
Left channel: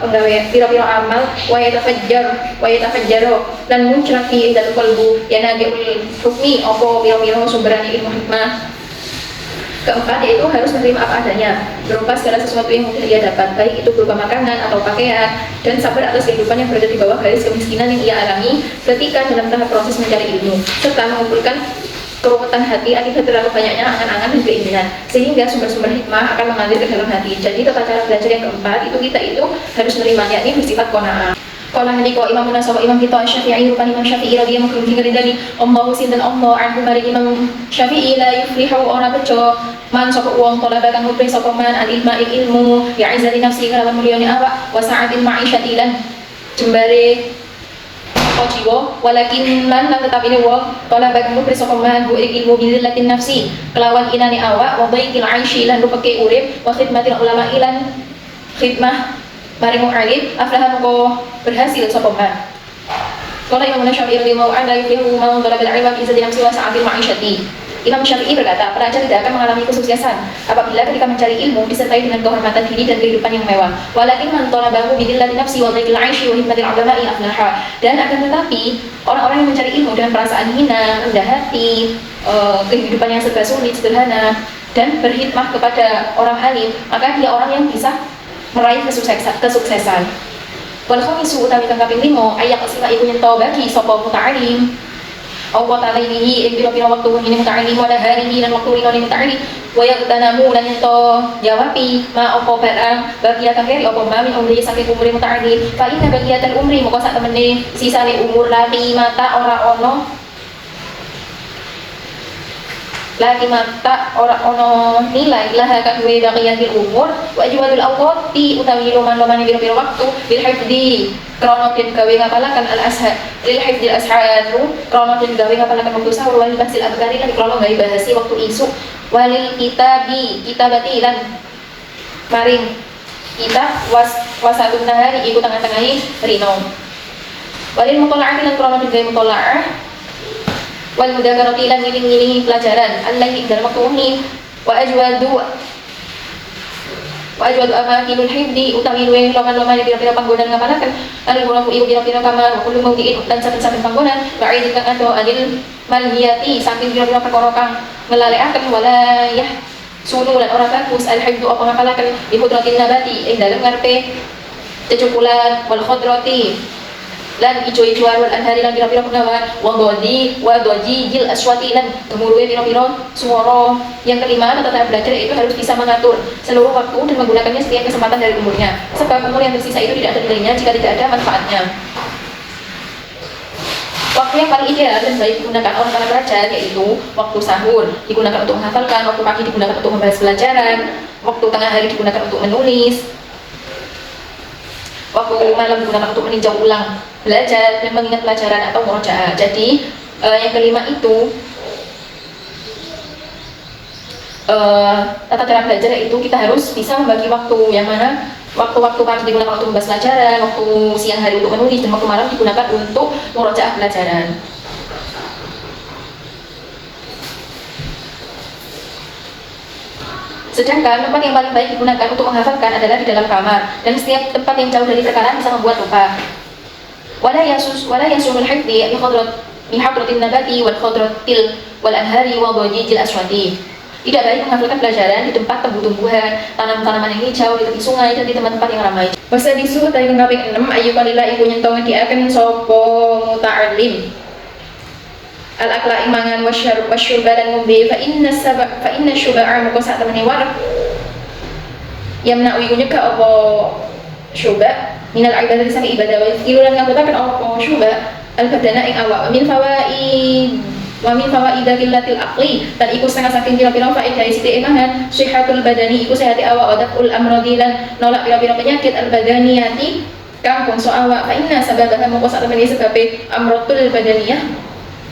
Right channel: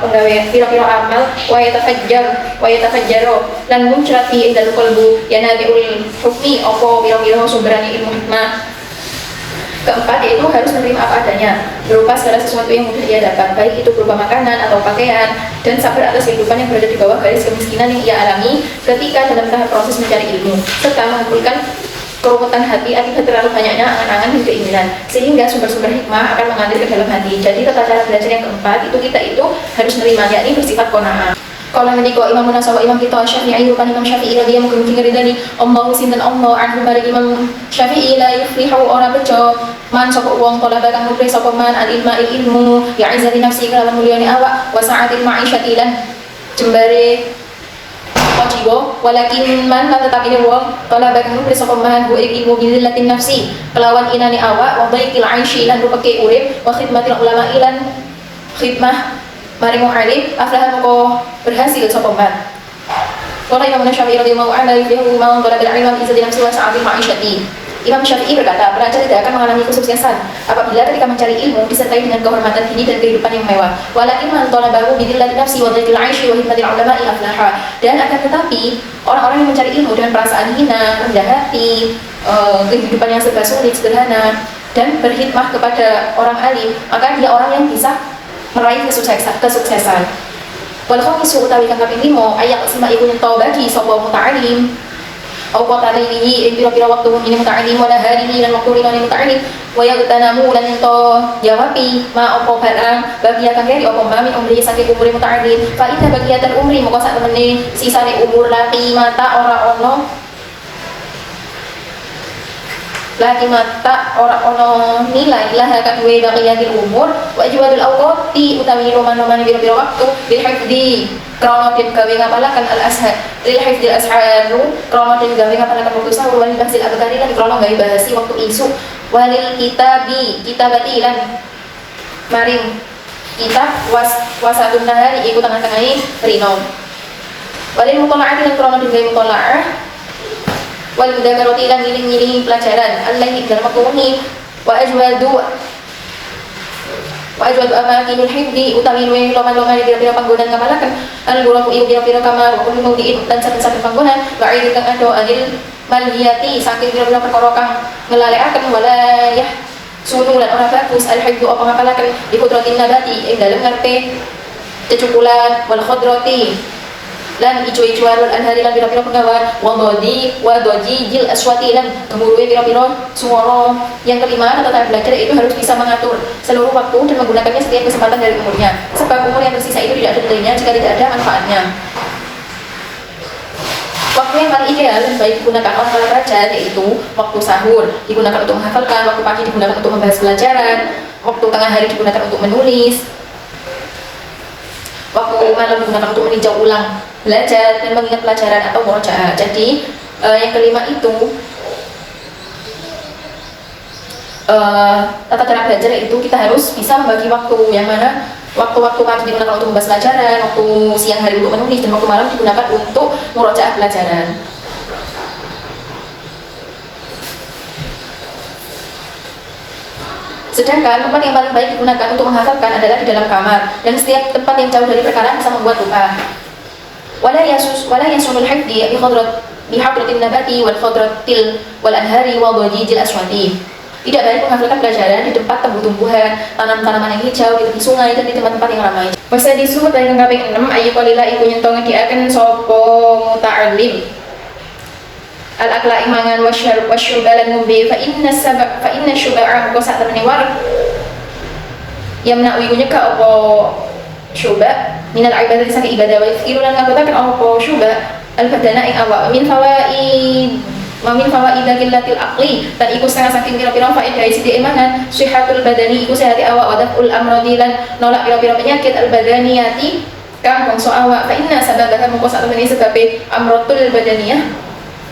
penggawe biro-biro amal wa yatafajjaro lan muncrati dalam qalbu yana bi'ul hukmi opo biro-biro sumberani ilmu hikmah. Keempat yaitu harus menerima apa adanya berupa segala sesuatu yang mungkin ia dapat, baik itu berupa makanan atau pakaian, dan sabar atas kehidupan yang berada di bawah garis kemiskinan yang ia alami ketika dalam tahap proses mencari ilmu, serta mengumpulkan keruwetan hati akibat terlalu banyaknya angan-angan dan keinginan, sehingga sumber-sumber hikmah akan mengalir ke dalam hati. Jadi tata cara belajar yang keempat itu kita itu harus menerima, yakni bersifat qanaah. Kalau meniko Imam Munasabah Imam kita Syafi'i rupan Imam Syafi'i radhiyallahu anhu tinggal dari Allah sinten Allah anhu bari Imam Syafi'i la yuflihu ora bejo man sapa wong talaba kang nulis sapa man al ilmu ya izzati nafsi kalawan mulyane awak wa sa'atil ma'isyati lan jembare jiwa walakin man la tetapi wong talaba kang nulis sapa man ilmu bizillatin nafsi kelawan inani awak wa baikil aishi lan rupake urip wa khidmatil ulama ilan khidmah maring alim aflah ko berhasil sapa man. Qala Imam Syafi'i radhiyallahu anhu yuflihu man talaba al-ilm izzati nafsi wa sa'atil ma'isyati. Imam Syafi'i berkata, pelajar tidak akan mengalami kesuksesan apabila ketika mencari ilmu disertai dengan kehormatan diri dan kehidupan yang mewah. Walakin man talabahu bidillatin nafsi wa dhaikil 'aishi wa hikmatil ulama'i aflaha. Dan akan tetapi orang-orang yang mencari ilmu dengan perasaan hina, rendah hati, kehidupan yang serba sulit, sederhana, dan berkhidmah kepada orang alim, maka dia orang yang bisa meraih kesuksesan. Wal khamisu utawi kang kaping 5 ayak sima iku yen bagi sapa muta'alim au qata lailihi ing pira-pira waktu ini muta'alim wala hari lan waktu ini muta'alim wa yagtanamu lan to jawabi ma apa barang bagi kang keri apa mami umri saking umur muta'alim fa inna bagiatal umri moko sak temene sisane umur laki mata ora ono lagi mata orang nilai lah akan bagian umur wajibul awqati utawi roman-roman biru-biru waktu bil hifdi krono den gawe ngapalaken al ashar lil hifdil asharu krono den gawe ngapalaken waktu sahur wal basil abkari lan krono gawe bahasi waktu isu walil kitabati lan maring kitab wasatun nahari iku tengah-tengahi rino walil mutola'ati lan krono den gawe mutola'ah wal mudzakarati lan ngiling-ngilingi pelajaran allahi dalam waktu muhim wa ajwadu amakinul hifdi utawi luwih loman-loman pira-pira panggonan ngapalaken al gulaku iku pira-pira kamar wa kullu mawdi'in lan saben-saben panggonan ba'id kang ado anil malhiyati saking pira-pira perkara kang ngelalekaken walayah sunu lan ora bagus al hifdu apa ngapalaken bi qudratin nabati ing dalem ngarepe cecukulan wal khadrati lan ijo-ijoan wal anhari lan pira-pira pengawangan wa doji jil aswati lan kemudian pira-pira suara. Yang kelima, tata belajar itu harus bisa mengatur seluruh waktu dan menggunakannya setiap kesempatan dari umurnya, sebab umur yang tersisa itu tidak ada nilainya jika tidak ada manfaatnya. Waktu yang paling ideal dan baik digunakan oleh para pelajar yaitu waktu sahur digunakan untuk menghafalkan, waktu pagi digunakan untuk membahas pelajaran, waktu tengah hari digunakan untuk menulis, waktu malam digunakan untuk meninjau ulang belajar dan mengingat pelajaran atau murojaah. Jadi yang kelima itu tata cara belajar itu kita harus bisa membagi waktu, yang mana waktu-waktu pagi digunakan untuk membahas pelajaran, waktu siang hari untuk menulis, dan waktu malam digunakan untuk murojaah pelajaran. Sedangkan tempat yang paling baik digunakan untuk menghafalkan adalah di dalam kamar, dan setiap tempat yang jauh dari perkataan bisa membuat lupa. Wala yasunul hifdi bi hadratin nabati wal khadratil wal anhari wal wajijil aswati. Tidak baik menghafalkan pelajaran di tempat tumbuh-tumbuhan, tanam-tanaman yang hijau, di tepi sungai, dan di tempat-tempat yang ramai. Masa disuruh dari kaping 6 ayu qalila iku nyentong diaken sapa muta'allim al-akla imangan wasyurba lan ngombe fa inna syuba'a moko sak temene wareg yamna'u iku nyegah apa syuba minal ibadah saking ibadah wa yufilu lan nganggotaken apa syuba al badana ing awak wa min fawaidil aqli dan iku setengah saking pira-pira faedah sithik imanan sihatul badani iku sehati awak wa daful amradi lan nolak pira-pira penyakit al badaniyati kang bangsa awak fa inna sababaha mongko sak temene sebabe amratul badaniyah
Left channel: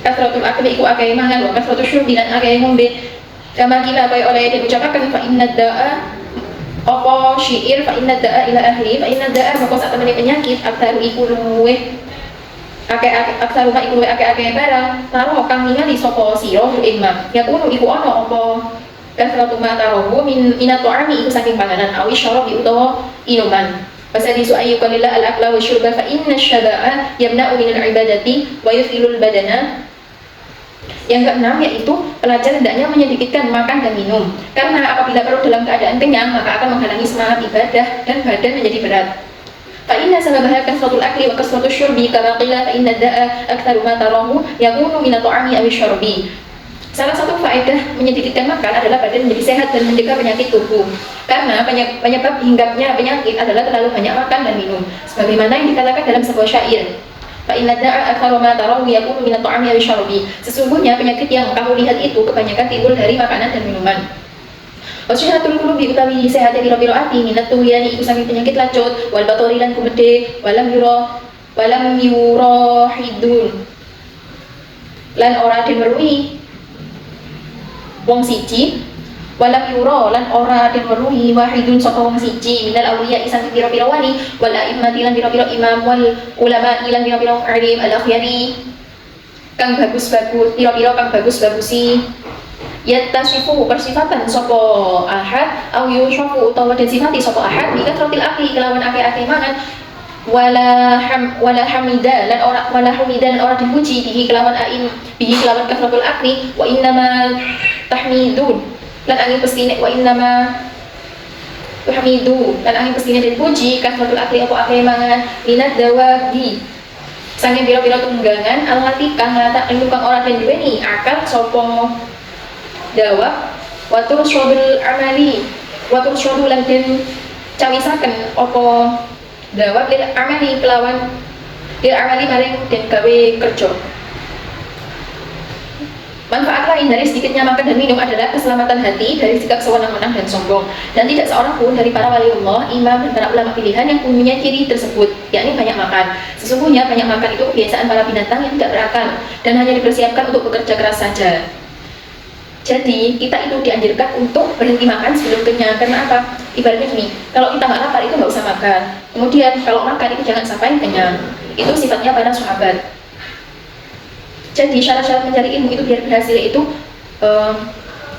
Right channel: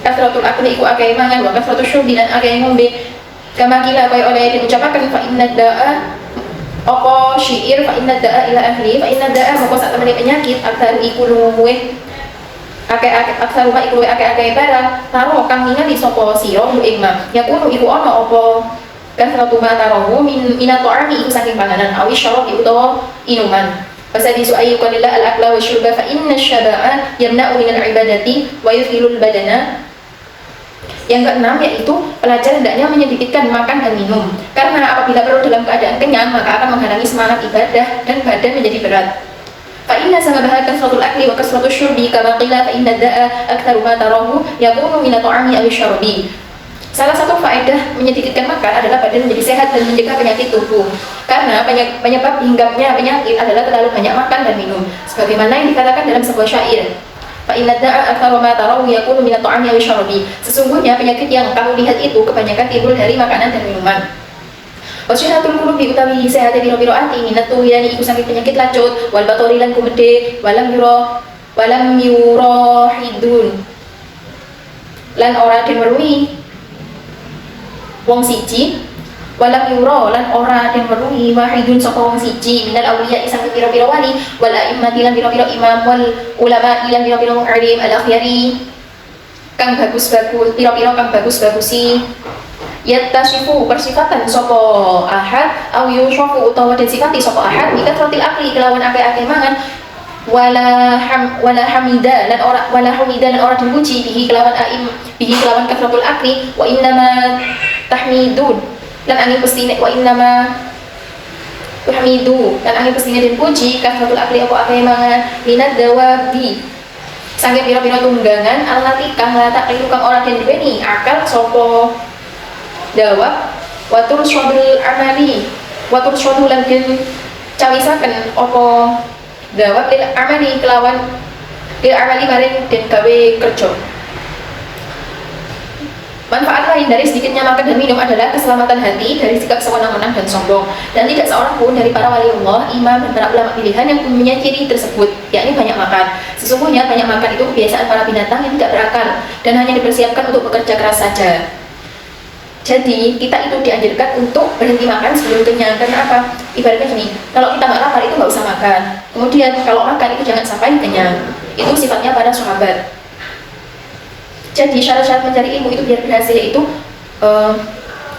kasratul akli iku akeh mangan wa kasratul syurbi lan akeh ngombe kama kila kaya oleh diucapaken fa inna da'a apa syair fa inna da'a ila ahli fa inna da'a mongko sak temene penyakit aktar iku luweh akeh iku akeh barang taruh kang ningali sapa sira ing ma ya kuno iku ana apa kasratu ma tarahu minat ta'ami iku saking panganan awi syarab utawa inuman pasal isu ayu qalila al-akla wa syurba fa inna syada'a yamna'u min al-ibadati wa yufilul badana. Yang keenam yaitu pelajaran hendaknya menyedikitkan makan dan minum karena apabila perut dalam keadaan kenyang maka akan menghalangi semangat ibadah dan badan menjadi berat. Fa inna sababaha kasratul akli wa kasratul syurbi kama qila fa inna da'a aktsaru ma tarahu yakunu min at-ta'ami aw syarabi. Salah satu faedah menyedikitkan makan adalah badan menjadi sehat dan mencegah penyakit tubuh. Karena penyebab hinggapnya penyakit adalah terlalu banyak makan dan minum. Sebagaimana yang dikatakan dalam sebuah syair. Fa inna da'a aktsaru ma tarahu yakunu min at-ta'ami aw syarabi. Sesungguhnya penyakit yang kamu lihat itu kebanyakan timbul dari makanan dan minuman. Wasihatul qulubi utawi sehat pira-pira ati minat tuwian iku saking penyakit lanjut wal batori lan kumedhe walam yurahidun lan ora dimerui wong siji walam yura lan ora dimerui wahidun saka wong siji minal awliya saking pira-pira wali wala immati lan pira-pira imam wal ulama lan pira-pira alim al akhyari kang bagus-bagus pira-pira kang bagus-bagusi yattasifu bersifatan sopo ahad au yushafu utawa den sifati sopo ahad ika tratil akli kelawan akeh-akeh mangan wala hamida lan ora dipuji bihi kelawan kasratul akli wa innama tahmidun lan angin pestine wa innama tahmidu lan angin pestine dipuji kasratul akli apa akeh mangan minad dawabi saking pira-pira tunggangan alati kang latak kang ora den duweni akal sopo dawab watur syarul amali watur syarul lan den cawisaken apa dawab lil amali kelawan lil amali maring den gawe kerja. Manfaat lain dari sedikitnya makan dan minum adalah keselamatan hati dari sikap sewenang-wenang dan sombong. Dan tidak seorang pun dari para waliullah, imam dan para ulama pilihan yang punya ciri tersebut, yakni banyak makan. Sesungguhnya banyak makan itu kebiasaan para binatang yang tidak berakal dan hanya dipersiapkan untuk bekerja keras saja. Jadi kita itu dianjurkan untuk berhenti makan sebelum kenyang. Karena apa? Ibaratnya gini, kalau kita nggak lapar itu nggak usah makan. Kemudian kalau makan itu jangan sampai kenyang. Itu sifatnya pada sahabat. Jadi syarat-syarat mencari ilmu itu biar berhasil itu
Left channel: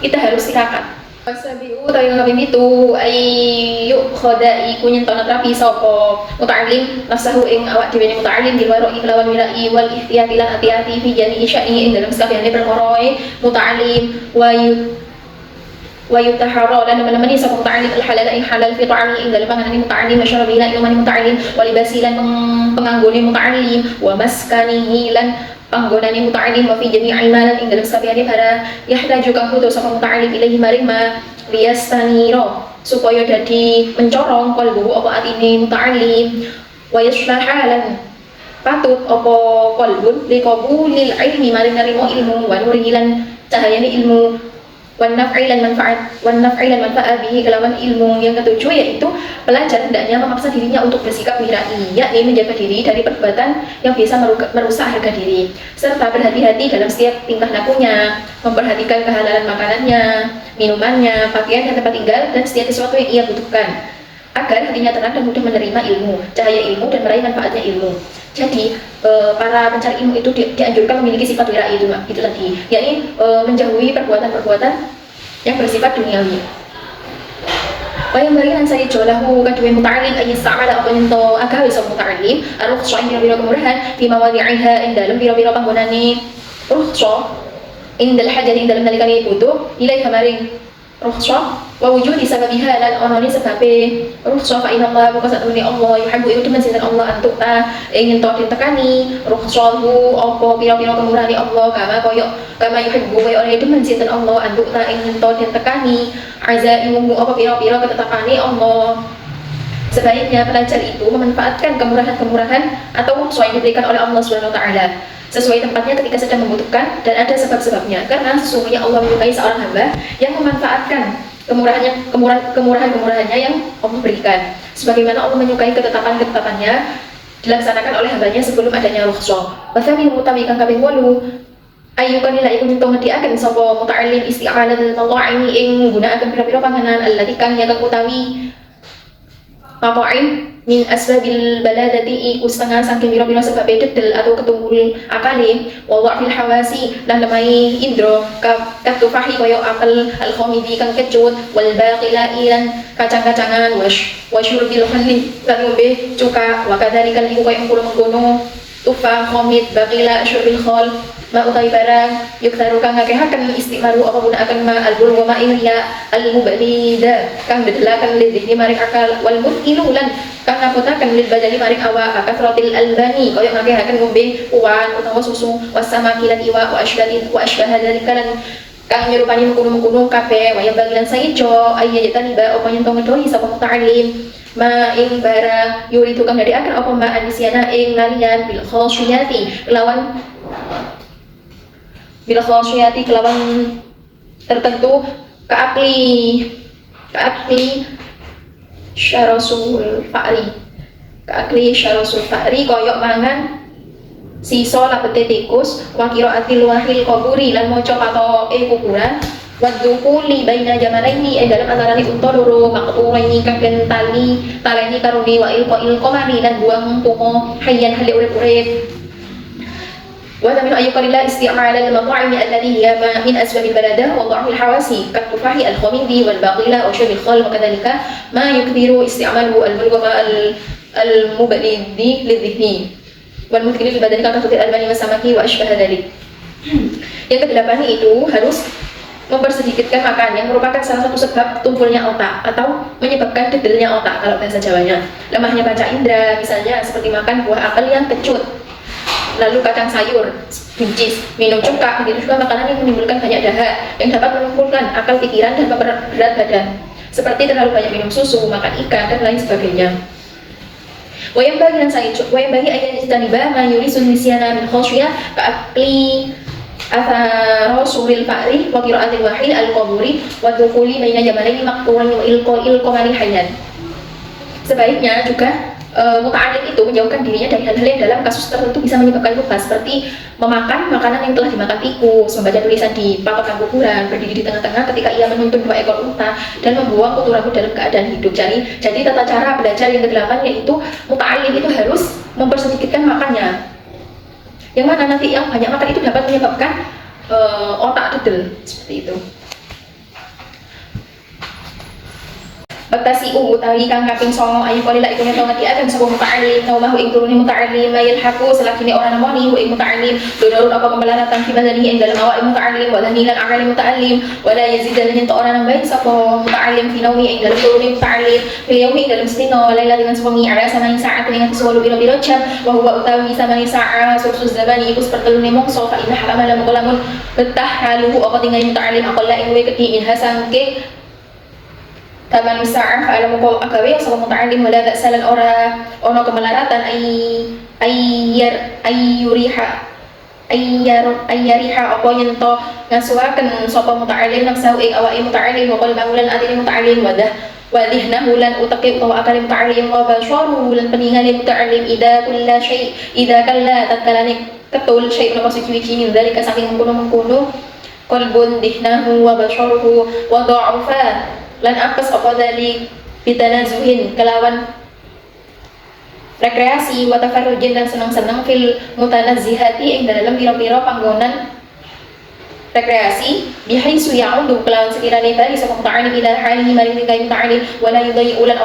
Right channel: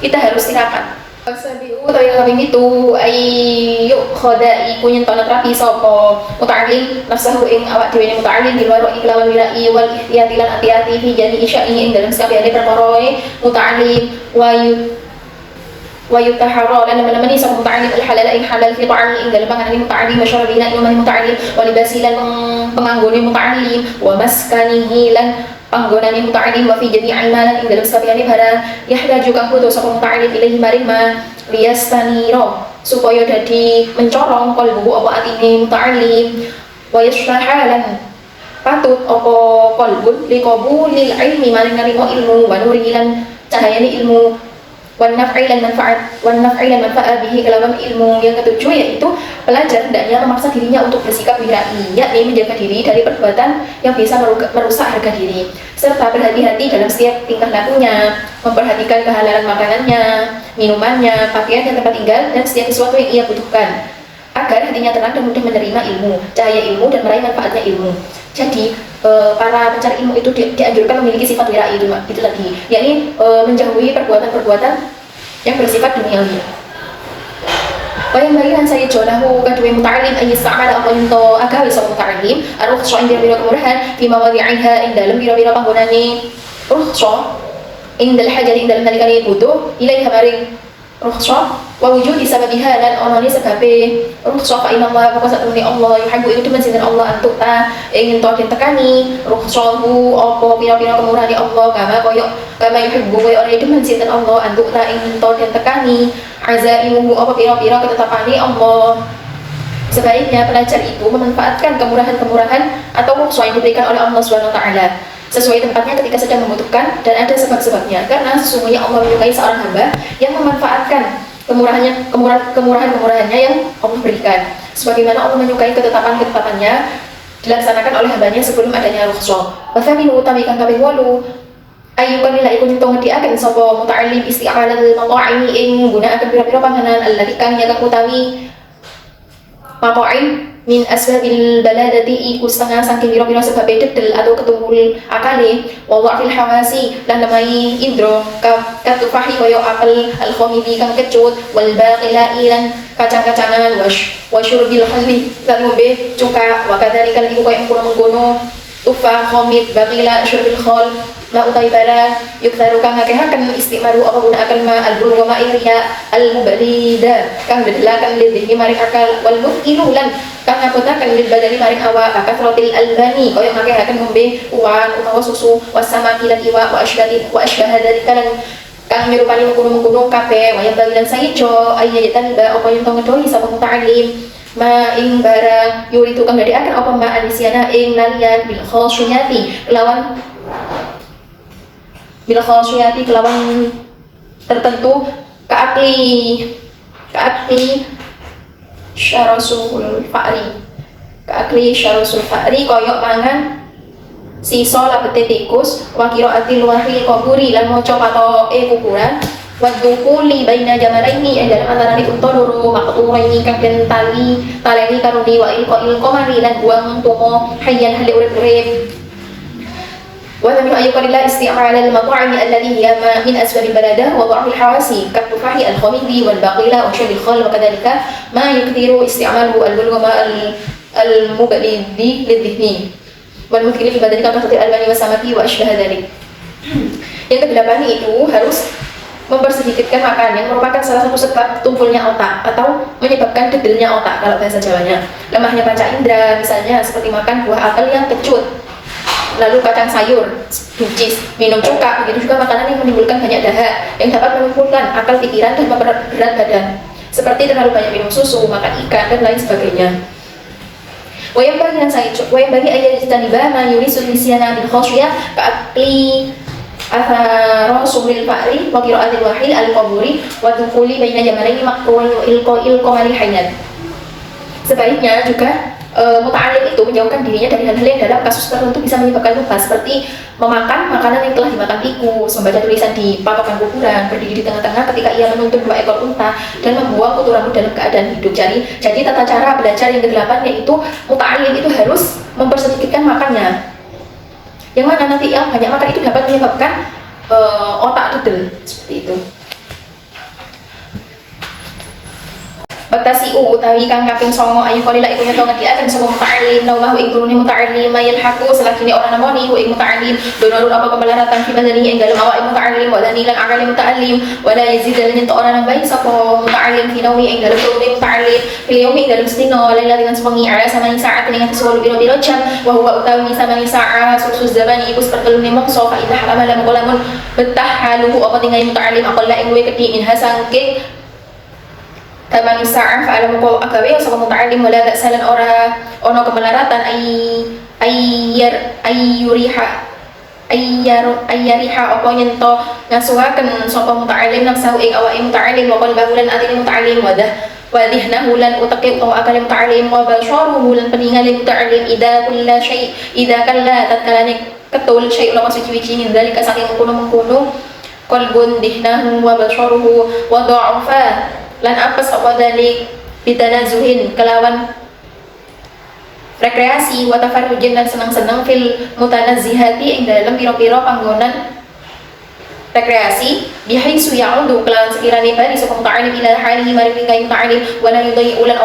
kita harus istirahat. Sabiu atau yang lebih itu ayu khodai kunyin tono terapi sopo muta'alim nafsahu ing awak dewe muta'alim di luar iklawan wilai wal ihtiyati lan hati-hati fi jadi isya'i ing dalam sekalian perkoroy muta'alim wa yutahara lan menemani sopo muta'alim al halal ing halal fi ta'ami ing dalam panganan muta'alim masyarabi lan ilmu muta'alim wa libasi lan penganggone muta'alim wa maskanihi lan panggonane muta'alim wa fi jami'i malan ing dalam sakabehane barang yahraju kang butuh sapa muta'alim ilahi maring ma liyastaniro supaya dadi mencorong qalbu apa atine muta'alim wa yashrahalan patut apa qalbun liqabulil ilmi maring narimo ilmu wa nurilan cahayane ilmu wan naf'ilan manfaat bihi kelawan ilmu. Yang ketujuh yaitu pelajar hendaknya memaksa dirinya untuk bersikap wirai, yakni menjaga diri dari perbuatan yang bisa merusak harga diri, serta berhati-hati dalam setiap tingkah lakunya, memperhatikan kehalalan makanannya, minumannya, pakaian dan tempat tinggal dan setiap sesuatu yang ia butuhkan agar hatinya tenang dan mudah menerima ilmu, cahaya ilmu dan meraih manfaatnya ilmu. Jadi para pencari ilmu itu dianjurkan memiliki sifat wirai itu tadi, yakni menjauhi perbuatan-perbuatan yang bersifat duniawi. Yang berikan saya jolahu kadue muta'alim ayat sa'ala apa nyento agawi sok muta'alim rukhsah ing biro kemurahan di mawadi'iha ing dalam biro-biro panggonane rukhsah ing dalam hajat ing dalam nalikane butuh ilaiha maring rukhsah wa wujudi sababiha lan onone sebabe rukhsah fa inna Allah maka satune Allah yuhibbu iku demen sinten Allah antuk ta ingin to ditekani rukhsah ku apa pira-pira kemurahane Allah kama koyo kama yuhibbu wa ora demen sinten Allah antuk ta ing to den tekani azaimu apa pira-pira ketetapane Allah. Sebaiknya pelajar itu memanfaatkan kemurahan-kemurahan atau sesuai yang diberikan oleh Allah Subhanahu wa taala sesuai tempatnya ketika sedang membutuhkan dan ada sebab-sebabnya, karena sesungguhnya Allah menyukai seorang hamba yang memanfaatkan kemurahan-kemurahannya yang Allah berikan sebagaimana Allah menyukai ketetapan-ketetapannya dilaksanakan oleh hambanya sebelum adanya rukhsah. Wa thaminu utawi kang kaping 8 ayyukan ila iku nyento ngediaken sapa muta'allim isti'malal maqa'imi ing nggunakaken pira-pira panganan allati kang yakang utawi maqa'im min asbabil baladati iku setengah saking pira-pira sebab dedel atau ketumbul akali wa dha'fil hawasi lan lemai indra katufahi kaya akal al khamidi kang kecut wal baqilai lan kacang-kacangan wa syurbil khamri lan ngombe cuka wa kadzalika iku kaya mengkono tufa khamid baqila syurbil khal ma utai barang yuktaru kang ngakehaken istimaru apa gunakaken ma albul wa ma'iriya al mubalida kang dedelaken lidhi mari akal wal mutilu lan kang ngapotaken lil badani mari awak kasratil albani kaya ngakehaken ngombe uwan utawa susu wasamaki lan iwa wa asbah dzalika lan kang nyerupani mengkono-mengkono kabeh wayang bagilan saijo ayyatan ba apa yen ngedoni sapa muta'allim ma ing barang yuri tukang ngadiaken apa ma anisiana ing lalian bil khosiyati kelawan tertentu keakli syarasul fa'ri koyok mangan siso lapete tikus wakiro atil wahil kuburi lan moco atau kuburan wadukuli baina jamalaini dalam antarane unta loro maqturaini kang den taleni karuni wa ilko mari lan buang tumo hayyan hale urip-urip. Wa min ayyukalillah isti'mal al-mat'am alladhi hiya min asbab al-balada wa dha'f al-hawasi katufahi al-khamidi wal baqila wa shurb al-khal wa kadhalika ma yukthiru isti'maluhu al-bulghama al-muballidi lidhihni wal mukthiri fi badani ka khatir al-bani wa samaki wa ashbah dhalik. Yang kedelapan itu harus mempersedikitkan makan yang merupakan salah satu sebab tumpulnya otak atau menyebabkan dedelnya otak kalau bahasa Jawanya. Lemahnya panca indera misalnya seperti makan buah apel yang kecut, lalu kacang sayur, buncis, minum cuka, begitu juga makanan yang menimbulkan banyak dahak yang dapat mengumpulkan akal pikiran dan memperberat badan seperti terlalu banyak minum susu, makan ikan, dan lain sebagainya. Wayang bagi ayat istaniba mayuri sunisiana bil khosyah ka'akli rasulil fa'ri wa qira'atil wahil al-qaburi wa tuquli baina jamalaini maqturan ilko manil hayyan. Sebaiknya juga muta'allim itu menjauhkan dirinya dari hal-hal yang dalam kasus tertentu bisa menyebabkan lupa seperti memakan makanan yang telah dimakan tikus, membaca tulisan di patokan kuburan, berdiri di tengah-tengah ketika ia menuntun 2 ekor unta dan membuang kutu rambut dalam keadaan hidup. Jadi tata cara belajar yang ke-8 yaitu muta'allim itu harus mempersedikitkan makannya. Yang mana nanti yang banyak makan itu dapat menyebabkan otak dedel seperti itu. Baktasi utawi kang kaping 9 ayu kalila iku nyeto ngediaken sapa muta'allim naumahu ing turune muta'allim mayal haku selakine ora namoni ing muta'allim donor apa pembelaratan fi badani ing dalem awak muta'allim wa danilan amal muta'allim wa la yazid lan ento ora nambahi sapa muta'allim fi naumi ing dalem turune muta'allim fil yaumi ing dalem sedina laila dengan sewengi ala samani saat ing atas 10 biro jam wa huwa utawi samani sa'a suksus zamani iku sepertelune mongso fa indah amalan qalamun betah haluhu apa tinggal muta'allim aqalla ing luwih gedhi min hasangke taman sa'af alamu kau agawe sapa muta'allim wala ta'salan ora ono kemelaratan ayyariha apa yento ngasuhaken sapa muta'allim nafsu ing awake muta'allim wa qalbu lan atine muta'allim wadihnahu lan utake utawa akal muta'allim wa basharuhu lan peningale muta'allim idza kalla tatkalane ketul syai' lawas suci min zalika saking mengkono qalbun dihnahu wa basharuhu wa dha'afa lan apes apa dari bitanazuhin kelawan rekreasi wa tafarrujin dan senang-senang fil mutanazzihati ing dalam pira-pira panggonan rekreasi bihaisu ya'udu kelawan sekirane bali sapa muta'allim ila hali maring kay muta'allim wala yudai ulan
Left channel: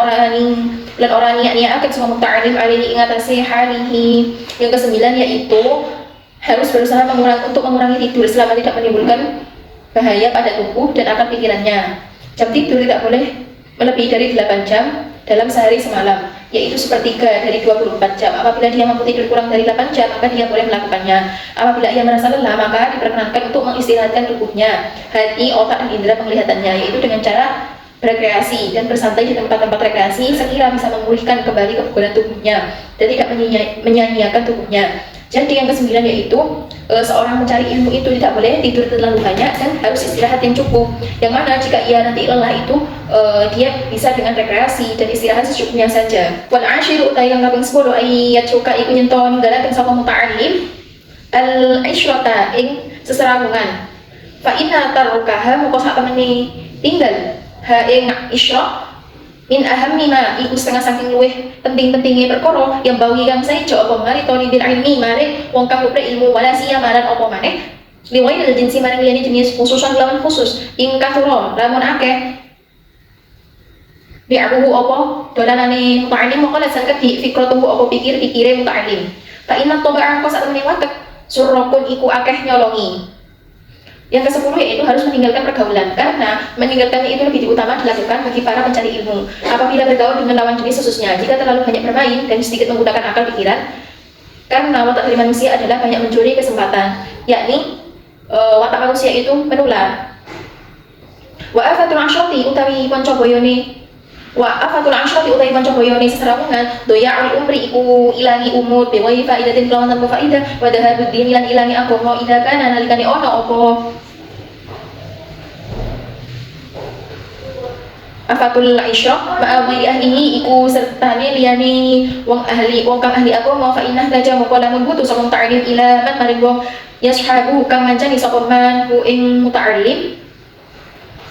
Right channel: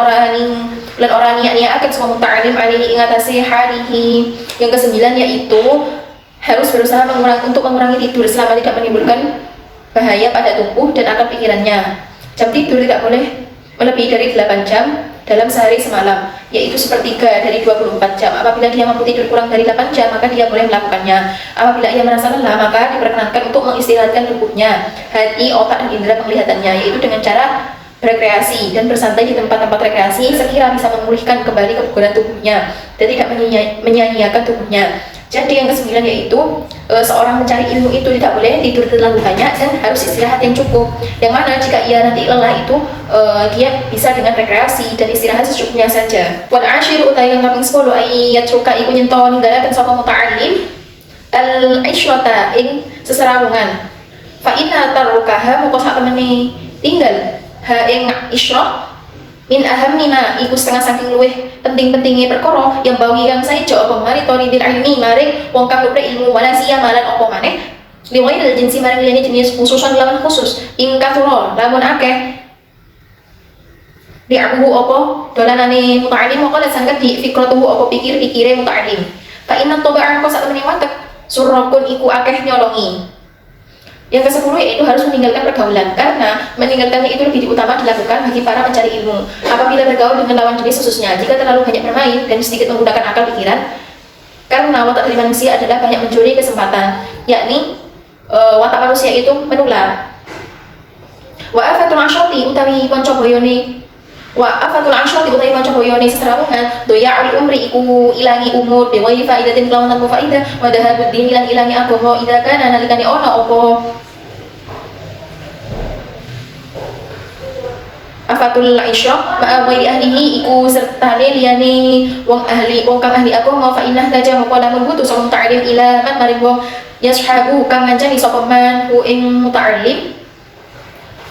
orang niat-niat sapa muta'allim alaihi ing atase halihi. Yang ke-9 yaitu harus berusaha mengurangi tidur selama tidak menimbulkan bahaya pada tubuh dan akal pikirannya. Jam tidur tidak boleh melebihi dari 8 jam dalam sehari semalam. yaitu sepertiga dari 24 jam. Apabila dia mampu tidur kurang dari 8 jam, maka dia boleh melakukannya. Apabila ia merasa lelah, maka diperkenankan untuk mengistirahatkan tubuhnya, hati, otak, dan indera penglihatannya, yaitu dengan cara rekreasi dan bersantai di tempat-tempat rekreasi sekira bisa memulihkan kembali kebugaran tubuhnya dan tidak menyia-nyiakan tubuhnya. Jadi yang kesembilan yaitu seorang mencari ilmu itu tidak boleh tidur terlalu banyak dan harus istirahat yang cukup. Yang mana jika ia nanti lelah itu dia bisa dengan rekreasi dan istirahat secukupnya saja. Wal ashiru utai yang kaping 10 ayat suka iku nyento ninggalaken sapa muta'allim al isyrata ing seserawungan. Fa inna tarukaha moko sak temene tinggal ha ing isyrah min ahammi ma iku setengah saking luweh penting-pentinge perkara yang bawi kang saeja apa mari tori bil ilmi maring wong kang golek ilmu wala siyamalan apa maneh liwail jinsi maring liyane jenis khususan lawan khusus ing kathura lamun akeh di'abuhu apa dolanane muta'allim maka sangka di fikratuhu apa pikir-pikire muta'allim fa inna taba'an kok sak temene watek surrakun iku akeh nyolongi. Yang ke-10 yaitu harus meninggalkan pergaulan, karena meninggalkannya itu lebih diutama dilakukan bagi para pencari ilmu. Apabila bergaul dengan lawan jenis khususnya, jika terlalu banyak bermain dan sedikit menggunakan akal pikiran, karena watak dari manusia adalah banyak mencuri kesempatan, yakni watak manusia itu menular. Wa afatul asyrati utawi panca boyone seserawungan doya'ul umri iku ilangi umur bewahi faidatin kelawan tanpa faidah wa dahabuddin ilangi agama idza kana nalikane ana apa afatul isyraq ma'a wali ahlihi iku sertane liyane wong kang ahli agama fa inna laja muqalamun butuh sapa muta'allim ila man maring wong yashabu kang ngancani sapa man ku ing muta'allim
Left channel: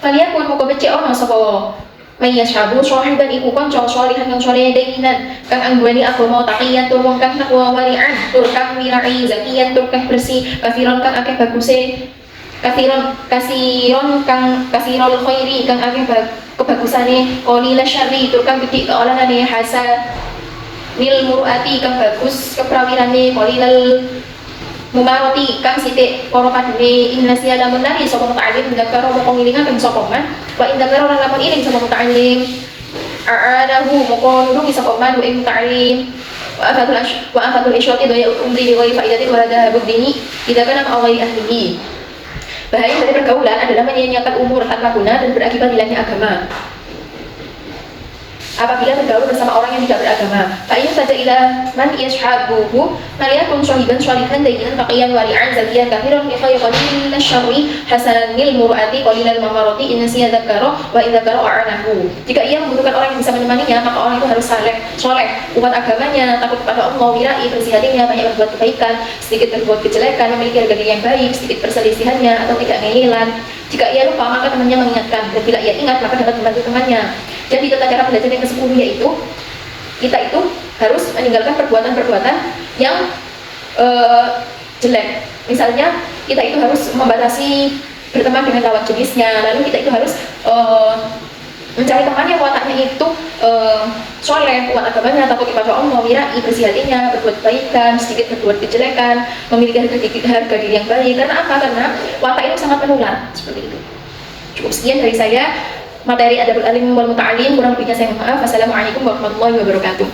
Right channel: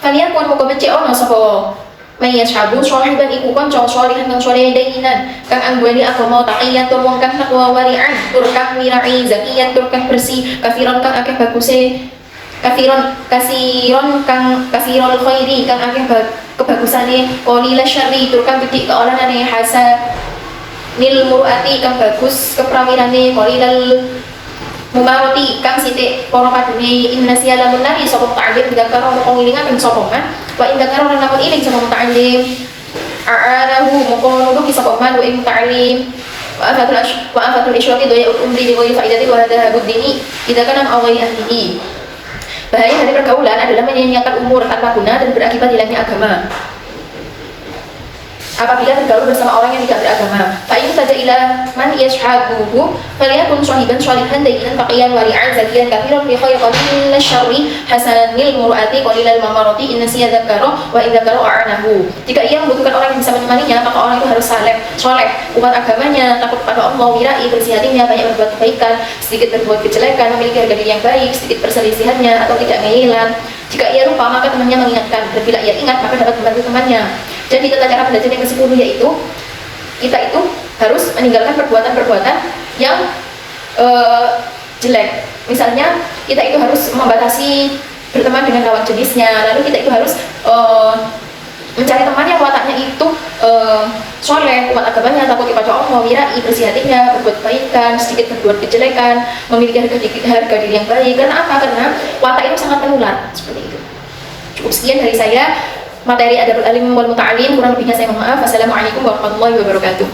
kalian pun becik ana sapa Maya sabu sahiban iku kanca salihan kang saleh dainan kang angguani agama taqiyan tur wong kang takwa wari'an tur kang wirai zakiyan tur kang bersih kafiron kang akeh baguse kasiron kasirul khairi kang akeh kebagusane qalil syarri tur kang gedhe keolanane hasa nil murati kang bagus keprawirane qalilal mubarati kang sithik para kadene inna siyala munari sapa muta'allim tidak karo moko ngilingaken sapa man wa inda karo lamun iling sapa muta'allim a'anahu moko nulungi sapa man wa muta'allim wa afatul isyrati doya umri li ghairi faidati wa hadha budini tidak kana awali ahlihi. Bahaya dari pergaulan adalah menyia-nyiakan umur tanpa guna dan berakibat hilangnya agama. Apabila bergaul bersama orang yang tidak beragama, fa in taja ila man yashabuhu falyakun sahiban shalihan dainan taqiyan wari'an zakiyan kathiran bi khayri qalil syarri hasanil mur'ati qalilal mamarati inna siyadzakara wa idzakara a'anahu. Jika ia membutuhkan orang yang bisa menemaninya, maka orang itu harus soleh, kuat agamanya, takut kepada Allah, wirai, bersih hatinya, banyak berbuat kebaikan, sedikit berbuat kejelekan, memiliki harga diri yang baik, sedikit perselisihannya atau tidak ngeyelan. Jika ia lupa, maka temannya mengingatkan, dan bila ia ingat, maka dapat membantu temannya. Jadi tata cara belajar yang ke-10 yaitu kita itu harus meninggalkan perbuatan-perbuatan yang jelek. Misalnya kita itu harus membatasi berteman dengan lawan jenisnya, lalu kita itu harus mencari teman yang wataknya itu soleh, kuat agamanya, takut kepada Allah, wirai, bersih hatinya, berbuat kebaikan, sedikit berbuat kejelekan, memiliki harga diri yang baik. Karena apa? Karena watak itu sangat menular seperti itu. Cukup sekian dari saya materi Adabul Alim wal Muta'allim, kurang lebihnya saya mohon maaf. Wassalamualaikum warahmatullahi wabarakatuh.